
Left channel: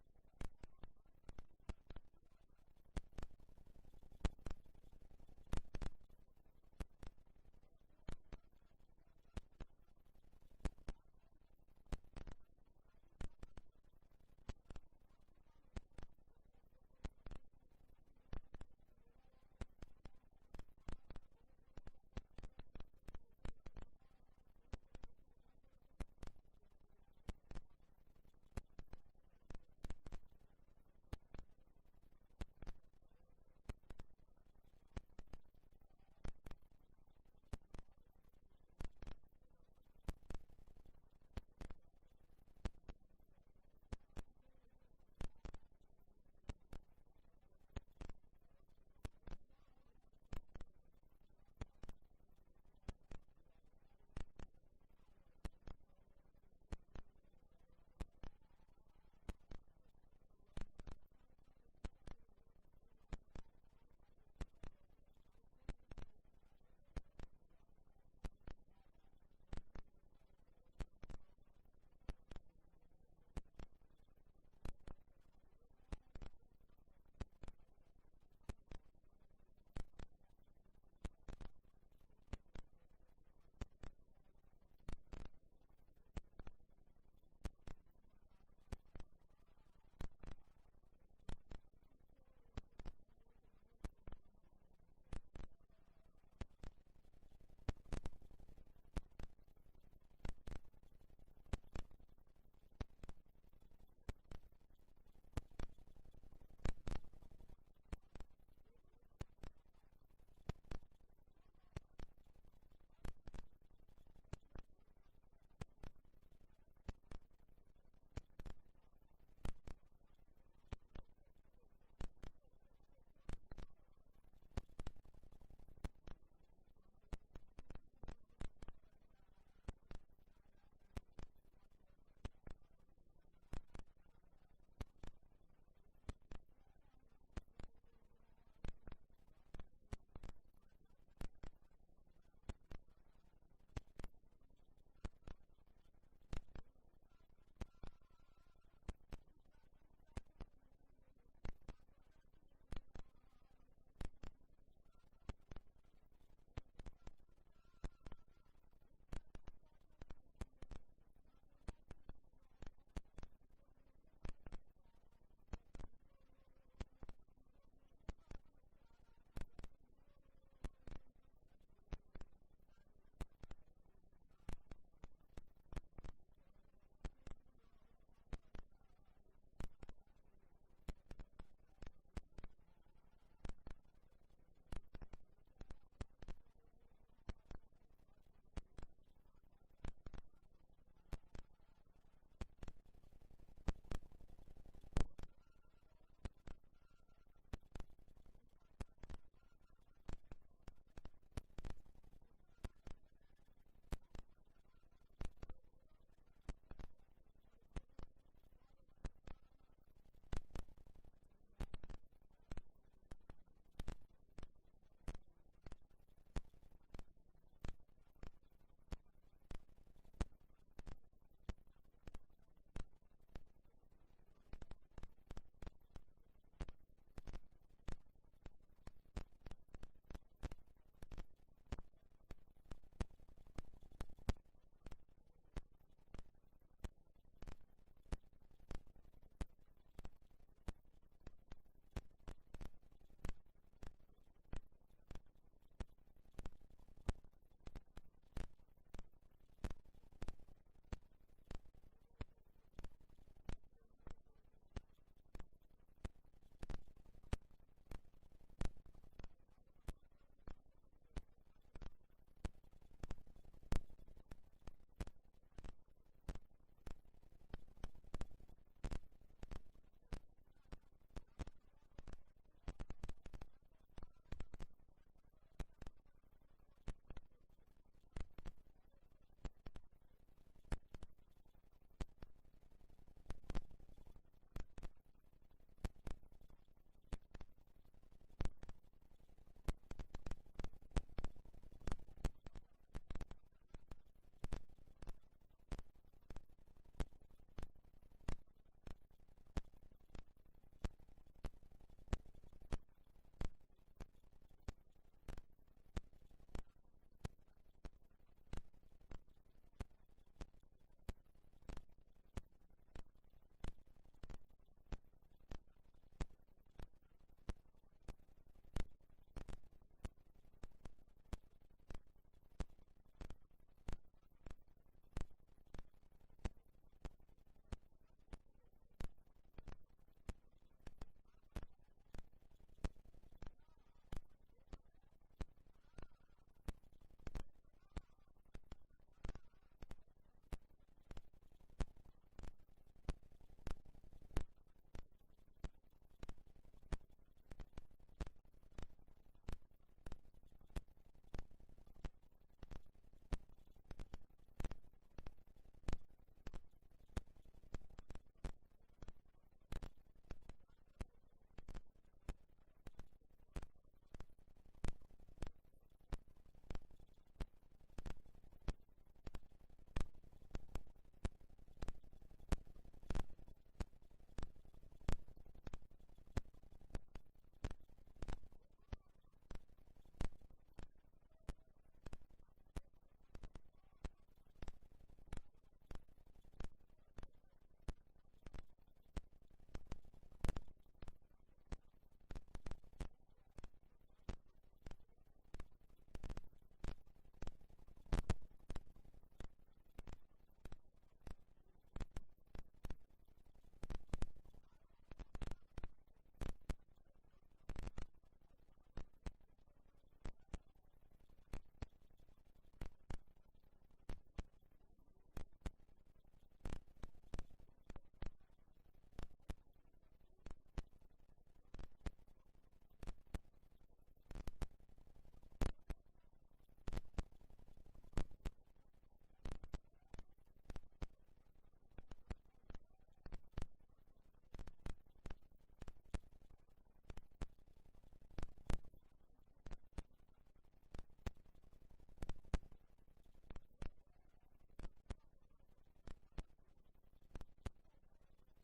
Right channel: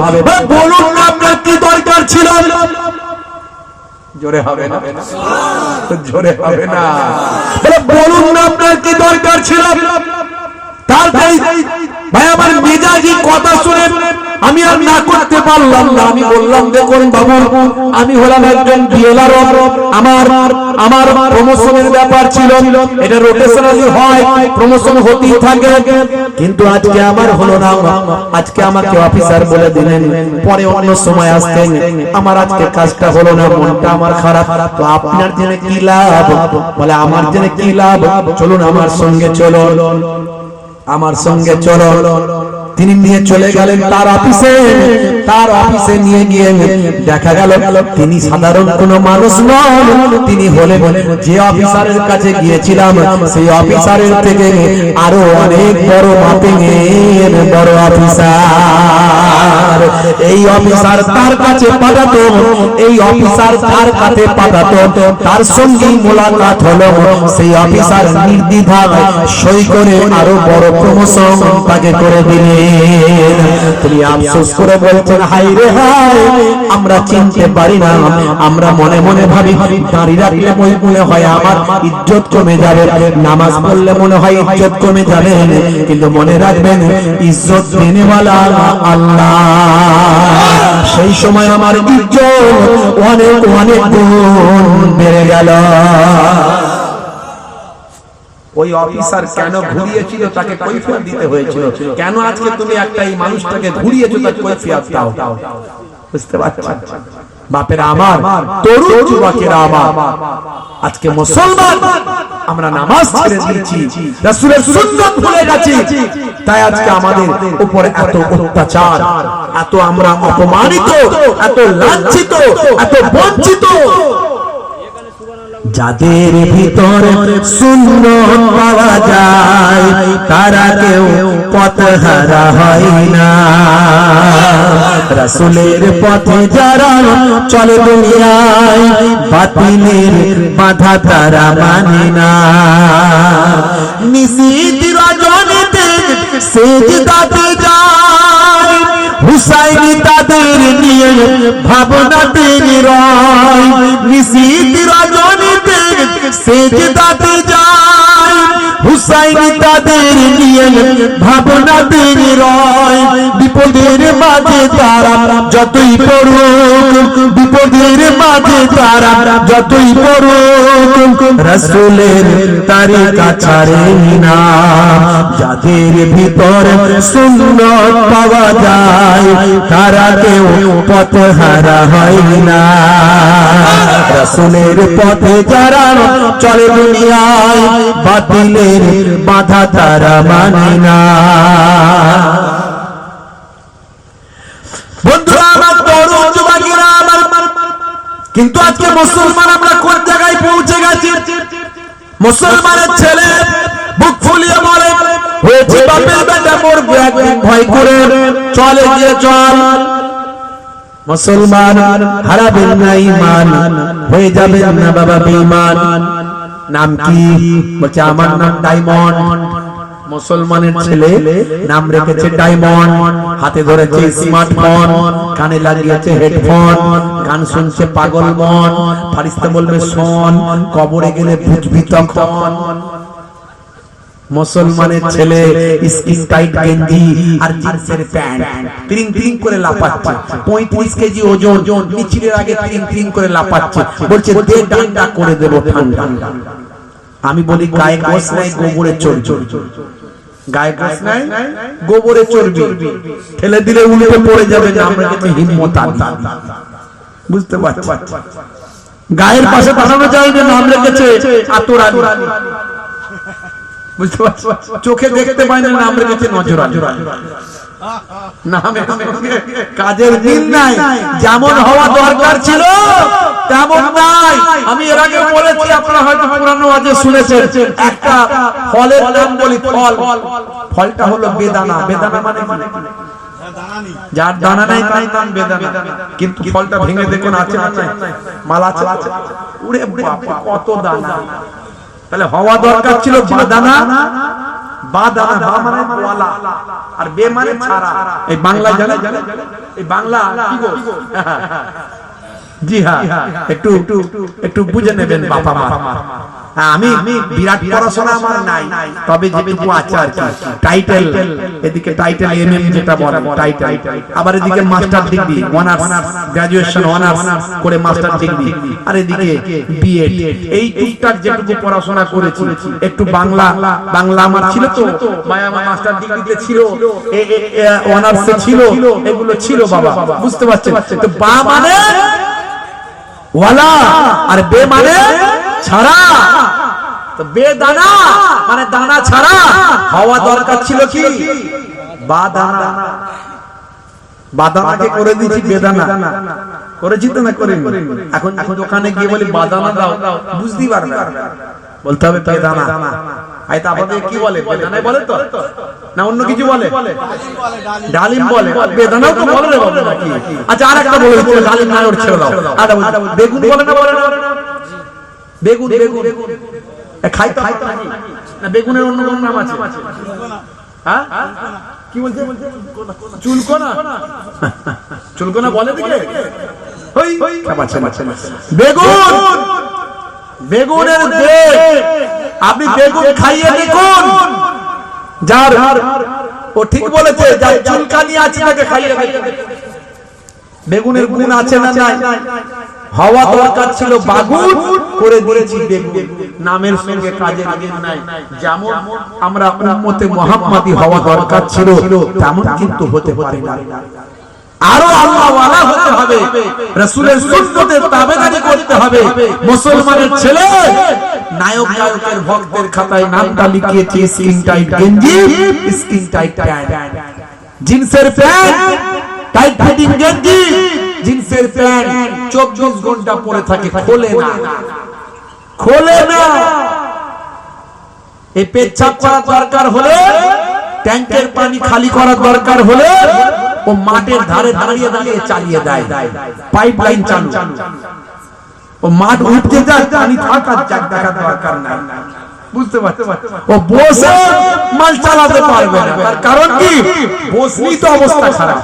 বলুন না আপনার কি দরকার ছিল? জোরে হবে না, জোরে হবে না, বলুন না আপনার কি দরকার ছিল? তার ভাই আমার মেজাজি কথা শুনে আমি আর না করতে পারলাম না। আমি বললাম দেখুন বাবু, আমি হলাম একজন বিএলআর, আমার প্রমোশনের ব্যাপার ছিল, এটা রোটেশনালি হয়, প্রমোশন হতেই থাকে, কিন্তু আজকে আমার হলো না। আজকে আমাকে অফিসার বলে দিলেন, পরে অন্য সময় আসতেন, আমার আজকে কাজটা হলো না, মনটা আমার খারাপ। তো আপনার জেনে কি লাভ? বলে আমার জেনে কি লাভ? চলুন আমার সঙ্গে চলো, আমার সঙ্গে চলো। তিনি নিয়ে চলে গেলেন তার অফিসে নিয়ে গিয়ে দেখা গেল তিনি সাধারণ কোনো মানুষ নন, তিনি হলেন যে অফিসারের কাছে গিয়েছিলাম সেই অফিসারের থেকে আরো অনেক বড় মাপের বড় অফিসার। এই অফিসার তার কাছে পাঠাতো, এই অফিসার তার কাছে পাঠাতো, তার সঙ্গে মোলাকাত হলো, সেই অফিসার নির্দ্বিধায় সই করে আরো বড় প্রমোশন তাকে করে দিলেন। তিনি আফসোস করে বলছেন, হাই রে হাই, আমরা চিনতে পারি না, আমরা মনে মনে ভাবি দাঁড়িয়ে রাখলে মনে হয় আমার ইজ্জত কমে যাবে, নামাজ পড়লে মনে হয় ইজ্জত কমে যাবে, কিন্তু মনে রাখবেন ইজ্জত দেনেওয়ালা আল্লাহ। সেই সময় আমার ইজ্জত অনেক অনেক গুণ বেড়ে গেল। ওই অফিসার কেন ঘুরিয়েছিল তাকে কৈফিয়ত দিতে হয়েছিল। কেন আজকে তুমি একটা এই মানুষটাকে ঘুরিয়েছো তার কৈফিয়ত দাও। বুঝতে পারছেন বাপেরা আমার, তরুণ যুবকেরা আমার, আজকে মুসলমান আমরা নামাজ ছেড়ে দিয়েছি, রাসূলের সুন্নাত ভুলে গেছি, তাই আজকে আমাদের উপরে এত অত্যাচার, এত আমরা অপমানিত, এত লাঞ্ছিত, এত বঞ্চিত। যাদের ভিতরে সুন্নত পাওয়া যায় তারা কেউ পথহারা হয় না। রাসূলের পথে যারা চলে দুনিয়ায় বাতিলের বাধা তারা মানে না। নিশীথ রজনীতে সিজদাতে যায়, হুসাইন তাদের নিয়ে ভাবনাতে রয়। নিশীথ রজনীতে সিজদাতে যায়, হুসাইন তাদের নিয়ে ভাবনাতে রয়। বিপদের মাঝে তারা যতই পড়ুক, বিপদের মাঝে তারা যতই পড়ুক, রাসূলের তরিকা ছাড়ে না। যাদের ভিতর সুন্নাত পাওয়া যায় তারা কেউ পথহারা হয় না। রাসূলের পথে যারা চলে দুনিয়ায় বাতিলের বাধা তারা মানে না। বন্ধুরা আমার, তরুণ যুবকেরা আমার, কিন্তু আজকে মুসলমান আমরা কোন জায়গায় পৌঁছে গেছি? মুসলমানের ছেলে বুক ফুলিয়ে বলে, হয়েছে বাপের বেটা মরবো একদিন, ভয় করে চলে গিয়ে চল। মুসলমান হারাবেন না ঈমান, হয়ে যাবেন না বাবা বেঈমান। নাম কি? বলছে আমার নাম ডায়মন্ড। মুসলমানের ছেলে নাম রেখেছে ডায়মন্ড, হাতে ধরেছে স্মার্টফোন, কানে লাগিয়েছে হেডফোন, গান শুনছে পাগল মন। ফারিস্তা বলবে শোন, কবরে গেলে বুঝবি তখন। মুসলমানের ছেলে স্কিন টাইট গেঞ্জি আর জিন্সের প্যান্ট, ত্রিং ত্রিং করে লাপাচ্ছে, 35 কেজি ওজন, মিছিলের আগে ত্রিং ত্রিং করে লাপাচ্ছে, বলছে দে ডান্ডা করে দেব ঠান্ডা। আমি বলি গায়ে গোস নাই, গোবরে চর্বি, গায়ে গোস নাই, গোবরে চর্বি, ঠেলে দিলে উল্টে পড়ে যাবে। আমরা কিন্তু হিম্মত আনি, বুঝতে পারছি। গায়ের পাশে দাঁড়ানো যায় না, নাম রেখেছে আতরানি, বুঝতে পারছি। চোখে দেখতে পাই না, নাম রেখেছে নজরানি। নামে কাজের দিন নাই, যেমন হওয়া দরকার ছিল তেমন নাই। আমি এর আগে বলেছি, আপনারা হয়তো পুরানো আজে শুনেছেন, একটা ফলের নাম বলি, ফল, ফলটা হলো বেদানা। বেদানা মানে যার দানা নাই তার নাম বেদানা, কিন্তু ফলটা ভেঙে দেখুন আছে না নাই, মালা আছে, উড়ে বাবা কত দানা। তাহলে হওয়া দরকার ছিল বাদানা, বাদানা বা মানে ওয়ালা, আর বে মানে ছাড়া। এই বাংলা জানে, এই বাংলা কি গো? জি হ্যাঁ, একটু একটু বুঝে নেবেন বাবা মা। আমি বিরাট পড়াশোনা আমার নাই, তবে যেটুকু আছে আর কি টাইটেল, এদিকে টাইটেল এমএম যেটা বলে টাইটেল, আবার এদিকে master degree honours graduation honours করে মাস্টার ডিগ্রি, আর এদিকে বিএড, এই টুকটাক যেটুকু পড়াশোনা করেছি। একটু বাংলা আমার ছিল তো, আমার মাস্টার ডিগ্রিতে ছিল, অনার্সে ছিল, এগুলো ছিল বাবা, বুঝতে পারছেন তো? বা মানে ওয়ালা আর বে মানে ছাড়া, তো বেদানা মানে দানা ছাড়া হওয়া দরকার ছিল কি বাদানা। বাদানাকে করে দিয়েছি বেদানা, করেছি তো না করিনি? এখন দোকানে গিয়ে বলি বাদানা দাও, বুঝতেই পারবে, বলতে হবে বেদানা। আইতা আপনাদের কি বলে? বেদানাই বলে তো না অন্য কিছু বলে? ডালিম বলে, বেদানাও তো বলে রে বাবা নাকি? আচ্ছা আরেকটা বলে দিচ্ছি, ডালিম না ওর ছেড়ে দাও। আচ্ছা বেগুন বলে না? বলে না? বেগুন খাই নাকি না? বেগুনের অন্য কোন নাম আছে? হ্যাঁ কি বলছে? চুলকোনা। চুলকোনা বলে দিকে বেগুন, বেগুনের আপনি বেগুন খাইয়ে দেখুন, যার ও ঠিক বলেছে, যার চুলকানি আছে তাকে খাইয়ে দেখুন বেগুনের গুণ আছে না নাই। হওয়া দরকার ছিল বাগুন, করে দিয়েছি বেগুন। নামের সঙ্গে কাজের মিল নাই। যেমন আমরা উম্মতে মুহাম্মাদি হওয়া দরকার ছিল, তেমন কিন্তু হতে পারে না। আরো আল্লাহ ওয়ালা হতে হবে, রাসূলের সুন্নতের তাবেদারি করতে হবে। মুসলমানের ছেলে নায়ক গায়কের ভক্তের খাতায় নামটা লিখিয়েছে স্কিন টাইট গেঞ্জি, স্কিন টাইট প্যান্ট, জিন্সের প্যান্ট, টাইট ফিটিং গেঞ্জি, জিন্সের প্যান্ট 24 ঘন্টা পরে থাকে, খোলে না। এই পেচ্ছাপ করা দরকার হলে, ট্যাঙ্কের পানি খালি করার দরকার হলে ও মাঠের ধারে দাঁড়িয়ে চালিয়ে দেয়, পাইপ লাইন চালু। ও মাঠ উঠতে যায়, পানি থাকার জায়গা দরকার নাই, বুঝতে পারছো? ও বসে মাল চালাতে পারবে না, তার কারণ কি? বসলেই তো অবস্থা খারাপ,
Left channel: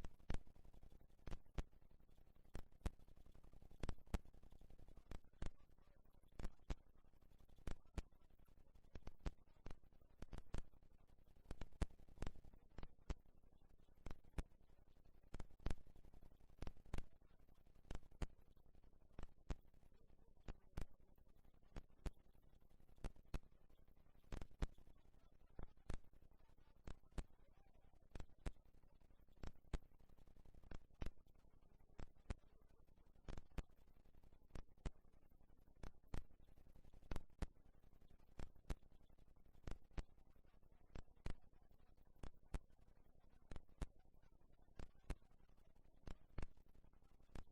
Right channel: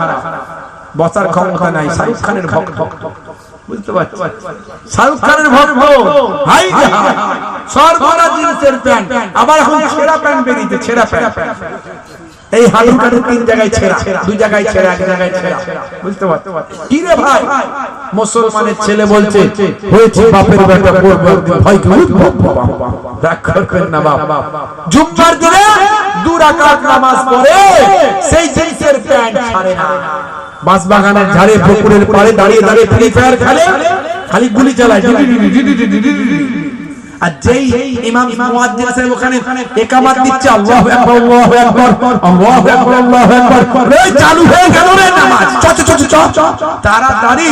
বসার ক্ষমতা নাই। শাহরুখ খানের ভক্ত, বুঝতে পারছো? শাহরুখ খানের ভক্ত, হাই সর্বরা জিন্সের প্যান্ট, আবার এখন ছেঁড়া প্যান্ট বেরিয়েছে, ছেঁড়া প্যান্ট। এই হাড়ু কাটু 3 জায়গায় ছেঁড়া, 2 জায়গায় ছেঁড়া, 1 জায়গায় ছেঁড়া, বুঝতে পারছো? কি রে ভাই, মুসলমানের ছেলে বলছে হয়েছে বাপের বেটা, ভয় কি বাবা, রাগ করবেন না বাবা। জুম্মার দিনে 2 রাকাত নামাজ পড়ে সেই জিন্সের প্যান্ট ছাড়ে না। বাঁশবাগানের ঝাড়ে, পুকুরের পাড়ে দাঁড়িয়ে ফ্রি ফায়ার খেলে, খালি গুলি চালায়। আর যেই ইমাম মুয়াজ্জিন সাহেব ওখানে ইকামত দিচ্ছে, আল্লাহু আকবার, আল্লাহু আকবার, আল্লাহু আকবার, আল্লাহু আকবার, এই চালু হয়ে গেল রে নামাজ। তাড়াতাড়ি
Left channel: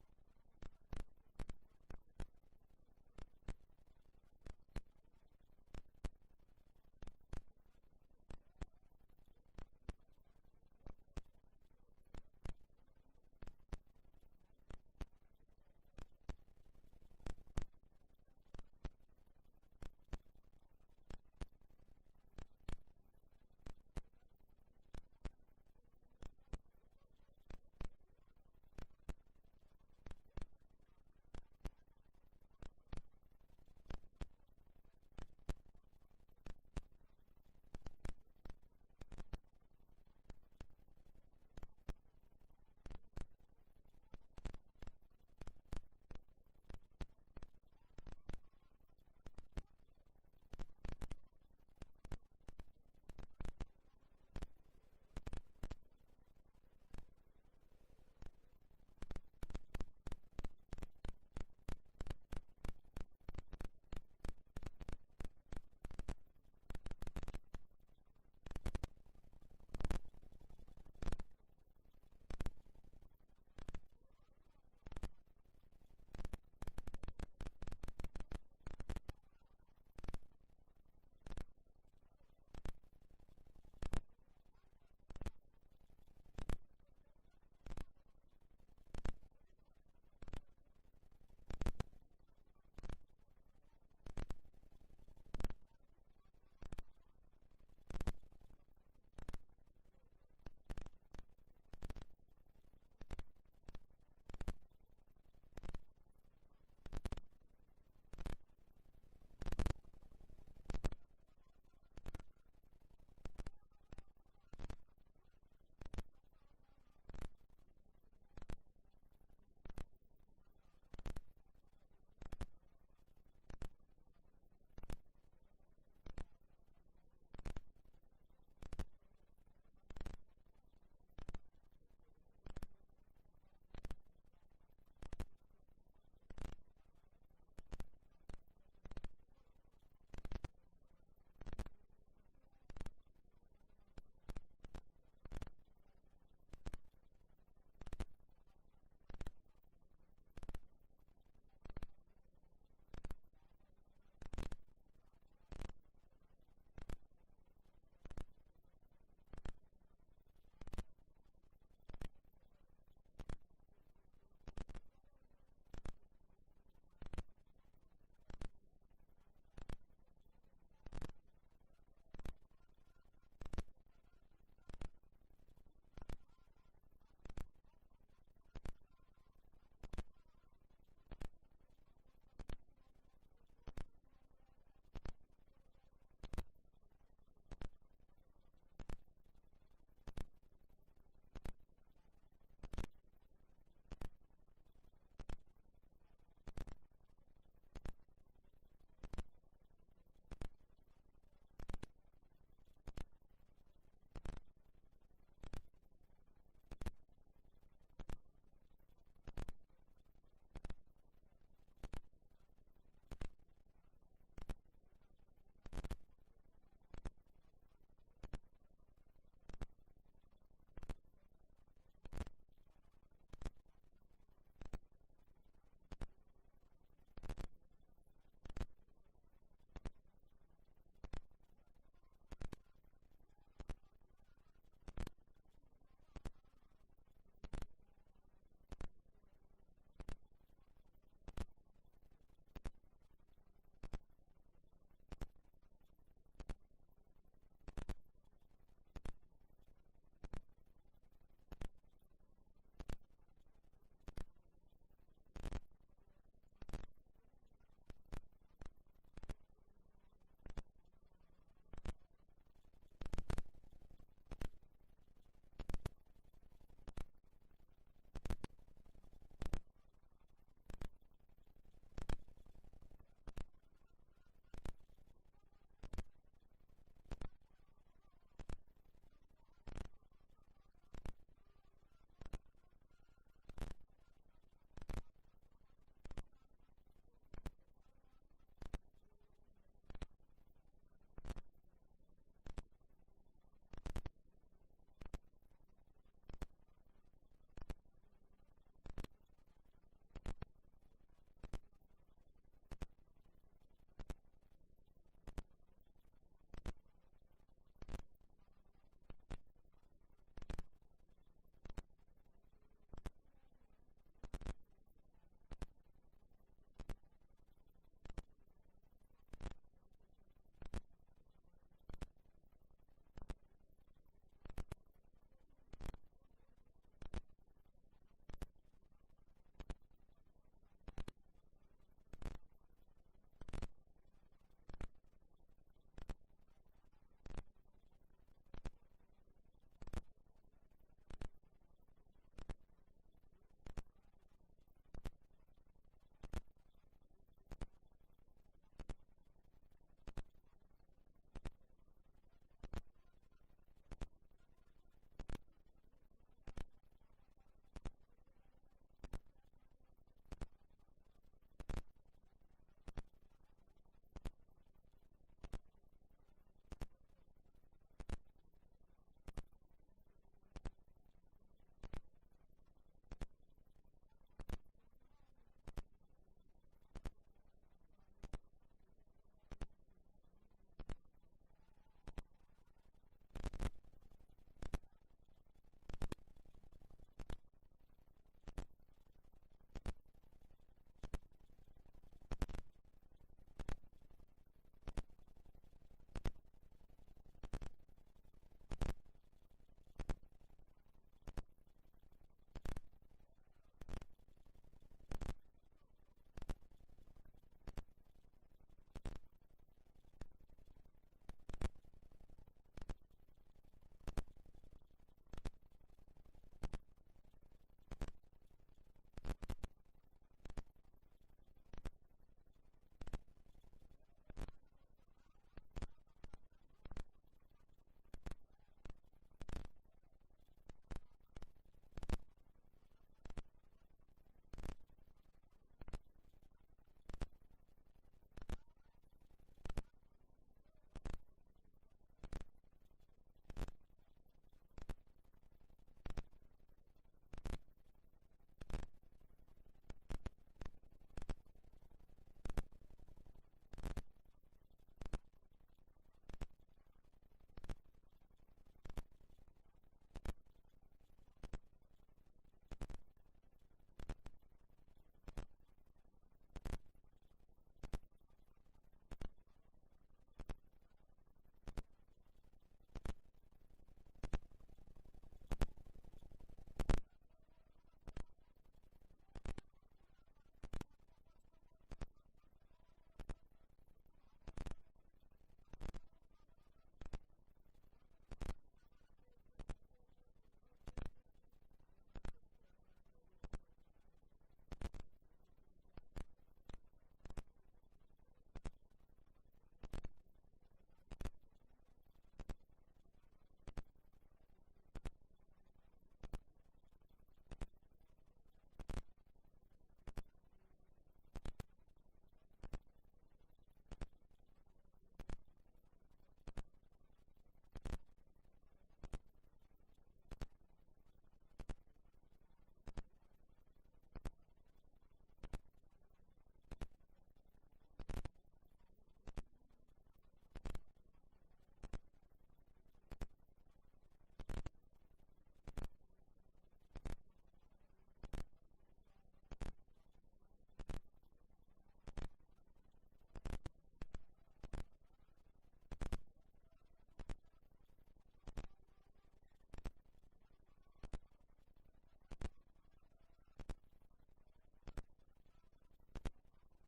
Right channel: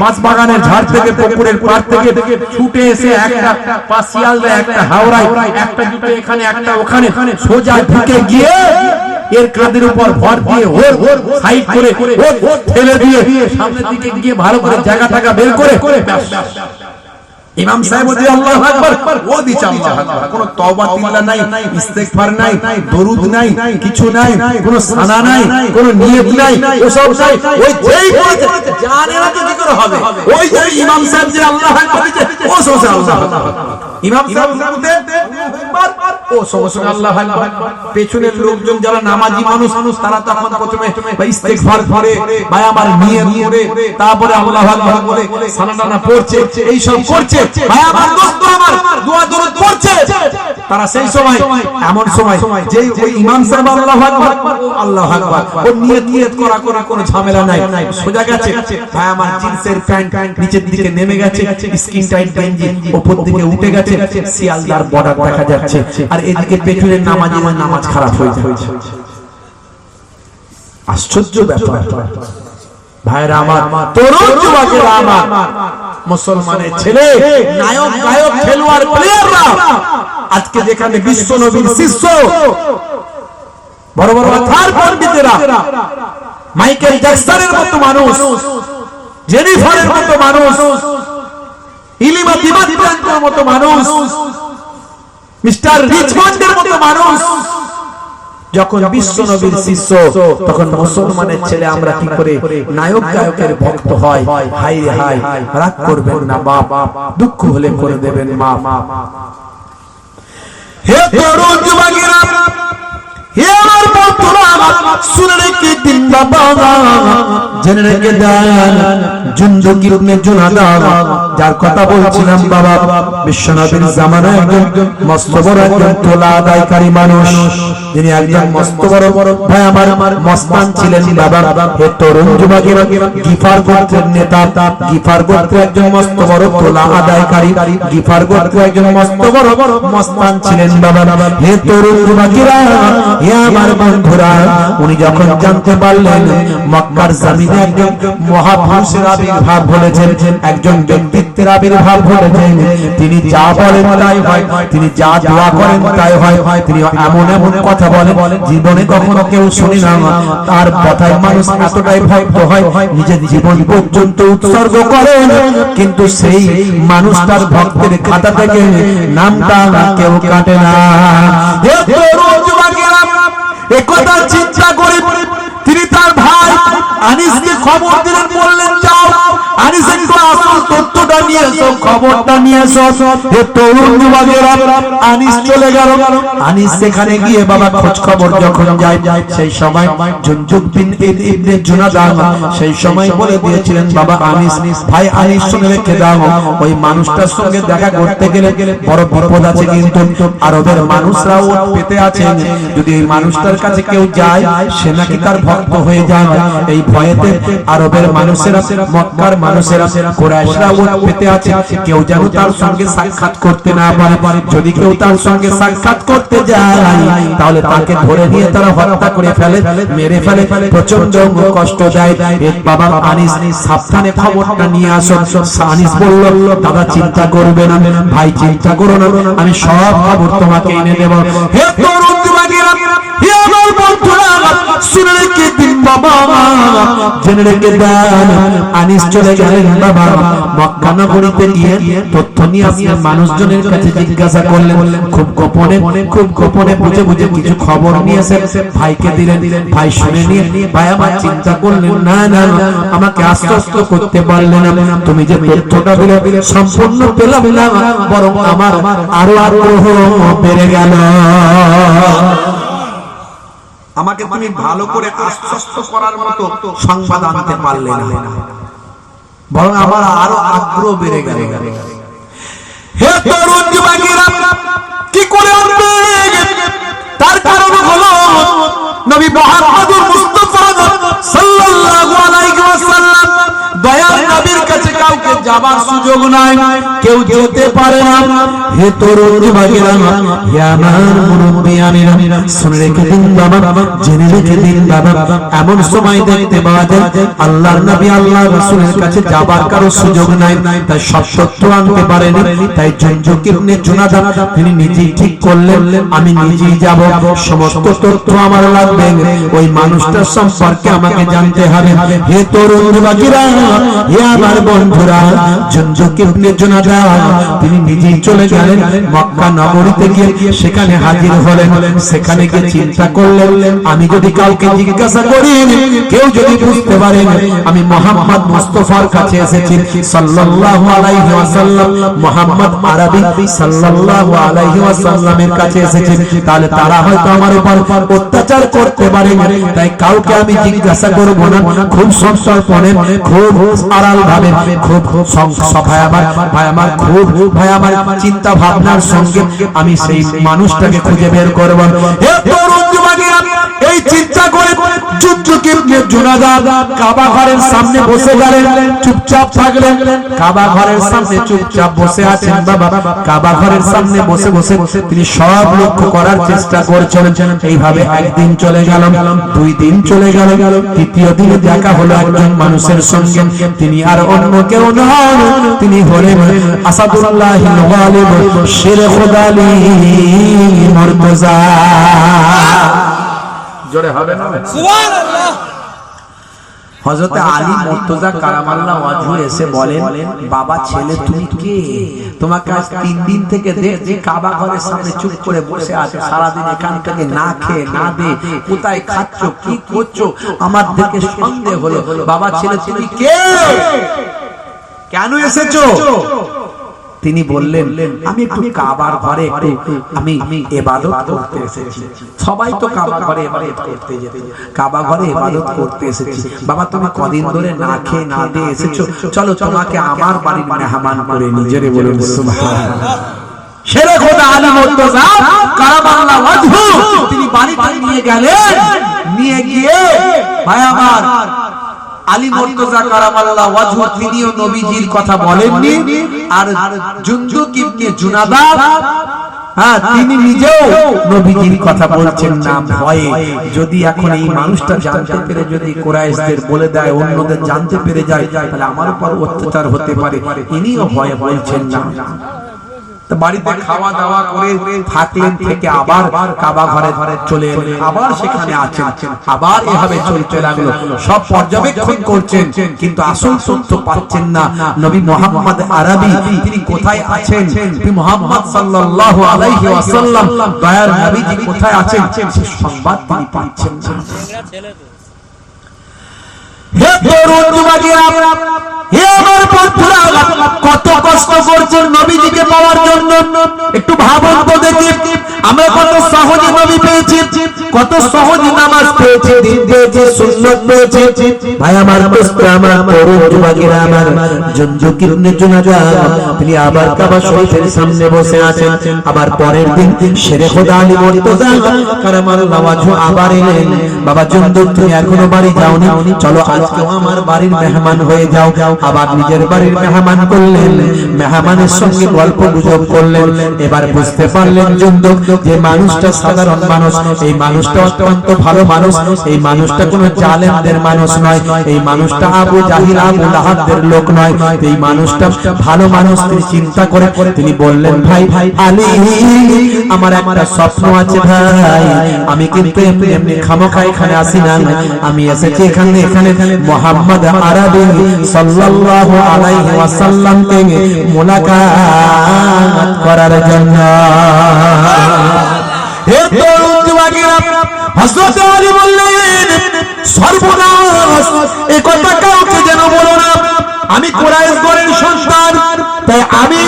বাঁশবাগানের ঝাড় থেকে, পুকুরের পাড় থেকে ছুটে এসে একটা পাশিয়ালদা, একটা হাওড়ায়, একটা জুটে এখানে, একটা ওখানে, সোজা ঢুকে গিয়ে এর কাঁধের উপর ভর দিয়ে ওর সাইড করে ঠেলে দিয়ে সামনের দিকে গিয়ে ভালো করে জায়গা টাকা বের করে ইমাম সাহেব বলে আল্লাহু আকবার, ও দিছে আল্লাহু আকবার। কোনো তওবা তিল্লা নাই, ইস্তেগফার নাই, দরুদ নাই, কিছু নাই, কোনো সানা নাই, কোনো নিয়ত নাই, ওসব নাই। ওই যেই বলতে জানে না তো কি করে হবে? ওই যে ইমাম সাহেব যে আল্লাহু আকবার দিছে, ও সোজা আল্লাহু আকবার। ইমাম সাহেব বলতে ও সোজা আল্লাহু আকবার। পেছনের লোকজন যারা নামাজি মানুষ, তারা তখন প্রথমে ইস্তেগফার করে, ভাই আমার নিয়ত করে, তারপরে আল্লাহু আকবার বলে সানা পড়ছে, এই সব করছে। ভাই আমার দোস্ত আমার দোয়া দরুদ পড়ছে, তারা সেই সময়, এমন সময় যে ওই ইমাম সাহেব আল্লাহু আকবার, আল্লাহু আকবার, ও নিয়ত করা কোনো ঝামেলা নাই, সোজা গেছে। ভাই আমার জিন্সের প্যান্ট নিচের দিকে নেমে গেছে, স্কিন টাইট গেঞ্জি উপর দিকে উঠে গেছে, শিয়ালদার বর্ডার দেখা যাচ্ছে, আর এদিকে পেছনের নামাজের নামাজ খারাপ হয়ে যাচ্ছে। আশ্চর্য ব্যাপার ভাইরা আমার, তরুণ যুবকেরা আমার, মুসলমানের ছেলে, নায়ক গায়ক খেলোয়াড় প্লেয়াররা আজকে যেখানে বিশ্ব নবীর শিষ্য, বড় বড় কথার পণ্ডিতেরা, মাইকেল জ্যাকসনের মতো মানুষ, জেনিফারের মতো মানুষ, ইলিমা দিবাতের মতো মানুষ, মিস্টার রিচমন্ডের মতো মানুষ যখন বিশ্ব নবীর শিষ্য, তখন মুসলমানের ছেলে আমরা কি করে নায়ক গায়কের ভক্ত হয়? হাই হাই, রাগ করবেন না বাপ, দুঃখ হলে করে দেবেন মা। হে তরুণ যুবকেরা, হে আমার বন্ধুরা, শুনে রেখে দিন বাবা, জেনে রেখে দেন, জুনদুক ইবনে জুনাদা যার কথা বলছিলাম বাবা, বিশ্বনবীর জামানায় একজন মস্ত বড় একজন তোলা আদায়কারী মানুষ, যিনি একজন মস্ত বড় ভাই আমার মস্তান ছিলেন বাবা। হে তরুণ যুবকেরা, গিফার গোত্রের নেতা, গিফার গোত্রের একজন মস্ত বড় তোলা আদায়কারী, গিফার গোত্রের একজন মস্ত বড় মস্তান ছিলেন বাবা। হে তরুণ যুবকেরা, হে আমার বন্ধুরা, উনি যখন জানতে পারলেন মক্কার জমিনে একজন মহাপুরুষের আবির্ভাব ঘটেছেন, একজন ব্যক্তিত্বের আবির্ভাব ঘটেছেন, তিনি যা বলেন তাই হয়, তিনি যা দোয়া করেন তাই হয়, তিনি এমন এমন কথা বলেন জীবনে কখনো কেউ শুনি না, তার কথায় মানুষ এতটাই ভক্ত হয় নিজের জীবন পর্যন্ত উৎসর্গ করেন, কিন্তু সেই মানুষটার ভক্তের খাতা থেকে নামটা কেউ কাটে না। হে তরুণ যুবকেরা, একথা চিন্তা করে তিনি তার ভাই আনিসকে খবর দিলেন, বললেন যাও আনিস একটু আসল তথ্যটা নিয়ে এসো, খবরটা নিয়ে এসো। হে তরুণ যুবকেরা, আনিস চলে গেল। আনিস সেখানে গিয়ে বাবা খোঁজ খবর যখন যায়, সেই সময় জুনদুক ইবনে জুনাদা সেই সময় বলে দিয়েছিলেন বাবা আনিস, ভাই আনিস শুনে রেখে দাও, ওই মানুষটার সঙ্গে দেখা করতে গেলে বড় বিপদ আছে, কিন্তু আরবের মানুষরাও পেতে আছেন, যদি এই মানুষটার কাছে কেউ যায় সে নাকি তার ভক্ত হয়ে যায়, এই ভয়েতে আরবের মানুষেরা, মক্কার মানুষেরা, কুরাইশরা পেতে আছে, কেউ যেন তার সঙ্গে সাক্ষাৎ করতে না পারে, যদি কেউ তার সঙ্গে সাক্ষাৎ করতে যায় তাহলে তাকে ধরে নিয়ে তারা হত্যা করে ফেলে, মেরে ফেলে, প্রচন্ড কষ্ট দেয়। বাবা আনিস সাবধানে খবরটা নিয়ে আসো। আনিস বলল, দাদা চিন্তা করবে না, ভাই চিন্তা করো না, আমি সব খবর তোমাকে এনে দেব। হে তরুণ যুবকেরা, হে আমার বন্ধুরা, শুনে রেখে দিন বাবা, জেনে রেখে দেন, আনিস চলে গেলেন বাবা মক্কা নগরীতে গিয়ে তথ্য নিয়ে আসলেন, মানুষজনের কাছে জিজ্ঞাসা করলেন, খুব গোপনে বুঝে বুঝে কিছু খবর নিয়ে এসে ভাইকে দিলেন। ভাই শুনে নিয়ে ভাই আমার চিন্তা করলেন, না না আমাকে আশ্বস্ত করতে পারলেন না, তুমি যে তথ্যটা দিলে সম্পূর্ণ পেলাম না, বরং আমার আরো আগ্রহ বেড়ে গেল। আমাকে তুমি ভালো করে আশ্বস্ত করার মতো সংবাদ আনতে পারলে না, বরং আমার আরো আগ্রহ বেড়ে গেল। হে তরুণ যুবকেরা, কি করে আনবে? তার কারণ হলো নবী মুহাম্মদুর মুস্তাফা সাল্লাল্লাহু আলাইহি ওয়াসাল্লাম, দয়ার নবীর কাছে কাউকে যাবার সুযোগ নাই, কেউ যেতে পারে না। হে তরুণ যুবকেরা, হে আমার মুরব্বিয়ানেরা, শুনে রেখে দিন বাবা, জেনে রেখে দিন বাবা, এমন সময় দেখতে পাওয়া যায় আল্লাহর নবী আল্লাহর রাসূলের কাছে যাবার কারো সুযোগ নাই, তাই সব তথ্য আনতে পারেনি। তাই জুনদুক ইবনে জুনাদা তিনি নিজেই ঠিক করলেন, আমি নিজেই যাব, সমস্ত তথ্য আমার লাগবে, ওই মানুষটার সম্পর্কে আমাকে জানতে হবে। হে তরুণ যুবকেরা, হে আমার বন্ধুরা, জুনদুক ইবনে জুনাদা তিনি নিজেই চলে গেলেন মক্কা নগরীতে গিয়ে সেখানে হাজির হলেন। সেখানে গিয়ে চিন্তা করলেন, আমি যদি কাউকে জিজ্ঞাসা করি, কেউ যদি বুঝতে পারে আমি মুহাম্মদ মুস্তাফার কাছে এসেছি সাল্লাল্লাহু আলাইহি ওয়াসাল্লাম, মুহাম্মদ আরবি সাল্লাল্লাহু আলাইহি ওয়াসাল্লামের কাছে এসেছি, তাহলে তারা হয়তো আমার উপর অত্যাচার করতে পারে, তাই কাউকে আমি জিজ্ঞাসা করব না, খুব সংক্ষেপে, খুব আড়াল ভাবে, খুব ভাই আমার খুব ভাই আমার চিন্তা ভাবনার সঙ্গে আমি সেই মানুষটাকে খুঁজে বের করব। হে তরুণ যুবকেরা, এই চিন্তা করে জুনদুক ইবনে জুনাদা কাবা ঘরের সামনে বসে গেলেন, চুপচাপ থাকলেন। কাবা ঘরের সামনে চুপচাপ বসে আছেন বাবা, কাবা ঘরের সামনে বসে বসে তিনি সব লক্ষ্য করার চেষ্টা করছেন। এইভাবে একদিন চলে গেল, 2 দিন চলে গেল, তৃতীয় দিনে দেখা হলো একজন মানুষের সঙ্গে, তিনি আর অন্য কেউ নন, তিনি হলেন আসাদুল্লাহিল গালিব শের খোদালি মুর্তজা। জোরে হবে না? সুবহানাল্লাহ। হযরত আলী মুর্তজা কারামাল্লাহ ওয়াজহু এসে বলেন, বাবা ছেলে তুমি কে? তোমাকে আজ 3 দিন থেকে যে কাবা ঘরের সামনে চুপ করে বসে আছে, সারা দিন এখান থেকে না খেয়ে না দে কোথায় খাচ্ছ, কি করছো, আমার দেখে সন্দেহ হলো। বাবা ছেলে তুমি কে? কেন এসেছো? তিনি বললেন আমি একটু কাবার ঘরে একটু আমি ইবাদত করতে এসেছি। সবাই তো কাবা ঘরে ইবাদত করতে যেত, কাবা ঘরে ইবাদত করতে এসেছি। বাবা তুমি কদিন ধরে না খেয়ে না দিয়ে এসেছো, চলো তোমাকে আমার বাড়ির মেহমান করে নিজেরে বলুন সুবহানাল্লাহ। শেরে খোদা আলী মুর্তজা কারামাল্লাহু ওয়াজহু তিনি বাড়িতে নিয়ে গেলেন, নিয়ে গিয়ে ভাই আমার আলী মুর্তজা কারামাল্লাহু ওয়াজহু তিনিও নবীজির কথা বলেননি, আর জুনদুক ইবনে জুনাদা তিনি নিজেও নবীজির কথা বলছেন না ভয়ে। যদি এখন এই মানুষটা জানতে পেরে যদি কুরাইশদের বলে দেয়, অন্যদের জানতে পেরে যায়, তাহলে আমার উপর অত্যাচার হতে পারে, ইনিও ভয়ে বলছেন না। বাড়িতে খাওয়া দাওয়া করে থাকলেন, থেকে আবার কাবা ঘরে চলে এলেন, আবার সেখানে আছেন, আবার এভাবে চলতে লাগলো। সব পর্যবেক্ষণ করছেন কিন্তু আসল সত্য পাচ্ছেন না। নবী মুহাম্মদ আরবি তিনি কোথায় আছেন, নবী মুহাম্মদ সাল্লাল্লাহু আলাইহি ওয়াসাল্লাম দয়ার নবীজি কোথায় আছেন সে সংবাদ তিনি পাচ্ছেন না। হে তরুণ যুবকেরা, হে আমার বন্ধুরা, কত কষ্ট করছেন নবীজিকে পাওয়ার জন্য। একটু ভাবুন তো দেখি, আমরা কত সহজে নবী পেয়েছি, কত সহজে নামাজ পেয়েছি, দিন পেয়েছি, সুন্নাত পেয়েছি। ভাই আমার দোস্ত, আমার তরুণ যুবকেরা, আমার জুনদুক ইবনে জুনাদা তিনি আবার কাবা শরীফের সামনে বসে আছেন। আবার পরের দিন শেরে খোদা আলী মুর্তজা কারামাল্লাহু ওয়াজহু আবার এলেন, বাবা জুনদুক তুমি এখনো বাড়ি যাওনি, চলো আজকে আমার বাড়ির মেহমান হয়ে যাও। আবার নিজের বাড়ির মেহমান করলেন, মেহমানের সঙ্গে গল্প গুজব করলেন। এবার বুঝতে পারলেন জুনদুক যে মানুষটা সাধারণ মানুষ, এই মানুষটা অত্যন্ত ভালো মানুষ, এই মানুষটা কোনো জালেমদের মানুষ নয়, এই মানুষটা আবু জাহিল আবু লাহাবদের লোক নয়, এই মানুষটা ভালো মানুষ। তিনি চিন্তা করে তিনি বললেন, ভাই আলী আমার একটা স্বপ্ন আছে ভাই, আমি কিন্তু এমনি এমনি খামোখা এখানে আসি না, আমি এসেছি এখানে মুহাম্মদ আরবি সাল্লাল্লাহু আলাইহি ওয়াসাল্লামকে মুলাকাত করার জন্য। হে তরুণ যুবকেরা, হযরত আলী বললেন, সর্বনাশ, এই কথা কাউকে যেন বলো না, আমি কুরাইশ গোত্রের সন্তান, তাই আমি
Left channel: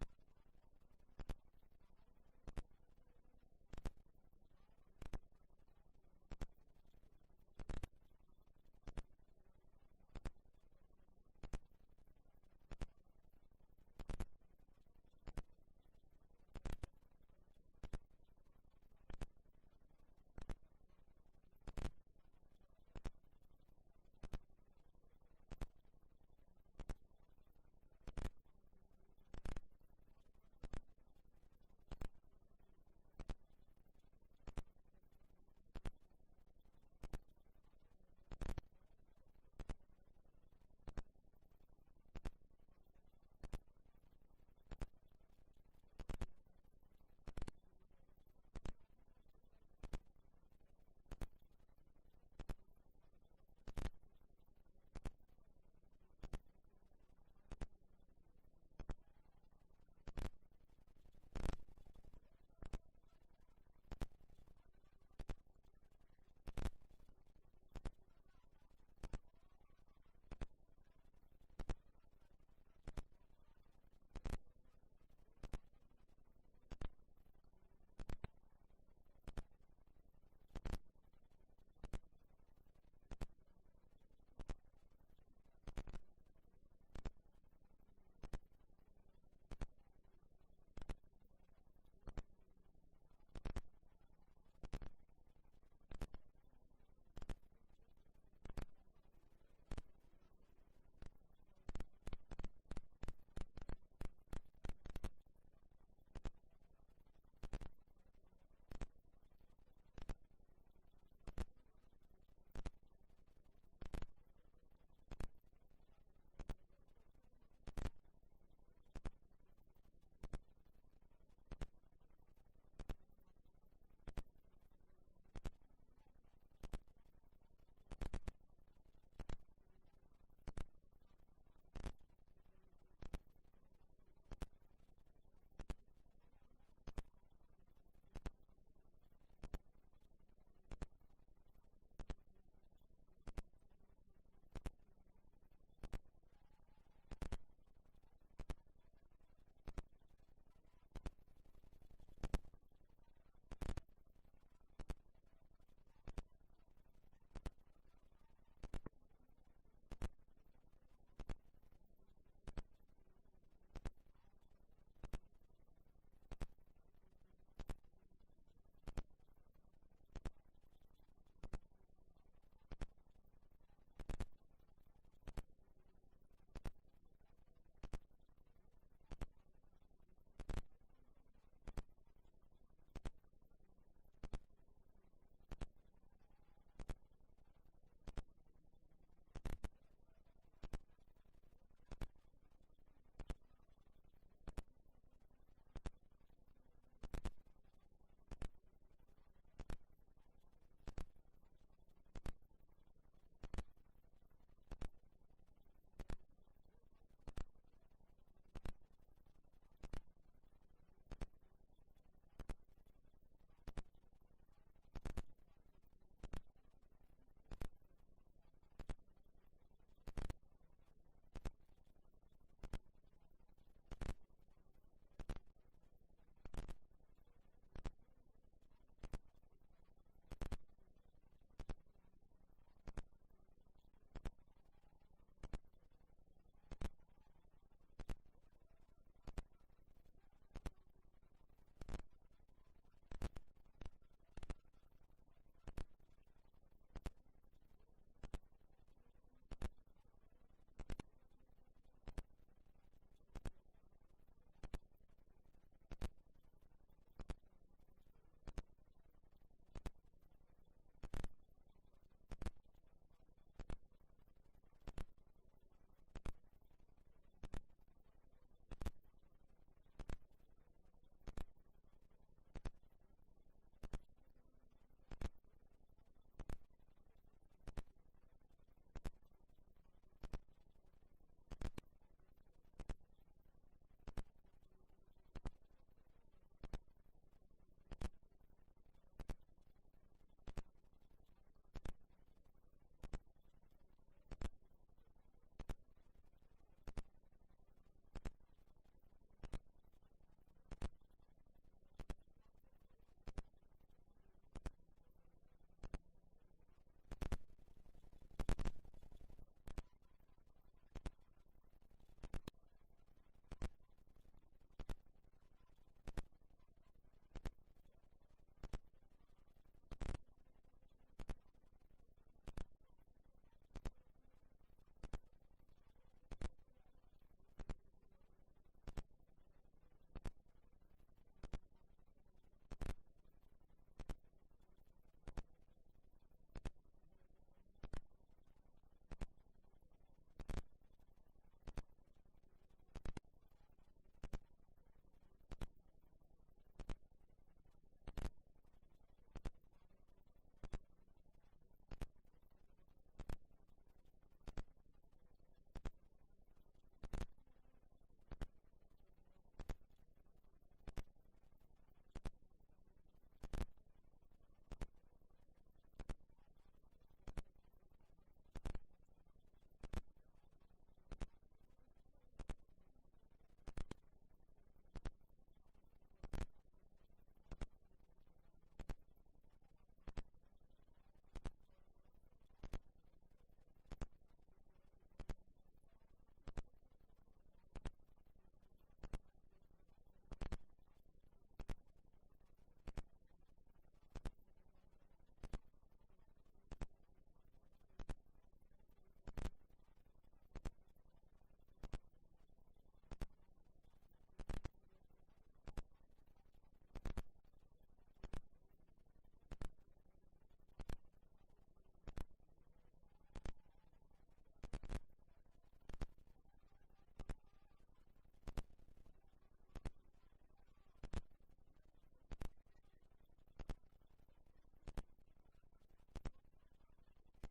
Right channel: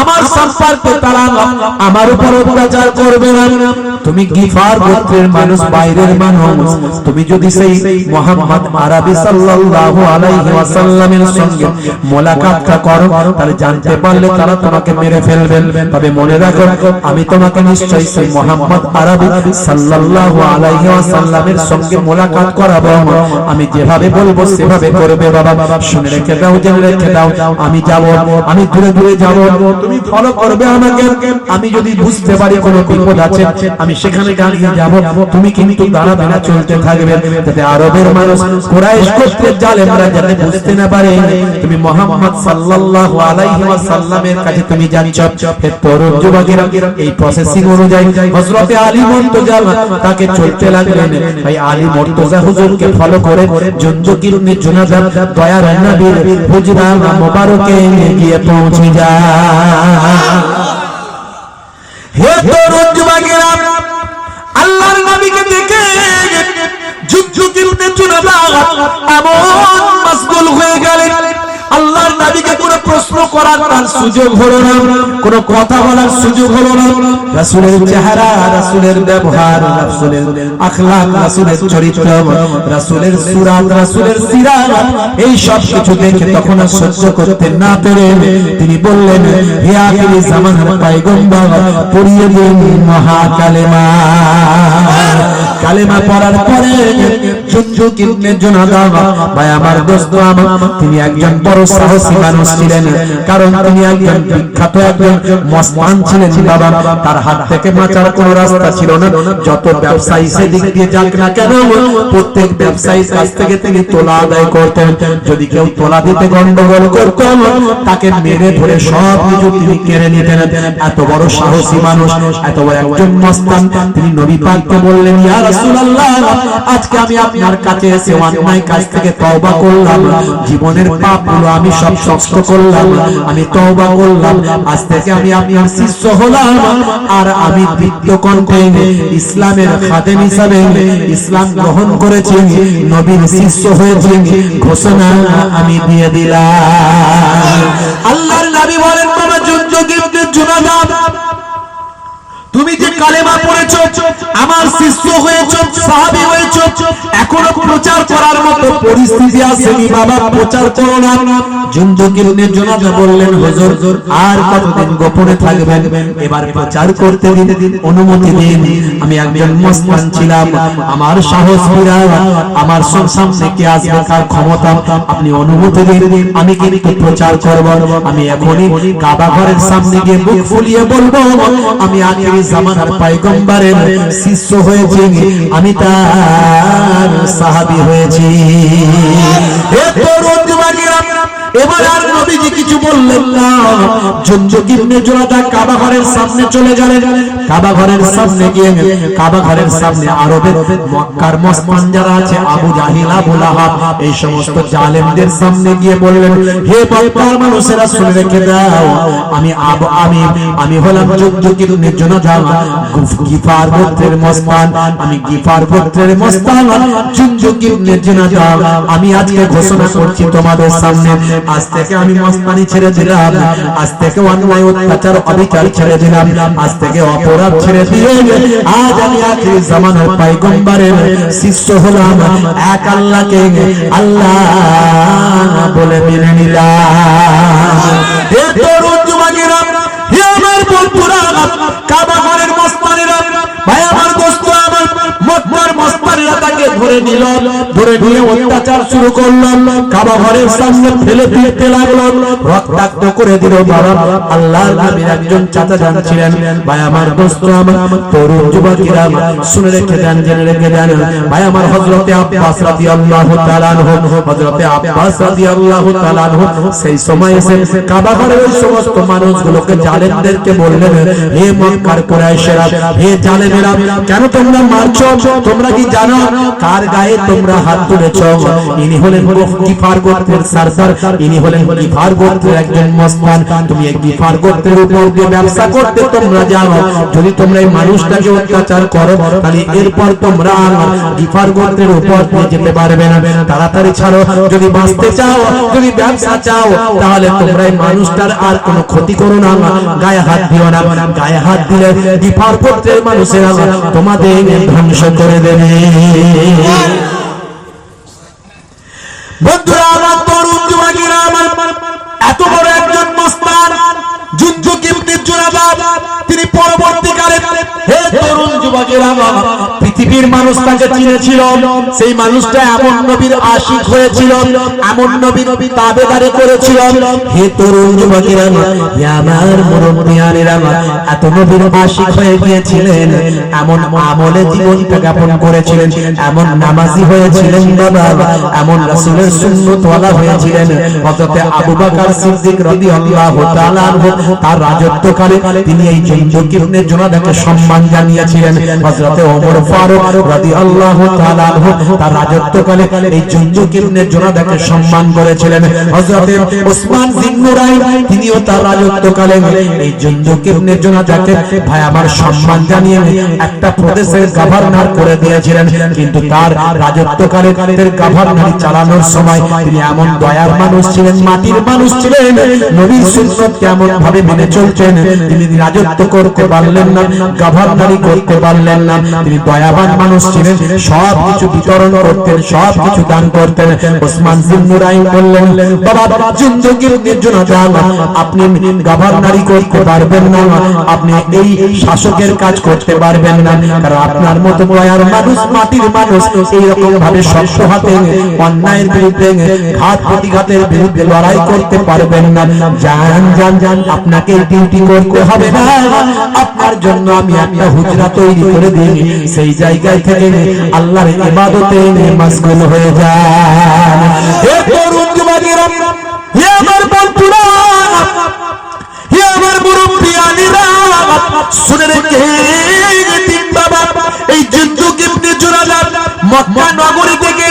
আমার সম্পর্কে তারা আমার উপর অত্যাচার করবে না। তুমি গিফার গোত্রের মানুষ, বাইরের মানুষ, তুমি যদি সেই মুহাম্মদ আরবি সাল্লাল্লাহু আলাইহি ওয়াসাল্লামের সঙ্গে মুলাকাতটা করো, তাহলে জানতে পারলে তারা তোমাকে মেরে ফেলবে। তবে মনে রাখো, আমি তোমাকে নিশ্চয়ই সেই মুহাম্মদ আরবি সাল্লাল্লাহু আলাইহি ওয়াসাল্লামের সঙ্গে মুলাকাত করাবো, আমি যেভাবে বলবো সেভাবে করবে। বাবা শুনে রেখে দাও, জেনে রেখে দাও, আমি যাব, আমি দূরে দূরে যাব, তুমি ফলো করবে আমাকে। আমি যদি বুঝতে পারি কোনো বিপদ আছে, আমি সেখানে দাঁড়িয়ে যাব, তুমি কিন্তু দাঁড়াবে না, চলতে থাকবে, যাতে আরবের মানুষ কুরাইশ গোত্রের জালেমরা যাতে বুঝতে না পারে তুমি মুহাম্মদ সাল্লাল্লাহু আলাইহি ওয়াসাল্লামের কাছে তুমি যাচ্ছ। হে তরুণ যুবকেরা, এই প্রসেসিং অনুযায়ী হযরত আলী মুর্তজা তাকে চলতে লাগলেন। ভাই আলী মুর্তজা হুজুরকে ফলো করে জুনদুক ইবনে জুনাদা দয়ার নবীর হুজরা মোবারকে গিয়ে পৌঁছে যায়। হে তরুণ যুবকেরা, আল্লাহর নবীকে দেখে জুনদুক ইবনে জুনাদা এমন মাশগুল হয়ে গেলেন, আল্লাহর নবীকে কোনো প্রশ্ন করার তার সুযোগ হলো না, কোনো কথা বলার সুযোগ হলো না। রাসূলের চেহারা, রাসূলের ব্যবহার, রাসূলের আখলাক, রাসূলের চরিত্র, রাসূলের সূরা, রাসূলের সিরাত, এই সব কিছু দেখে তখন সহ্য করতে না পেরে তিনি বললেন, হে আখিরি জামানার পয়গম্বর, পড়িয়ে দিন মহা কালেমা। কালেমা পড়ার পরে জুনদুক ইবনে জুনাদা, ভাই আমার দোস্ত আমার, তিনি একজন বড় সাহসী মানুষ ছিলেন, কারণ তিনি একজন বিখ্যাত একজন মস্তান ছিলেন। বাবা তার হাত থেকে বাঁচার কোনো রাস্তা ছিল না, যত ব্যবসায়ী সেদিক দিয়ে যাক না কেন, প্রত্যেক ব্যবসায়ীর কাছ থেকে তিনি তোলা আদায় করতেন। যদি কেউ তোলা দিতে গন্ডগোল করত, তাকে মেরে ধরে সব কিছু তিনি কেড়ে নিতেন। এত বড় সাহসী মানুষ, এত বড় একজন মস্তান, তিনি নবী পাককে বললেন, ইয়া রাসূলুল্লাহ, আজকে আমি আপনার কাছে এসে অন্যায় কাজ থেকে তওবা করলাম, জীবনের পাপগুলো আমি সব নষ্ট করলাম, আমি তওবা করলাম, আজ থেকে আমি আপনার শিষ্য হলাম, আর আমি দীপ্ত কণ্ঠে ইসলামের খাদেম হিসাবে ইসলাম গ্রহণ করেছি, নবীর শিষ্য হয়েছি, ঘোষণা আমি দিয়ে দিলাম। আল্লাহর নবী বলেন, বাবা তুমি যে কালেমা পড়েছো, আমার শিষ্য হয়েছো, সাহাবী হয়েছো, এখনো প্রচার করার মতো পরিস্থিতি আসেনি বাবা, প্রচার করো না। জুনদুক ইবনে জুনাদা বললেন, হুজুর আর কতদিন গোপনে থাকবেন, এবার প্রচার করতে দিন, অনুমতি দিন। আমি একজন মুসলমান ছিলাম, আমার সাহস বিরাট, আমার সামনে কে আসবে কার ক্ষমতা, আপনি অনুমতি দিন, আমি কিন্তু প্রচার করব। আমি এখনই কাবা ঘরের সামনে গিয়ে মুখ ফুলিয়ে বলবো, আমি আখিরি জামানার পয়গম্বরের শিষ্য হয়েছি, আমি তার সাহাবী হয়েছি। হে তরুণ যুবকেরা, এবার আর নবীজি কিছু বললেন না। জুনদুক ইবনে জুনাদা কাবা ঘরের সামনে চলে গেলেন। কাবা ঘরের সামনে গিয়ে, কাবা ঘরের সামনে আরবের মক্কার মুসলমান যারা আছে, আবু জাহিল, আবু লাহাব, এই সমস্ত জালেমদের সামনে গিয়ে বললেন, হে মক্কার মানুষেরা শুনে রেখে দাও, আমি হলাম জুনদুক ইবনে জুনাদা, গিফার গোত্রের মুসলমান, আমি গিফার গোত্রের মুসলমান জুনদুক ইবনে জুনাদা। আমি আজকে ঘোষণা করছি তোমাদের সামনে, আজ থেকে আমি মস্তানি ছেড়ে দিলাম, আজ থেকে অন্যায় অত্যাচার অবিচার ছেড়ে দিলাম, আজ থেকে অপরাধ ছেড়ে দিয়ে আজ আমি আখিরি জামানার পয়গম্বরের শিষ্য হলাম, এক আল্লাহকে আল্লাহ বলে মেনে নিলাম। হে তরুণ যুবকেরা, হে আমার বন্ধুরা, কাবা ঘরের মুসলমানেরা, ভাই আমার দোস্ত, আমার মক্কার মুসলমানেরা তাকে ধরে নিল, ধরে নিয়ে অত্যাচার শুরু করলো, কাবা ঘরের সামনে ফেলে দিতে লাগলো, রক্তাক্ত করে দিল। বাবা, আল্লাহর নবীর একজন চাচা যান ছিলেন, ভাই আমার দোস্ত, আমার তরুণ যুবকেরা, শুনে রেখে দেন, জেনে রেখে দেন, ভাই আমার হযরতে আব্বাস রাদিয়াল্লাহু তাআলা আনহু, হযরতে আব্বাস রাদিয়াল্লাহু তাআলা আনহু সেই সময় এসে কাবা ঘরের ওই সমস্ত মানুষগুলোকে, জালেমদেরকে বললেন, হে মক্কার কুরাইশেরা, হে জালেমেরা, কেন তোমরা মারছো? তোমরা কি জানো কার গায়ে তোমরা হাত তুলেছো? ইনি হলেন গিফার গোত্রের সরদার, ইনি হলেন গিফার গোত্রের একজন মুসলমান। তুমি এই গিফার গোত্রের উপর দিয়ে ব্যবসা করতে তোমরা জানো, যদি তোমরা এই মানুষটাকে অত্যাচার করো, তাহলে এরপর তোমরা গিফার গোত্রের উপর দিয়ে যেতে পারবে না। তাড়াতাড়ি ছাড়ো, যদি বাঁচতে চাও, যদি ব্যবসা চাও, তাহলে তোমরা এই মানুষটার আর কোনো ক্ষতি করো না, গায়ে হাত দিও না। গায়ে হাত দিলে গিফার গোত্রের মানুষেরা তোমাদের ধ্বংস করে দেবে। বন্ধুরা আমার, তরুণ যুবকেরা আমার, এত বড় একজন মুসলমান জুনদুক ইবনে জুনাদা, তিনি পরবর্তীকালে, হে তরুণ যুবকেরা, পৃথিবীর মানুষ তাকে চিনেছিল। সেই মানুষটা এমন নবীর আশিক হয়েছিল, এমন নবীর তাবেদারি করেছিল। হে তরুণ যুবকেরা, আমার মুরব্বিয়ানেরা, এত নবীর আশিক হয়ে গিয়েছিলেন, এমন আমলে জীবনটা যাপন করেছিলেন, এমন নামাজি হয়েছিলেন বাবা, এমন রাসূলের সুন্নতওয়ালা হয়েছিলেন। হযরতে আবু বকর সিদ্দিক রাদিয়াল্লাহু তাআলা আনহু, তার রাজত্বকালে তিনি এই জুনদুক ইবনে জুনাদাকে সম্মান জানিয়েছিলেন। হযরতে ওমর ফারুক রাদিয়াল্লাহু তাআলা আনহু, তার রাজত্বকালে এই জুনদুক ইবনে জুনাদাকে সম্মান করেছিলেন। হযরতে ওসমান জিন্নুরাইন, তিনিও তার রাজত্বকালে এই জুনদুক ইবনে জুনাদাকে ভাই আমার সম্মান জানিয়ে একটা প্রদেশের গভর্নর করে দিয়েছিলেন। কিন্তু তার রাজত্বকালে তার গভর্নরি চালানোর সময় তিনি এমন দয়ার মানুষ ছিলেন, মাটির মানুষ ছিলেন, নবীর সুন্নাত কেমন ভাবে মেনে চলতেন, তিনি রাজত্ব করতে পারলেন না, গভর্নরি করতে পারলেন না। তিনি দয়াবান মানুষ ছিলেন, সব কিছু বিতরণ করতেন, সব কিছু দান করতেন। ওসমান জিন্নুরাইন বললেন, বাবা জুনদুক ইবনে জুনাদা, আপনি গভর্নরি করতে পারবেন না, আপনি এই শাসকের কাজ করতে পারবেন না, কারণ আপনার মতো দয়ার মানুষ, মাটির মানুষ এইরকম ভাবে শক্ত হাতে অন্যায়ের বিরুদ্ধে, ঘাত প্রতিঘাতের বিরুদ্ধে লড়াই করতে পারবেন না। জান জান জান, আপনাকে ডিউটি করতে হবে না, আপনার জন্য আমি একটা হুজরা তৈরি করে দিই, সেই জায়গায় থেকে আল্লাহর ইবাদতে মশগুল হয়ে যান। হে তরুণ যুবকেরা, হে আমার বন্ধুরা, হে আমার মুরব্বিয়ানেরা, শুনে রেখে দিন বাবা, এই জুনদুক ইবনে জুনাদা মক্কা নগরী থেকে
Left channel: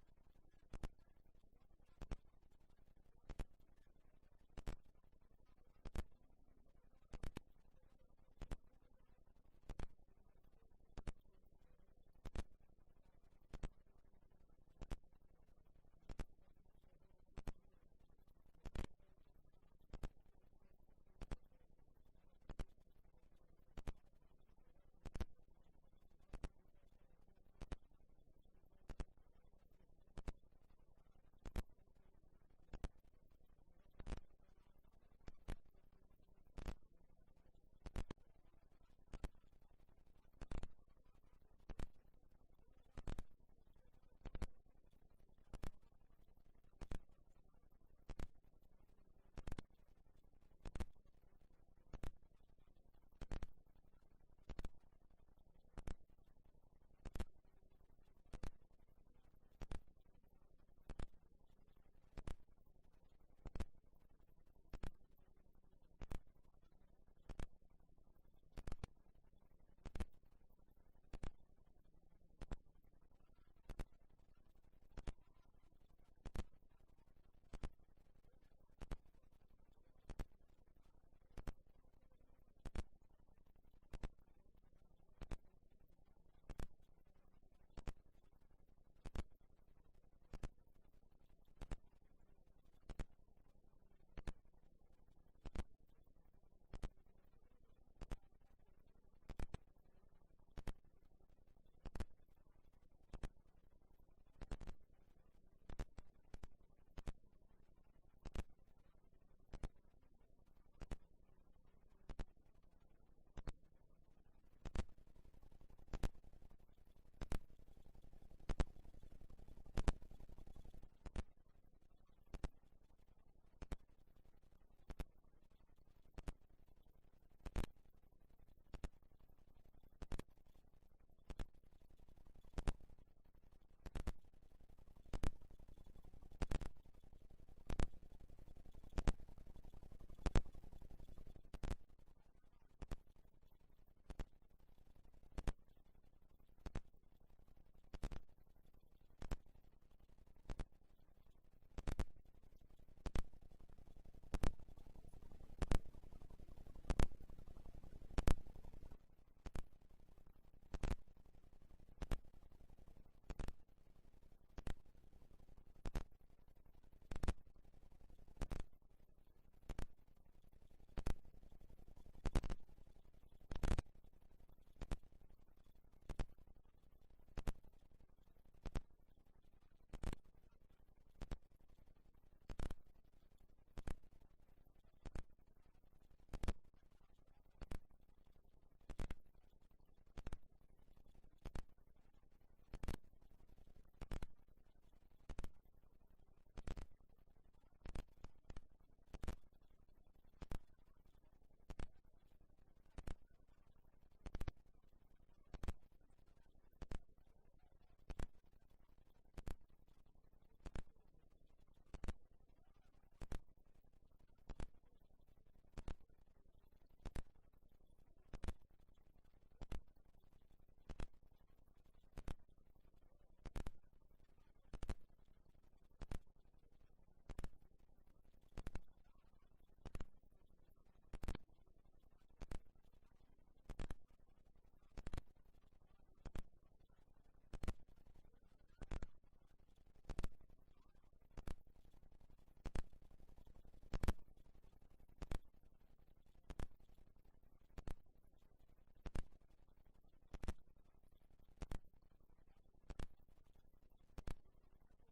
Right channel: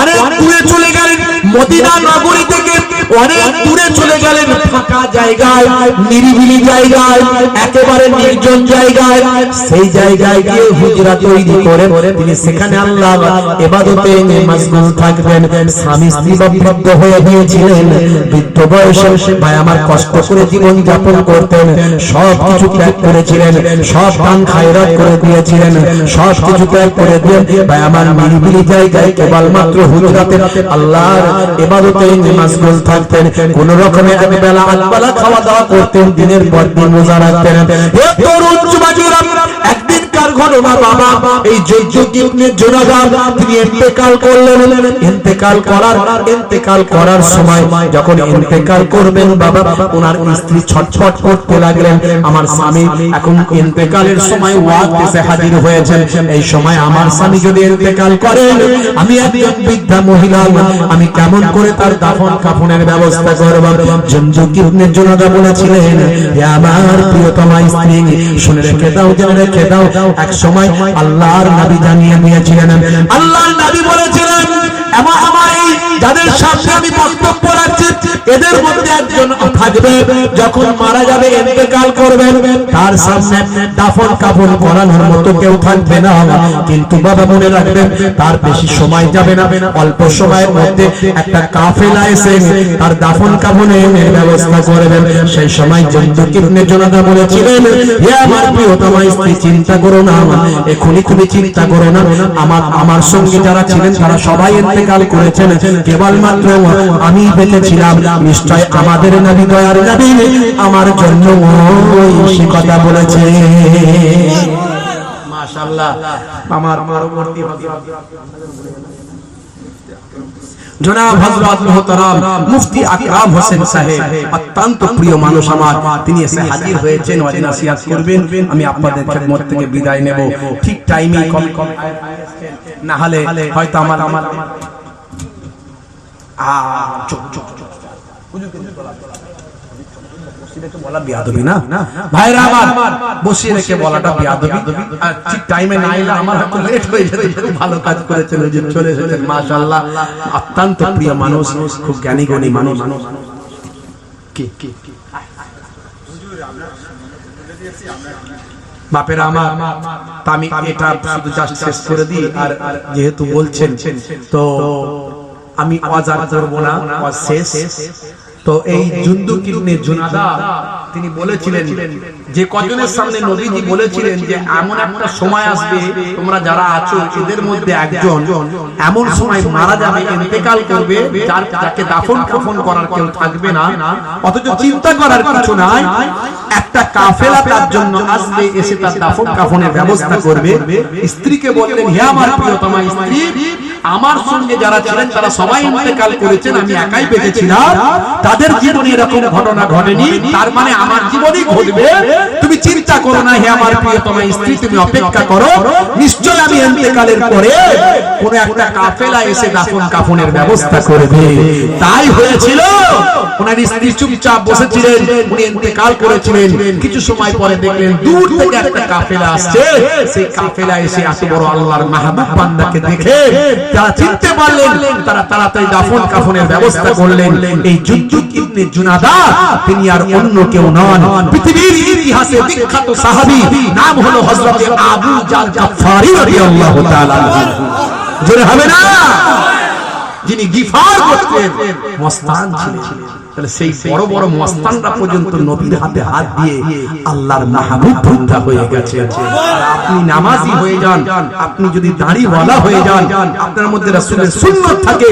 অনেক দূরে চলে গেলেন, মদিনা নগরী থেকে অনেক দূরে চলে গেলেন, ফাঁকা জায়গায়, নিরিবিলি জায়গায়, একেবারে নির্জন জায়গায়। সেই জায়গায় গিয়ে হুজরা তৈরি করে তিনি সেখানে আল্লাহ ইবাদতে মাশগুল থাকবেন। স্বামী স্ত্রী বৃদ্ধ হয়ে গিয়েছিলেন, বৃদ্ধ বয়সে ভাই আমার কষ্ট করে জীবন যাপন করতেন, সব কিছু ত্যাগ করেছিলেন, সব দান খায়রাত করে দিয়েছিলেন, সব কিছু ত্যাগ করে দিয়ে ভাই আমার নিরিবিলি জায়গায় কেবলমাত্র হুজরাতে আল্লাহর ইবাদতে মাশগুল থাকতেন। কোন রকমে এক বেলা আধবেলা খাওয়া দাওয়া করতেন, দিনের পর দিন রোজা রাখতেন। হে তরুণ যুবকেরা, একদিন কার ঘটনা বাবা, এই যুগ ইবনে জুনাদা তিনি ইন্তেকাল করলেন। ইন্তেকাল করার সময় যখন ইন্তেকাল করবেন বাবা, ওনার স্ত্রী ছটফট করতে লাগলেন, আমার স্বামী এখন ইন্তেকালের সময় ওয়াক্ত এসে হাজির হয়েছেন, এই সময় আমার স্বামী যদি ইন্তেকাল করেন, আমি একজন বৃদ্ধা মহিলা, আমি কেমন করে তার দাফন কাফনের ব্যবস্থা করব? যুগ ইবনে জুনাদা বলেছিলেন, হে আমার প্রিয়তমা স্ত্রী, শুনে রেখে দাও, জেনে রেখে দাও, এক সময় আল্লাহর নবী জানিয়ে দিয়েছিলেন, আল্লাহর নবী বলেছিলেন, আমার এই যাদের সামনে আমি বক্তব্য রাখছি, এদের মধ্যে একজন থাকবে, যখন মারা যাবে ইন্তেকাল করবেন, তার সামনে দাফন কাফন করানোর মতো কেউ থাকবে না। কিন্তু বাবা মনে রাখবেন, তার বেশি সময় যাবে না, অল্প সময়ের মধ্যে একটা কাফেলা এসে তার দাফন কাফনের ব্যবস্থা করবেন। সেই সময় যুগ ইবনে জুনাদা বলেছিলেন, হে আমার প্রিয়তমা স্ত্রী, চিন্তা করো না, এখনই তুমি চিন্তা করো না, আমার সঙ্গে যারা ছিলেন তারা সবাই ইন্তেকাল করেছেন, কেবলমাত্র আমি বেঁচে ছিলাম। নিশ্চয় আমাদের নবী, দয়ার নবী আমার জন্য ওই কথা বলেছে। মাশাআল্লাহ। আমার পরবর্তী জনাব হযরত মুহতারাম মুফতি আকরাম হোসেন সাহেব, অত্যন্ত প্রিয় মানুষ আমার, তিনি এসে হাজির হয়েছেন, ওয়াজ নসিহত করবেন। আমি আপনাদের খেদমত থেকে বিদায় নেব, ঠিক টাইমে কম না হলে হয়তো আমার বলা বিয়াদবি না ভাইরা আমার, বসিয়ে রেখে বলাটা বিয়াদবি। আর ঠিক টাইমে না এলে আমার হয়তো লেট হয়ে যেত। ভালো কাজ করেছেন, চলে এসেছেন, মাশাআল্লাহ। অত্যন্ত প্রিয় মানুষ, খুব জ্ঞানী গুণী মানুষ। বাপেরা আমার, আমি এটা শুধু জাস্ট শেষ করে দিই। আর যেহেতু বলছেন, তো আমি ওয়াজ আর করব না, ওয়াজ শেষ। তো এই যুগ ইবনে জুনাদা তিনি বলেছিলেন, যে কজনের সামনে নবীজি বলেছিলেন যে এমন একটা সময় আসবে, তোমরা যারা আছো এদের মধ্যে একজন এমন সময় মারা যাবে, ইন্তেকাল করবে, যাকে দাফন কাফন করার কেউ থাকবে না, অথচ চিন্তা করার কিছু নাই, একটা কাফেলা তার জন্য আসবে, এসে তার দাফন কাফনের ব্যবস্থা করবে। স্ত্রীকে বললেন, হে আমার প্রিয়তমা স্ত্রী, আমার সঙ্গে যারা ছিলেন তারা সবাই ইন্তেকাল করেছেন, আমি একাই বেঁচে ছিলাম, তাদের জীবনে এরকম ঘটনা ঘটেনি, তার মানে আমার জীবনেই ঘটবে। তুমি চিন্তা করো না হে আমার প্রিয়তমা স্ত্রী, তুমি অপেক্ষা করো, নিশ্চয় আমি ইন্তেকালের পরে কোন একটা কাফেলা এসে দাফন কাফনের ব্যবস্থা করবে। তাই হয়েছিল, ওনার স্ত্রী চুপচাপ বসেছিলেন, উনি ইন্তেকাল করেছিলেন। কিছু সময় পরে দেখলেন দূর থেকে একটা কাফেলা আসছে, সেই কাফেলা এসে এত বড় আল্লাহর মাহবুব বান্দাকে দেখে যারা চিনতে পারলেন, তারা তাড়াতাড়ি দাফন কাফনের ব্যবস্থা করলেন। এই যুগ ইবনে জুনাদা তিনি আর অন্য কেউ নন, পৃথিবীর ইতিহাসে বিখ্যাত সাহাবী, নাম হলো হযরত আবু জাল গাফফারী রাদিয়াল্লাহু তাআলা। জোরে হবে না? যিনি গিফার করতেন, মস্তান ছিলেন। তাহলে সেই বড় বড় মস্তানরা পর্যন্ত নবীর হাতে হাত দিয়ে আল্লাহর মাহবুব বান্দা হয়ে গেছে। আর আপনি নামাজি হয়ে যান, আপনি যদি দাড়িওয়ালা হয়ে যান, আপনার মধ্যে রাসূলের সুন্নাত থাকে,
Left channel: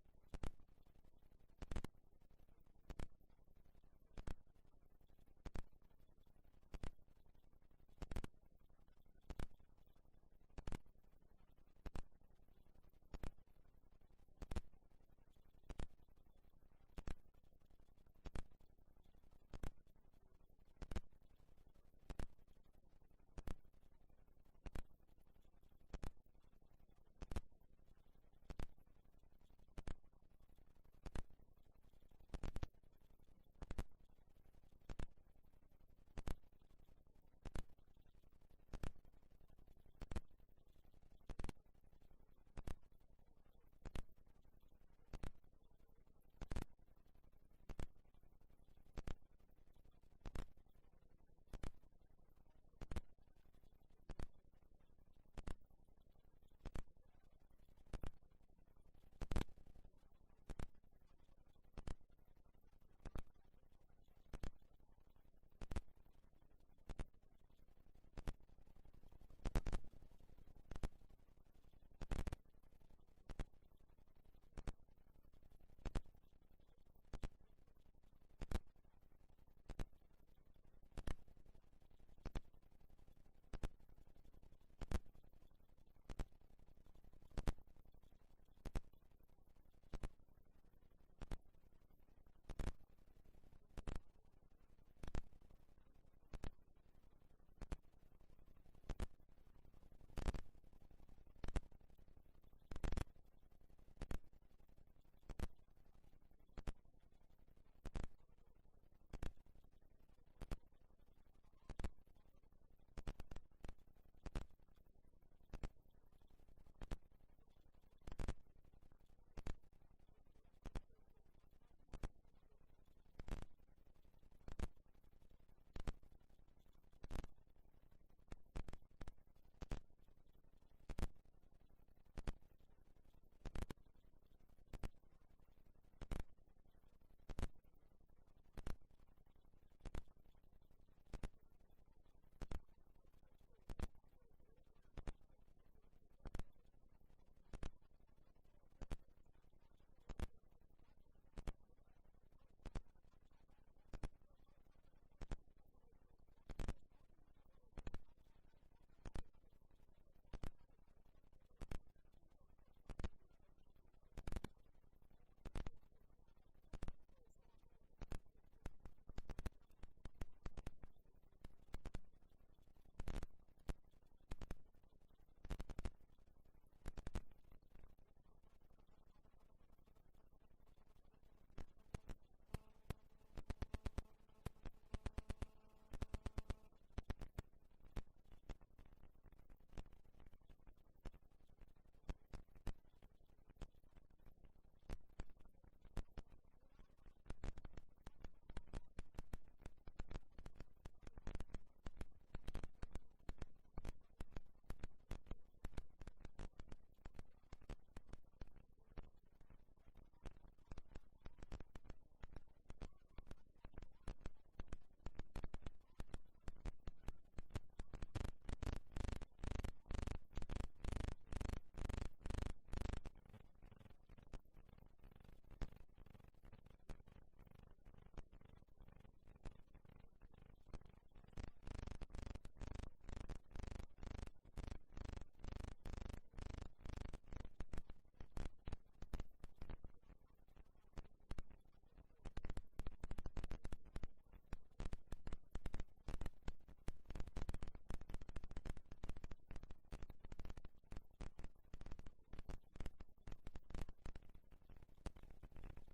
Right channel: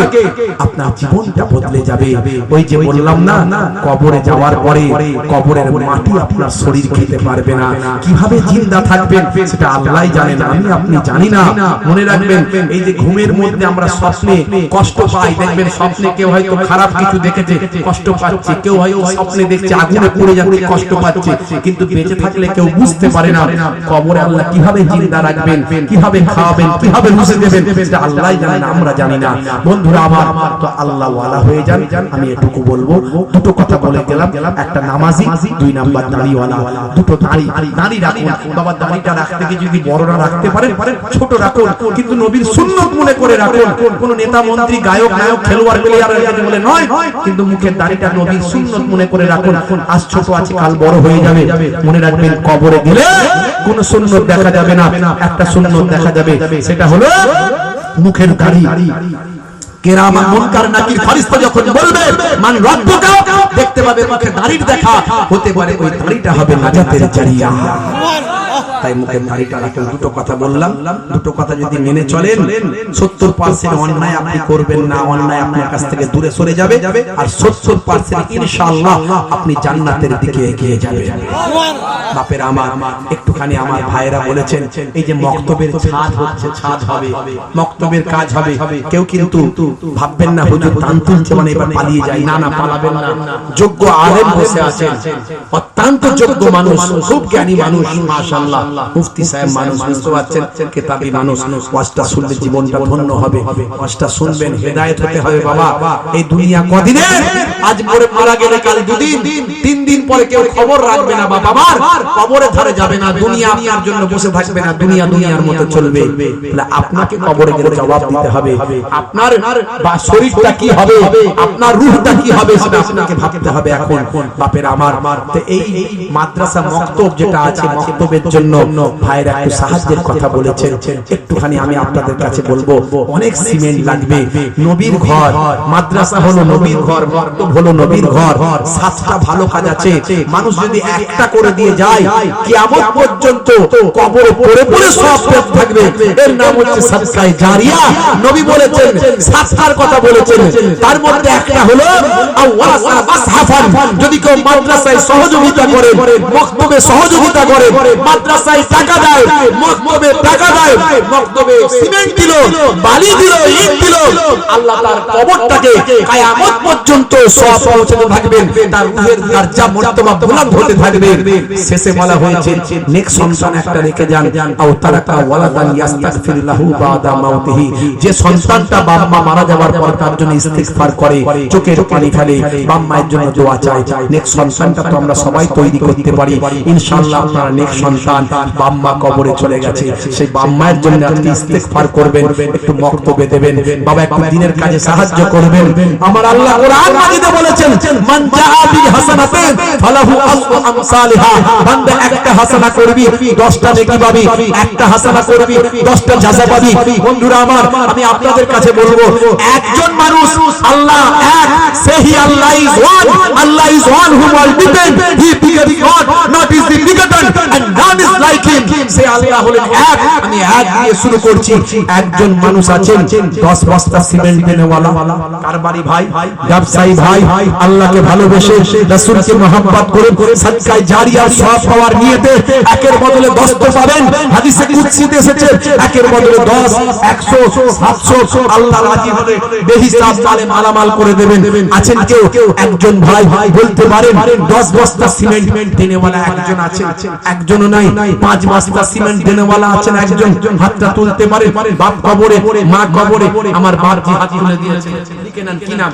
আপনার জীবনটা বদলে যাবে। ওই যে বললাম না, কবরে যাওয়ার পরে কবরের মাটি আপনার শরীর খেতে পারবে না, কিভাবে জিন্দা থাকবেন সেটা আল্লাহই জানেন, আমি আপনি জানি না। মনে রাখবেন, এই যে ঘুমের মধ্যে আমরা স্বপ্নে কষ্ট পাই, দেখবেন স্বপ্নে কেউ হয়তো খারাপ কিছু দেখেছে, কষ্ট পাচ্ছে, কেউ হয়তো স্বপ্নে দেখছে আগুনে পুড়ে যাচ্ছে কষ্ট পাচ্ছে, কিন্তু বেঁচে থাকলে কেউ বুঝতে পারে না কবরে আল্লাহ কিভাবে জিন্দা রাখবেন, কিভাবে খাওয়াবেন, কিভাবে রুজে দেবেন, সেটা আল্লাহই জানেন, আমরা জানি না। বন্ধুরা আমার, তো আল্লাহ ওয়ালা হয়ে যান। আমি এটুকু বলবো, দুটো কথা বলে গেলাম, একটা নামাজি, দুই নাম্বার দাড়িওয়ালা। দুটো দাড়ি রাখুন বাবা, দাড়িটা রাখতে গিয়ে যদি বড় না রাখতে পারেন ছোট রাখুন, কিন্তু নবীর সুন্নাত মনে করে রাখুন। কোন নেতা মন্ত্রী গায়ক নায়ক খেলোয়াড় প্লেয়ার বলে নয়, কিন্তু মুখের দাড়িটা নবীর সুন্নাত মনে করে রাখুন। আজ ছোট আছে কাল বড় হয়ে যাবে। মনে রাখবেন কবরে গেলে কোন সুন্নাত দেখা যাবে না, একটা সুন্নাত দেখা যাবে, সেটা হলো মুখের দাড়ি। কেরামা মুনকার নাকির ফেরেশতা যখন বলবে মান রব্বুকা, দেখতে পাবে মুখে দাড়ির দেখা, হতে পারে ওই দাড়িটা হবে নাজাতের জারিয়া। তাই মুখের দাড়িটা রাখুন। দুটো কথা বললাম, দুটো কথা যদি মেনে চলেন 70% অন্যায় আপনি করবেন না, অন্যায় আপনার কাছ থেকে দূরে সরে যাবে, আর 70% ইনশাআল্লাহ আপনি জান্নাতের দিকে এগিয়ে যাবেন। বাপের আমার, একটুখানি আমার ভাইরা বলেছেন এই যে মক্তবের ছাদ হচ্ছে, ছাদ হবে, মক্তবের কাজ হবে, কেউ কিন্তু ভাববেন না হুজুর দান তুলছে মানে এবার পালিয়ে যায়, না না পালাবেন না। যোগ্য আলেম বসে আছেন, অত্যন্ত যোগ্য মানুষ, খুব জ্ঞানী মানুষ, মাশাআল্লাহ, মুফতি সাহেব মানুষ, বুঝতে পারছেন, কিতাবী মানুষ। ওয়াজটা শুনলে জীবনটা ধন্য হবে, ওয়াজটা শুনবেন, হেদায়েত হতে হবে। বাবা এই দুনিয়া কদিনের, আজ পরে মারা গেলে কাল দুদিন, 3 দিন পরে কেউ খবর রাখবে না, বাবা আমার কবরে ধারে যাবে না, দুনিয়া আপনার জন্য বসে থাকবে না, দুনিয়া দুনিয়ার মতো চলবে। তাহলে আপনাকে কবরে গেলে জবাব দিতে হবে, আপনার শরীরটা কি হবে, আপনার রূহটা কি হবে, সেটা আপনাকে ভাবতে হবে এখন। বাপের আমার, তো এই মাদ্রাসা মক্তব যেটা আছে, মক্তবের জন্য ভাইরা একটু সাহায্যের কথা বলেছেন, একটুখানি আমি আপনাদের কাছে বলবো, অনেক সিমেন্ট লাগবে। নবীর ঘর, মাদ্রাসা হলো নবীর ঘর, মক্তব হলো নবীর ঘর, 7টা ভালো কাজ আছে। মানুষ যদি একটা করে দিয়ে যায়, কিয়ামত পর্যন্ত কবরে পড়ে পড়ে সওয়াব পেতে থাকবে। এর নাম হচ্ছে সাদকায়ে জারিয়া। নবী বলেছেন, 7টার কথা বলেছেন, তার মধ্যে একটা হলো আওয়াসা মাসহাফান। যদি কেউ মাদ্রাসায় সহযোগিতা করে, মক্তবে সহযোগিতা করে, মাদ্রাসায় টাকা দেয়, মক্তবে টাকা দেয়, মক্তবে সিমেন্ট দিল, বালি দিল, ইট দিল, আল্লাহ তার কবরটাকে কিয়ামত পর্যন্ত সওয়াব পৌঁছাতে থাকবেন, তার রূহের দরজা মর্তবা বুলন্দ হতে থাকবে। শেষে বলা হয়েছে নেক সন্তান একটা রেখে যান, আও তারাকা ওয়ালাদান ইস্তাগফির লাহু বাদা মাউতিহি। যে সন্তানটা বাবা মা মারা যাওয়ার পর তার জন্য ইস্তিগফার করে, চোখের পানি ফেলে, বাবা মায়ের জন্য দোয়া চায়, নেক সন্তানটা তো আমরা সবাই তৈরি করতে পারি। ইনশাআল্লাহ আপনারা নেক সন্তান, বাবা মা কবরে চলে গেছে, সেই বাবা মায়ের জন্য আজকে ইস্তিগফার করবেন, একটু মক্তবে দেবেন, বাবা একটু দিনের কাজে সাহায্য করবেন। আমার আল্লাহ কোরআন মাজিদে বলেছেন, মান জাআ বিল হাসানাতিন ফালাহু আশরু আমসালিহা। বান্দা একটা হাসানা করবি 10টা নেকি পাবি, একটা হাসানা করবি 10টা জাযা পাবি। বন্ধুরা আমার, আমি আপনাদের কাছে বলবো, একজন মানুষ আল্লাহ এক, সেই Allah is one, Allah is one whom all depend, he begat God, not is the begotten and none is like him। সে আল্লাহ হলেন এক। আমি এক দিয়ে শুরু করছি। একজন মানুষ আছেন 10 বস্তা সিমেন্ট দেনেওয়ালা, কারবারি ভাই, ব্যবসায়ী ভাই, আল্লাহকে ভালোবেসে রাসূলকে মহব্বত করে সাদকায়ে জারিয়ার সওয়াব পাওয়ার নিয়তে একের বদলে 10 তো পাবেন। হাদিসে কুদসিতে এসেছে একের বদলে 10, 100, 700 আল্লাহ রাজি হলে বেহিসাব মালে মালামাল করে দেবেন। আছেন কেউ একজন ভাই বলতে পারেন 10 বস্তা সিমেন্ট দেনেওয়ালা একজন আছে, একজনও নাই। 5 বস্তা সিমেন্ট দেনেওয়ালা আছেন একজন, হাতটা তুলতে পারে। বাপ কবরে, মা কবরে, আমার বাপ জি হাত তুলে দিয়েছে, লিখে নেন কি নাম?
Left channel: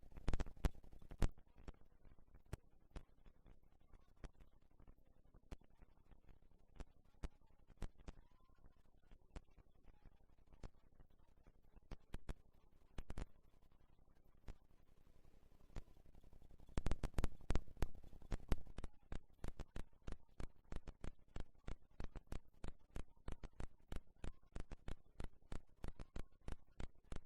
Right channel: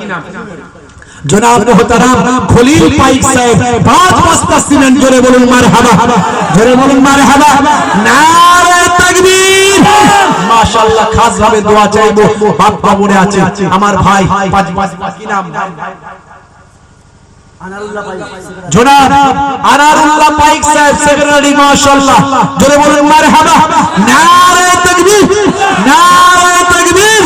জনাব মোহতারাম খলিল পাইক সাহেব। 5 বস্তা সিমেন্ট, জোরে বলুন মারহাবা, জোরে বলুন মারহাবা, নারে তাকবীর। মাশাআল্লাহ, খাস ভাবে দোয়া চাইবো। বাপ কবরে আছে আমার ভাই, 5 বস্তা কি নাম? জনাব আনারুল্লাহ পাইক সাহেব সেক্রেটারি, মাশাআল্লাহ, জোরে বলুন মারহাবা, নারে তাকবীর, নারে তাকবীর,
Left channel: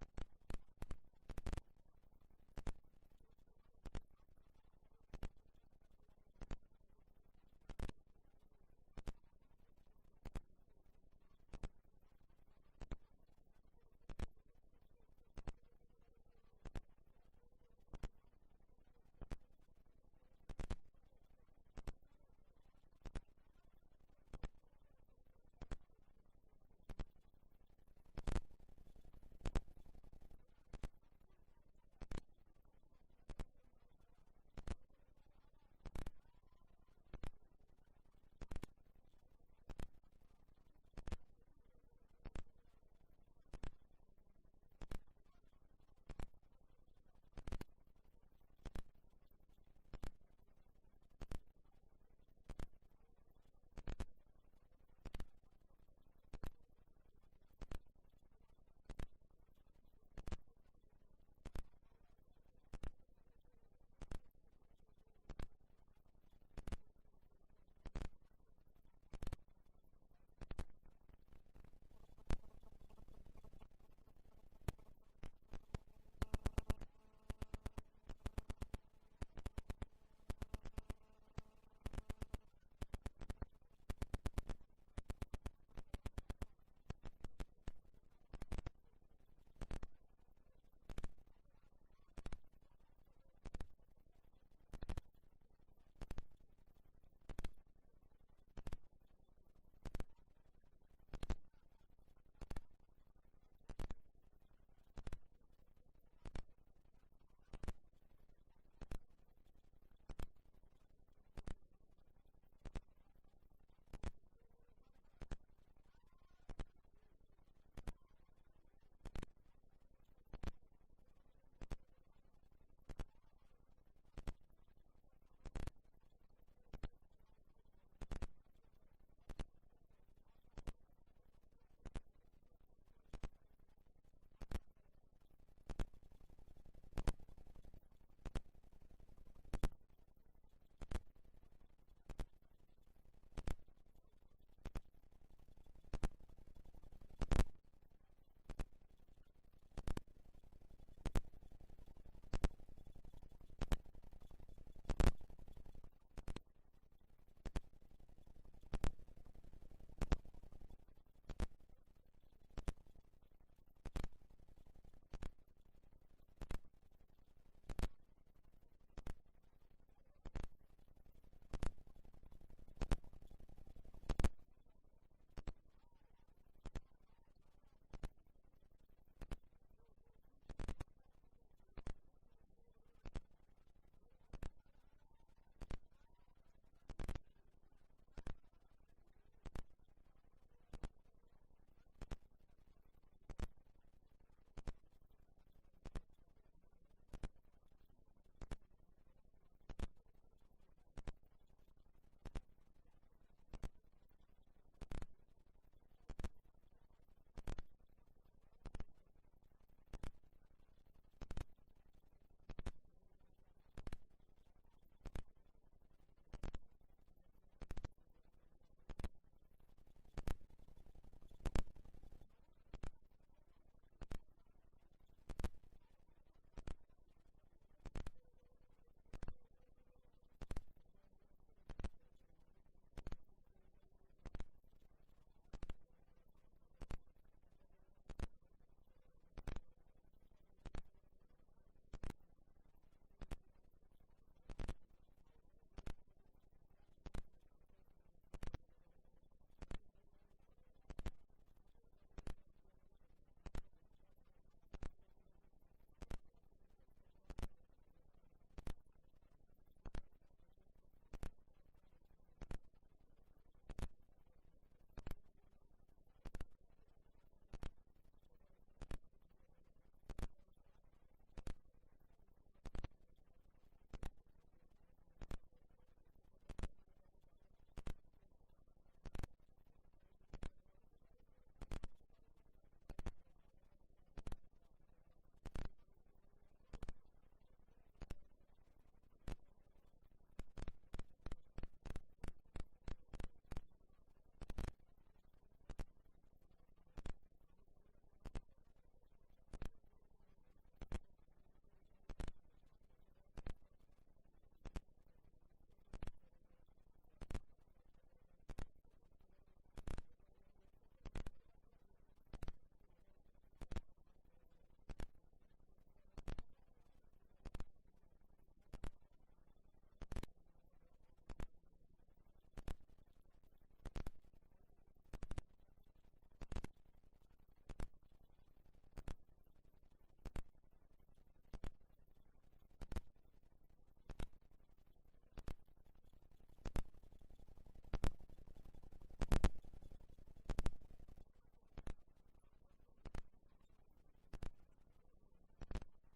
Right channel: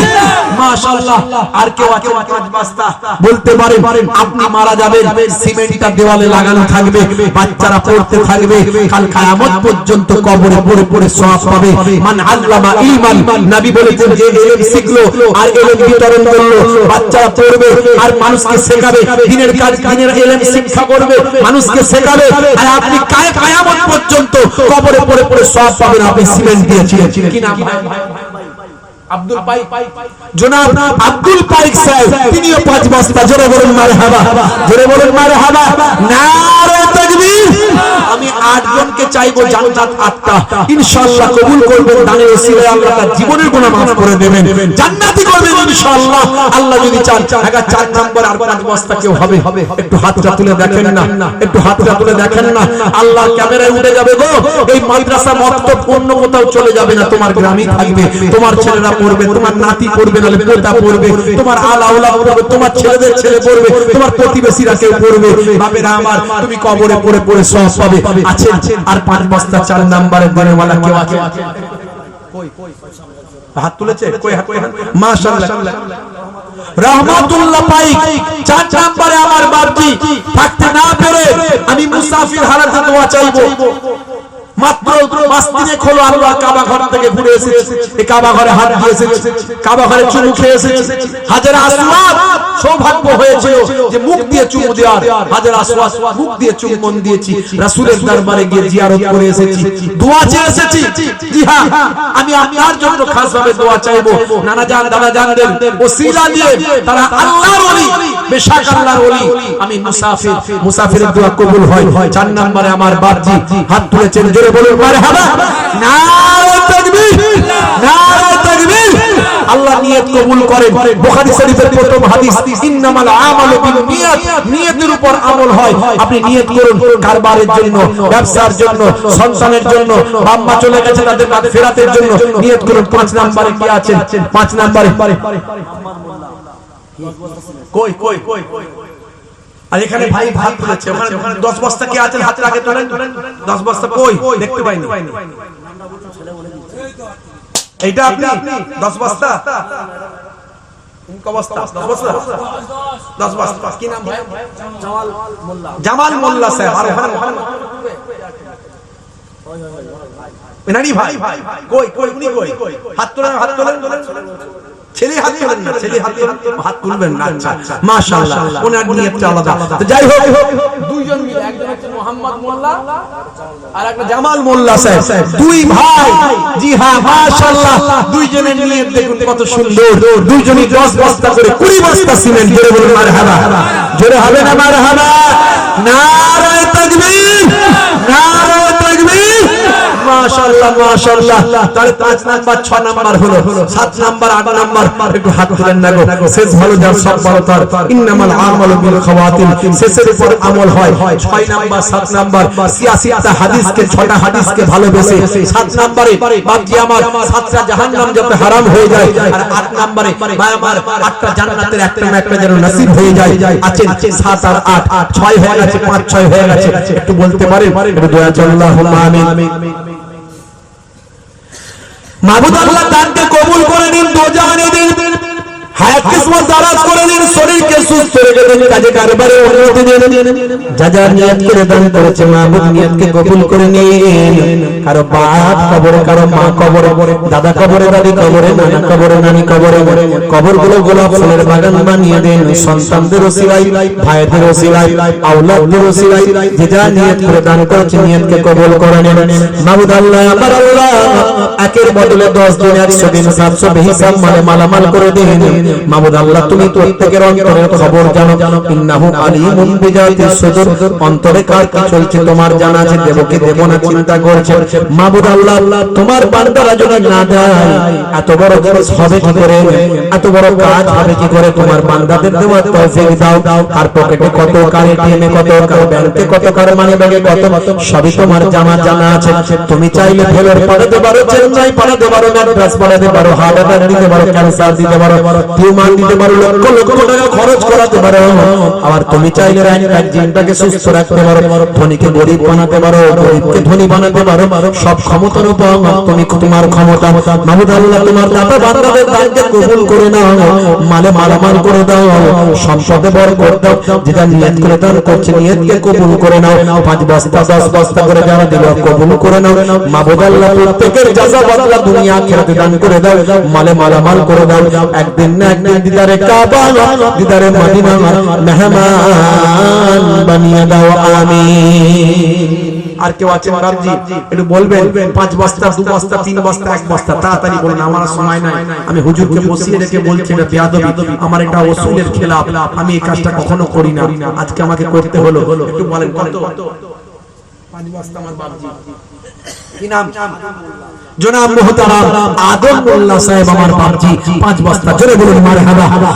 মাশাআল্লাহ। আর কেউ আছে 5 বস্তা বলতে পারেন? আপনি মারা যাবেন, সিমেন্টটা দেওয়ালে লাগানো থাকবে, বাচ্চারা পড়তে থাকবে, কাল কিয়ামত পর্যন্ত কবরে পড়ে পড়ে সওয়াব পাবে। মান আল্লামা ইলমান, নবী বলেছেন যে ইলম শিখলো আর ইলম বিতরণ করলো, বাচ্চারা পড়বে আর মানুষকে শেখাবে, দিনের কাজ, দিনের ইলম শিক্ষা করবে, মানুষকে শেখাবে, আর আপনি কিয়ামত পর্যন্ত কবরে পড়ে পড়ে সওয়াব পাবেন। আপনি সিমেন্ট দিয়েছিলেন, কি নাম ভাই? আব্দুল পাই জনাব আব্দুল পাইক সাহেব তিনিও 5 বস্তা। জোরে বলুন মারহাবা, জোরে বলুন মারহাবা, নারে তাকবীর। আমি 8 জনকে চাইবো জান্নাত 8টা ইনশাআল্লাহ কবুল করবেন। দানের ওসিলায় আল্লাহ তার জীবনের গুনাহ maaf করে দেবেন, জান্নাতি করবেন ইনশাআল্লাহ আল্লাহ যদি চান। আগে 4 নাম্বার আর 5 বস্তা কেউ হবে? একটু হাতটা তুলে দেখেন না, একটু হাতটা তুলে দেখেন না। আল্লাহ ক্যামেরায় উঠে যাবে গো। এই মাদ্রাসা মক্তব অন্য কোথাও চলে যাবে না, তোমার গ্রামেই থাকবে। তোমার ছেলেরা পড়বে, তোমার নাতি পড়বে, নালে পোতা পড়বে, তোমার আলাউলা পড়বে, তোমার ছেলেদের ছেলে পড়বে, তোমার প্রতিবেশীরা কেউ পড়বে। বাবেরা আমার, তুমি কবরে পড়ে পড়ে সওয়াব পাবে। আছে আর 5 বস্তা 4 নম্বরের দেনেওয়ালা কেউ আছে? কই হাত তুলেছে? কই হাত? মাশাআল্লাহ রহমাতুল্লাহ পাইক 4 নম্বরে আমার বাপজি থাকতে না পেরে আমি মুসাফির হালাতে দোয়া চাইবো। মাত্র 5 দিনে খোলো আল্লাহ কাবা ঘর থেকে ঘুরে এসেছে, এই কাবা ঘরে হাত দিয়ে এসেছে, কাবা ঘরে চুমু খেয়ে এসেছে। হাজার আসওয়াদ সৌভাগ্য হয়েছিল যে মুখ দিয়ে চুমু দেওয়ার। হাজার আসওয়াদ মুখ দিয়ে চুম্বন দিয়েছি, রাসূলের দরবারে গিয়ে জিয়ারত করে এসেছি, দোয়া চেয়ে এসেছি। জি হ্যাঁ, আমি আপনার জন্য খাস ভাবে দোয়া চাইবো। নানা জান দাদা জানদের ওসিলা দিয়ে তারা আল্লাহর ওলি, বেশক আল্লাহর ওলি। আমি মুসাফিরের দোয়া কবুল হয়। 4 নম্বরে আমার বাপজি হাত তুলেছেন, জোরে বলুন মারহাবা, নারে তাকবীর, নারে তাকবীর। আল্লাহ নিয়ত কবুল করেন। বুখারী শরীফের প্রথম হাদিস, ইন্নামাল আমালু বিন্নিয়াত, নিয়তের উপর আমল হয়। আপনি নিয়ত করুন কারবারের জন্য, ব্যবসার জন্য, সন্তানের জন্য, বাম্মা চলে গেছে তাদের ফেরাতের জন্য নিয়ত করুন। 5 নম্বরে কি আছেন? 5 নম্বরে কই কই কই আর এখানে ভাই ভাই তুলেছে, ওখানে 10 বস্তা কে আছেন? হাত আগে তোলেন। 10 বস্তা কই? দেখতে পাইনি। এইটা আপনি 10 বস্তা? কোন বস্তা? 10 বস্তা, 10 বস্তা। কি নাম ভাই? জামাল মোল্লা সাহেব। আর ওখানে এনারি ভাই কই কই উনি কই? হাত তোলেন, হাত তোলেন। ছেলে হাত তোলেন না, ছেলে হাত তুলবেন না। আচ্ছা মাশাআল্লাহ, ওনার নিয়তটা আলাদা। তো যাই হোক, দুইজন মিলে, একজন হচ্ছে মোহাম্মদ মোল্লা আর একটা জামাল মোল্লা সাহেব, 2 ভাই। জি হ্যাঁ মাশাআল্লাহ, দুইজনের নিয়ত দেখুন কত সুন্দর। দুইজনই 10 বস্তা করে 20 বস্তা সিমেন্ট। জোরে বলুন মারহাবা, জোরে হবে না মারহাবা? নারে তাকবীর, নারে তাকবীর। মাশাআল্লাহ মাশাআল্লাহ। তাহলে 5 নাম্বার 6 নাম্বার হলো, 7 নাম্বার 8 নাম্বার একটু হাত তুলেন না গো। শেষ ভালো যার সব ভালো তার, ইন্নামাল আমালু বিল খাওয়াতিম, শেষের উপর আমল হয়। 6 নাম্বার 7 নাম্বার 86টা হাদিসকে, 6টা হাদিসকে ভালোবেসে 7 নম্বরে বাপজি আমার 7টা জাহান্নাম যাতে হারাম হয়ে যায়, আর 8 নম্বরে ভাই আমার 8টা জান্নাতের একটা না একটা যেন নসিব হয়ে যায়। আছেন 7 আর 8, 6 হয়ে গেছে, 5 6 হয়ে গেছে। একটু বলতে পারেন? একটু দোয়া আল্লাহুম্মা আমিন। মাবুদ আল্লাহ দানকে কবুল করে নিন, দোজানে দিন, হায়াত কিসমত দারাজ করে নিন, শরীরকে সুস্থ রেখে দিন, কাজে কারবারে উন্নতি দিন। যা যা নিয়ত করে দান করেছে মাবুদ নিয়তকে কবুল করে নিন। কারো বাপ কবরে, কারো মা কবরে, দাদা কবরে, দাদি কবরে, নানা কবরে, নানি কবরে, কবরগুলো গোলাপ ফুলের বাগান বানিয়ে দিন। সন্তানদের ওসিলায়, ভাইদের ওসিলায়, আওলাদদের ওসিলায় যে যা নিয়ত করে দান করেছে নিয়তকে কবুল করে নিন। মাবুদ আল্লাহ আমার আল্লাহ একের বদলে 10 দিন, 100 দিন, 700 বেহিসাব মানে মালামাল করে দিন। মাবুদ আল্লাহ তুমি প্রত্যেকের অন্তরের খবর জানো। ইন্নাহু আলিমুন বিজাতিস সুদূর, অন্তরে কার কি চলছে তোমার জানা আছে। দেব কি দেব না চিন্তা করছে। মাবুদ আল্লাহ তোমার বান্দারা যদি না দেয় এত বড় জিনিস হবে কি করে, এত বড় কাজ হবে কি করে? তোমার বান্দাদের দেওয়ার তৌফিক দাও। কার পকেটে কত, কার এটিএমে কত, কার ব্যাংকে কত, কার মানি ব্যাগে কত, সবই তোমার জানা আছে। তুমি চাইলে ফেলোর পাঠাতে পারো, চেন্নাই পাঠাতে পারো, ম্যাড্রাস পাঠাতে পারো, হার্ট অ্যাটাক দিতে পারো, ক্যান্সার দিতে পারো, টিউমার দিতে পারো, লক্ষ লক্ষ টাকা খরচ করাতে পারো। আবার তুমি চাইলে জিনটাকে সুস্থ রাখতে পারো, ধনীকে গরিব বানাতে পারো, গরিবকে ধনী বানাতে পারো। সব ক্ষমতার উপর তুমি, তোমার ক্ষমতা। মাবুদ আল্লাহ তোমার দাতা বান্দাদের দানকে কবুল করে নাও, মালে মালামাল করে দাও, সম্পদে বরকত দাও। যেটা নিয়ত করে দান করছে নিয়তকে কবুল করে নাও। 5 বস্তা 10 বস্তা করে যারা দিল কবুল করে নাও। মাবুদ আল্লাহ প্রত্যেকের জাযা বদলা দুনিয়া আখিরাতে দান করে দাও, মালে মালামাল করে দাও। একদিন না একদিন দিদারে কাবা, দিদারে মদিনা মেহমান বানিয়ে দাও, আমিন। আর কেউ আছেন বাবজি একটু বলবেন 5 বস্তা 2 বস্তা 3 বস্তা 1 বস্তা তাড়াতাড়ি বলুন, আমার আর সময় নাই। আমি হুজুরকে বসিয়ে রেখে বলছি এটা বেয়াদবি, আমার এটা ওসুলের খেলাফ, আমি এই কাজটা কখনো করি না, আজকে আমাকে করতে হলো। একটু বলেন কত? 5 বস্তা আমার বাবজি কি নাম? জনাব মুহতারাম আদম মোল্লা সাহেব আমার বাবজি 5 বস্তা। জোরে বলুন মারহাবা।